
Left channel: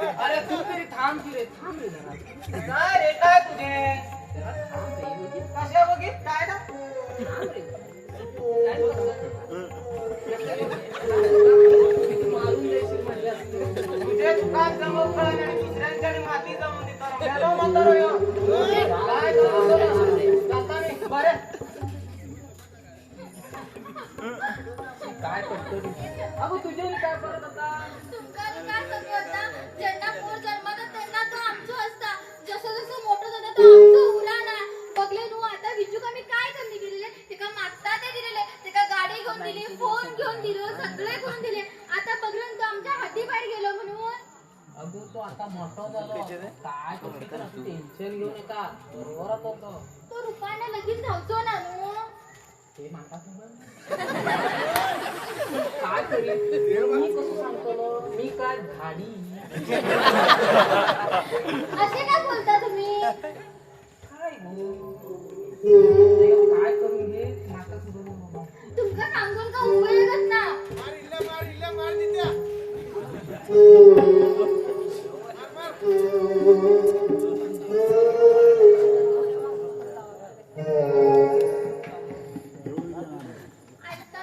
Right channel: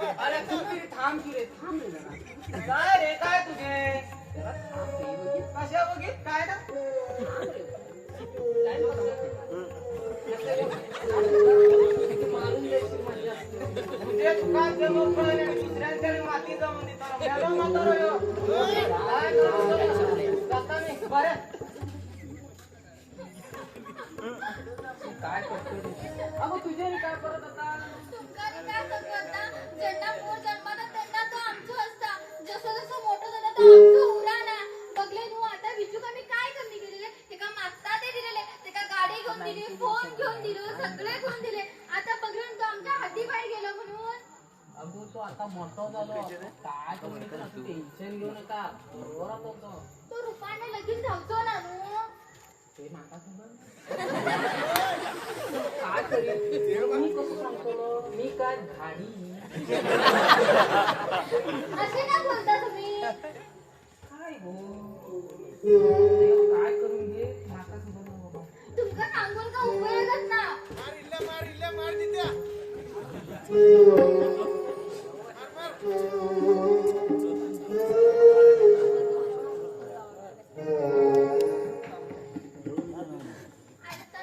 अरे तू तरी थांब की रे थांब रे जरा. काय रे काय तुझे कशा बघित काय ना मारून देशील म्हणजे तुझे दुकान जमवून आणि दुसऱ्यांच्या माती जमवून देतो म्हणतो रे हो. काय करू जाता मी बरं काय करतो अगं तुझ्या काय करत होता तुमका मी काय सांगू आता ज्यांना पोर जन्मात त्यांना तो आमचो असता जसं जसं मोठं झालं तर आमचो उराना बघले तू आता विजू का मी काय कमी केलेले तेका मागता ते दिलेले तेका गाडी घेऊन दिली फोन घेऊन दिलो सगळे घेऊन दिले आता बघले तू आमच्या हाती बाहेर गेलो म्हणून अगं तो आता मोठा झाला काय कसं टेन्शन घेऊ नका बरोबर होतो तो रुपायला लगेच धावतो ना नु ते माका काय करीन मी कसं सांगतो मी काय झाडी असे काय बोलता तुम्ही काय काय करून घे माका तुमका सांगून का उपयोगच ना आता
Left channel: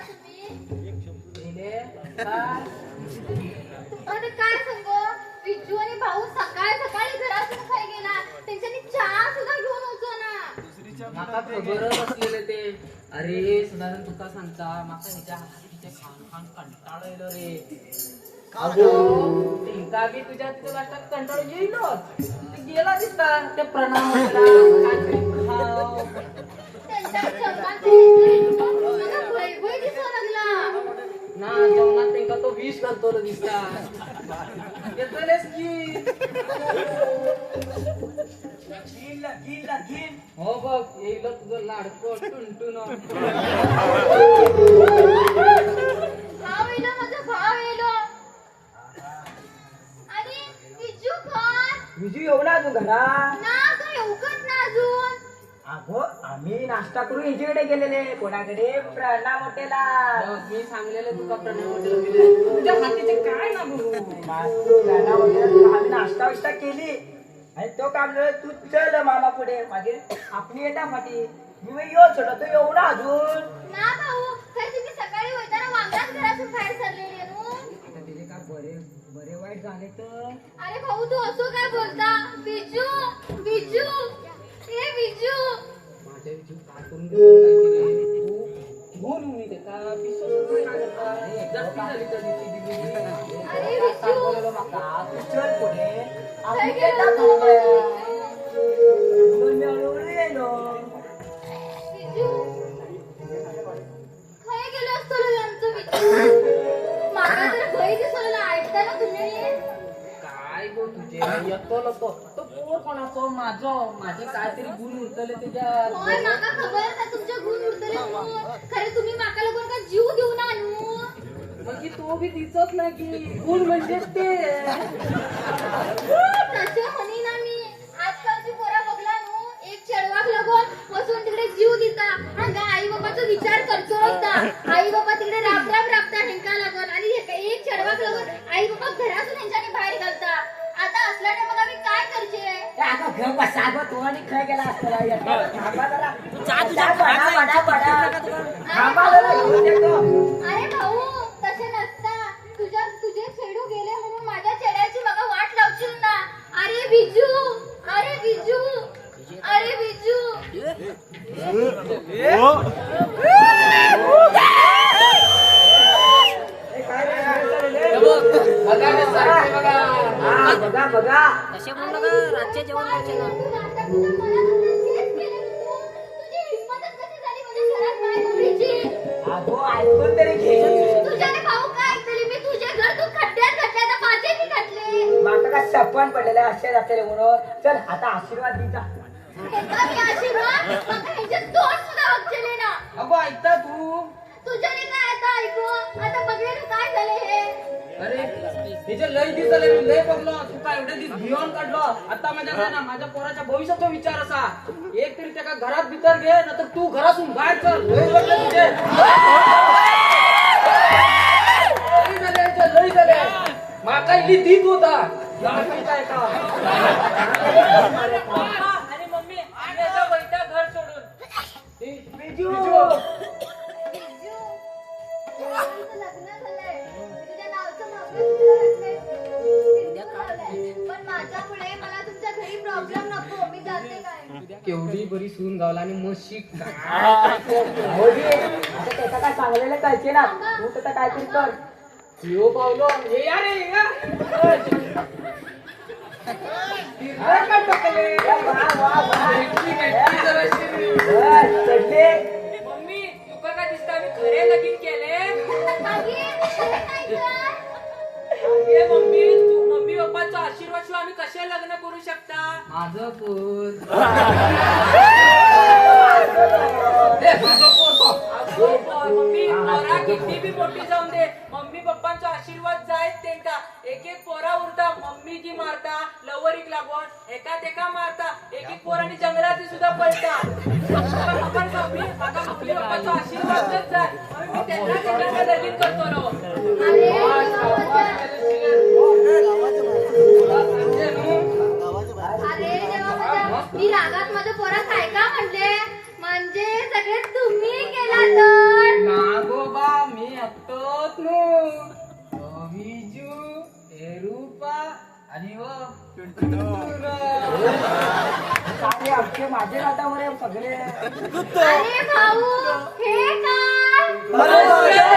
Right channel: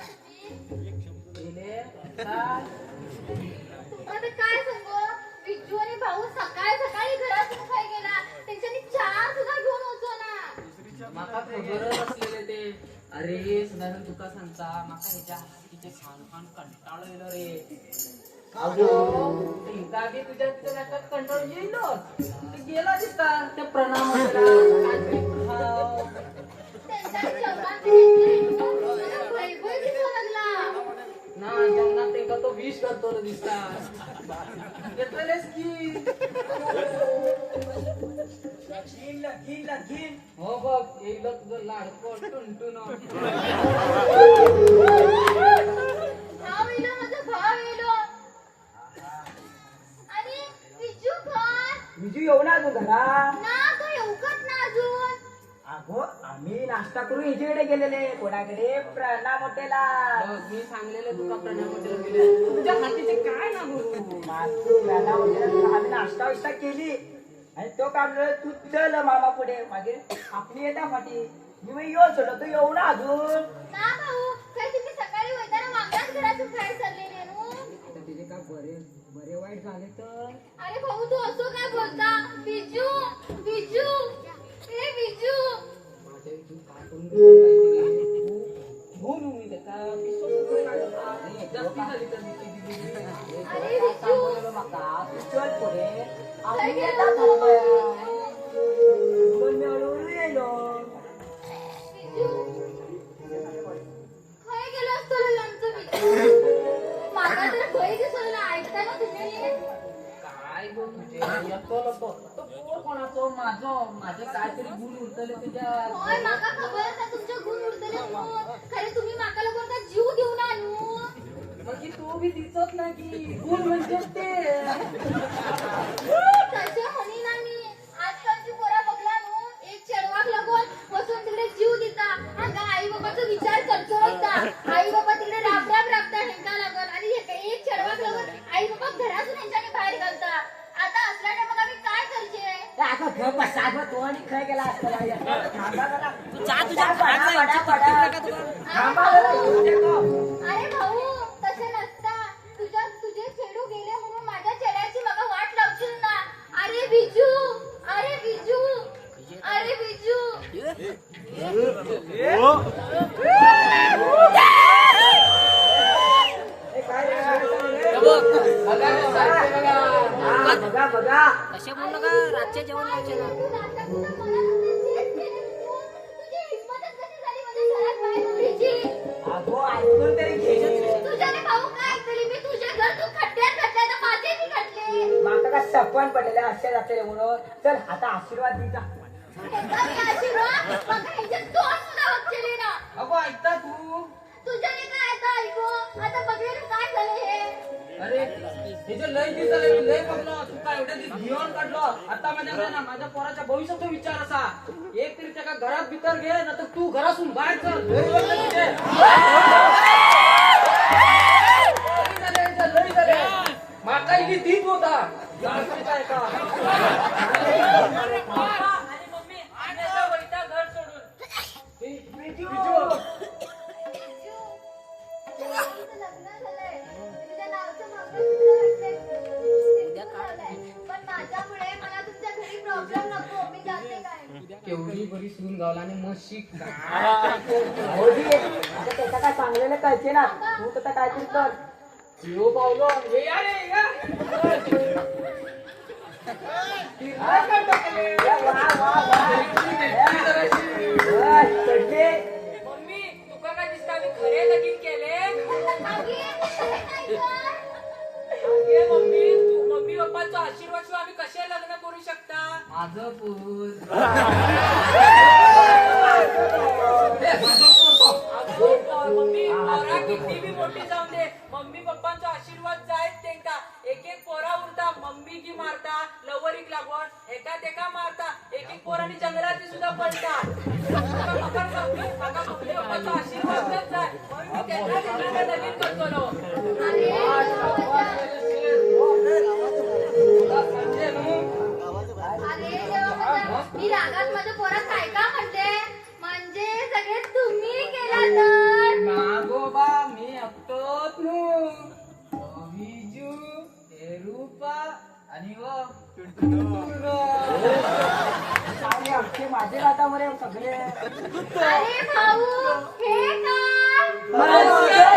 तुम्ही काय सांगू विजू आणि भाऊ सकाळी सकाळी घरातून खाई गेला त्यांच्यानी चहा सुद्धा घेऊन होतो ना माका खबरच असलेलं ते अरे सुधारण तुका सांगता माका ह्याच्या हातीचे खान खान कंटाळ येलो रे अगो तिंका बी तुझ्या तिथे वाटत कंटाळ येईलो गेला दिसता ते प्रणाम खाव त्यांच्या जेवणात मला भयभय दिसायला लागला ना जेवणात तेंका तो विष घालतो रे दिसता येतलेस की हो बघ येईल तुझं लाडको टुनटुन भाव येलो माझा भाव येलो आणि विजू खान विजू येऊ ना अजून घरा ना तो येऊकच ना अजून अगो आम्ही नाश्ता करून हिच्याकडे गेलेले कोणाकडे प्रणा मोठेला मी सांगलेलं तुका प्रणय हॉटेल दिले तुझ्या हातीचे काय ना बोलू प्रणा मोठेला आम्ही नाश्ता विष्टा केली आणि तो काम तू चल मामा पुढे मागे आपली येता फाटी मी बाई यो छोटा तू येऊ ना अजून ना भाऊ खरं तुम्ही सकाळी होताना वांगाच घरातून बाहेर चाललेली आहे नु. आता तिथे का बरे वाईट झाले तर अरे भाऊ तू असं काय बोलता विजू विजू हे विजू माझ्या विचार काय करून देतो भूल मी त्याचा पिसो काय करता जास्ती झाली तर दिली अरे विजू चल पुढे काय आपली केलं येता तू? दोन मिळून येलो विजू खय गेलो असतो रे आमचं विजू मागा तर खय दिसलं ऐकता ना तुम्ही काय गो तुझे येतो तो पोर कोणाचं माझं काहीतरी गुण उरतले तुझ्या होय माका खबर आहे तुमच्या गुण उरतले खरं तुम्ही माका लोकांना का जीव देऊ ना आणू मग तो बी दिसत नाही की गुण म्हणजे ते तसे म्हणी ना मी आजकालची पोरा बघला नु एक चेडवाक लगून बसून तिकडे जीव देता हांगा आई बाबाचा विचार करतो नसता आई बाबा तिकडे राबता हिंका लागत आणि एक चेडवाक लगून आई बाबा घरातून ह्यांच्याने बाहेर घालता आता असल्याने मग आम्ही काय करचे आता घेऊ बसा गं तो आणि खेळ केला असता थांबा जरा चहा तुझ्या थांबा जरा येऊ दे तो. अरे भाऊ तसे नसता तुझे चेडू गेले म्हणून माझ्या चेड्याची मग वाट लावशील ना अरे बिजू अरे बिजू अरे बिजू ए, काय रे, काय रे? हा, बघा बघा तसे म्हणू नका रातचे जेवण व्हायचे ना तू नाटकाच्या मनात तेच केलं तू. तुझी हिंमतच कशी झाली माझ्या घरात बाहेर उभीची? अगो ऐकून तरी घे तुझ्याने भाऊ काय केली मी तुझ्या घर तू खड्ड्यात घातले तर माझे मी घातले माका का सपन पडलेले असे जाते म्हणून चल आता आशीर्वाद दिचा एका मी आशीर्वाद मग ह्याचे तोंड सुद्धा बघचले ना अगो ऐकता तू तुझ्याने काय आता ऐकू आता बघेल काय झाले हे अरे तिचे लय दिवस झाले लय बघलो तू काय एवढे दिवस भिवून काढलो आता माझ्या पोराच्या भविष्याचा विचार असा एक तरी त्याला घरात भीतर घे ना तर तू घरातून बाहेर कर लय बघलो तुझे. लय झाले माका इली दीप होता लाडकीचा एका. आणि मम्मी आम्ही आता वैता घर सोडून बिजू. तुझं लग्न झालंय तुझ्या नावचं मंगळसूत्र पण माझ्यामुळे मला तुमच्या घरी प्रॉब्लेम नको मी जाते काय केवढी बरी सून गावला आणि मशी काय त्याचा काय सांगलेलं कळते ना तू त्याचा काहीतरी कर यो पावलो ये या रे या. तिरला का टाकले? एकटी काय जराशी. चढले मम्मी तुका काय दिसतं आम्ही खरे लगीन केले अगे मम्मी तू मम्मी पप्पाचा आशीर्वाद शिवाय आम्ही कसे लग्न करू शकता माझं पोर. मम्मी पोरा किती बी मोठी जाऊन दे मम्मी पप्पांचा आशीर्वाद जायच त्यांचा एक एक पोरा उरता मम्मी की मारता लवरिक लागून एका मारता एक एक पोरांनी जंगलात सुद्धा पडता पप्पा मम्मी आता मम्मी पप्पाचा आशीर्वाद देत जाय म्हणून मी त्यांना त्यांना लगीन करतो रो. अरे देवा माझ्या मी रागात माझ्या पोरात काय का म्हणजे सगळे तुम्ही केला तर नागोबा मी एकटोच नु विजू हे रूपा आणि व आपले आमचे माझे हातामध्ये सगळे अरे भाऊ हे काय मजा.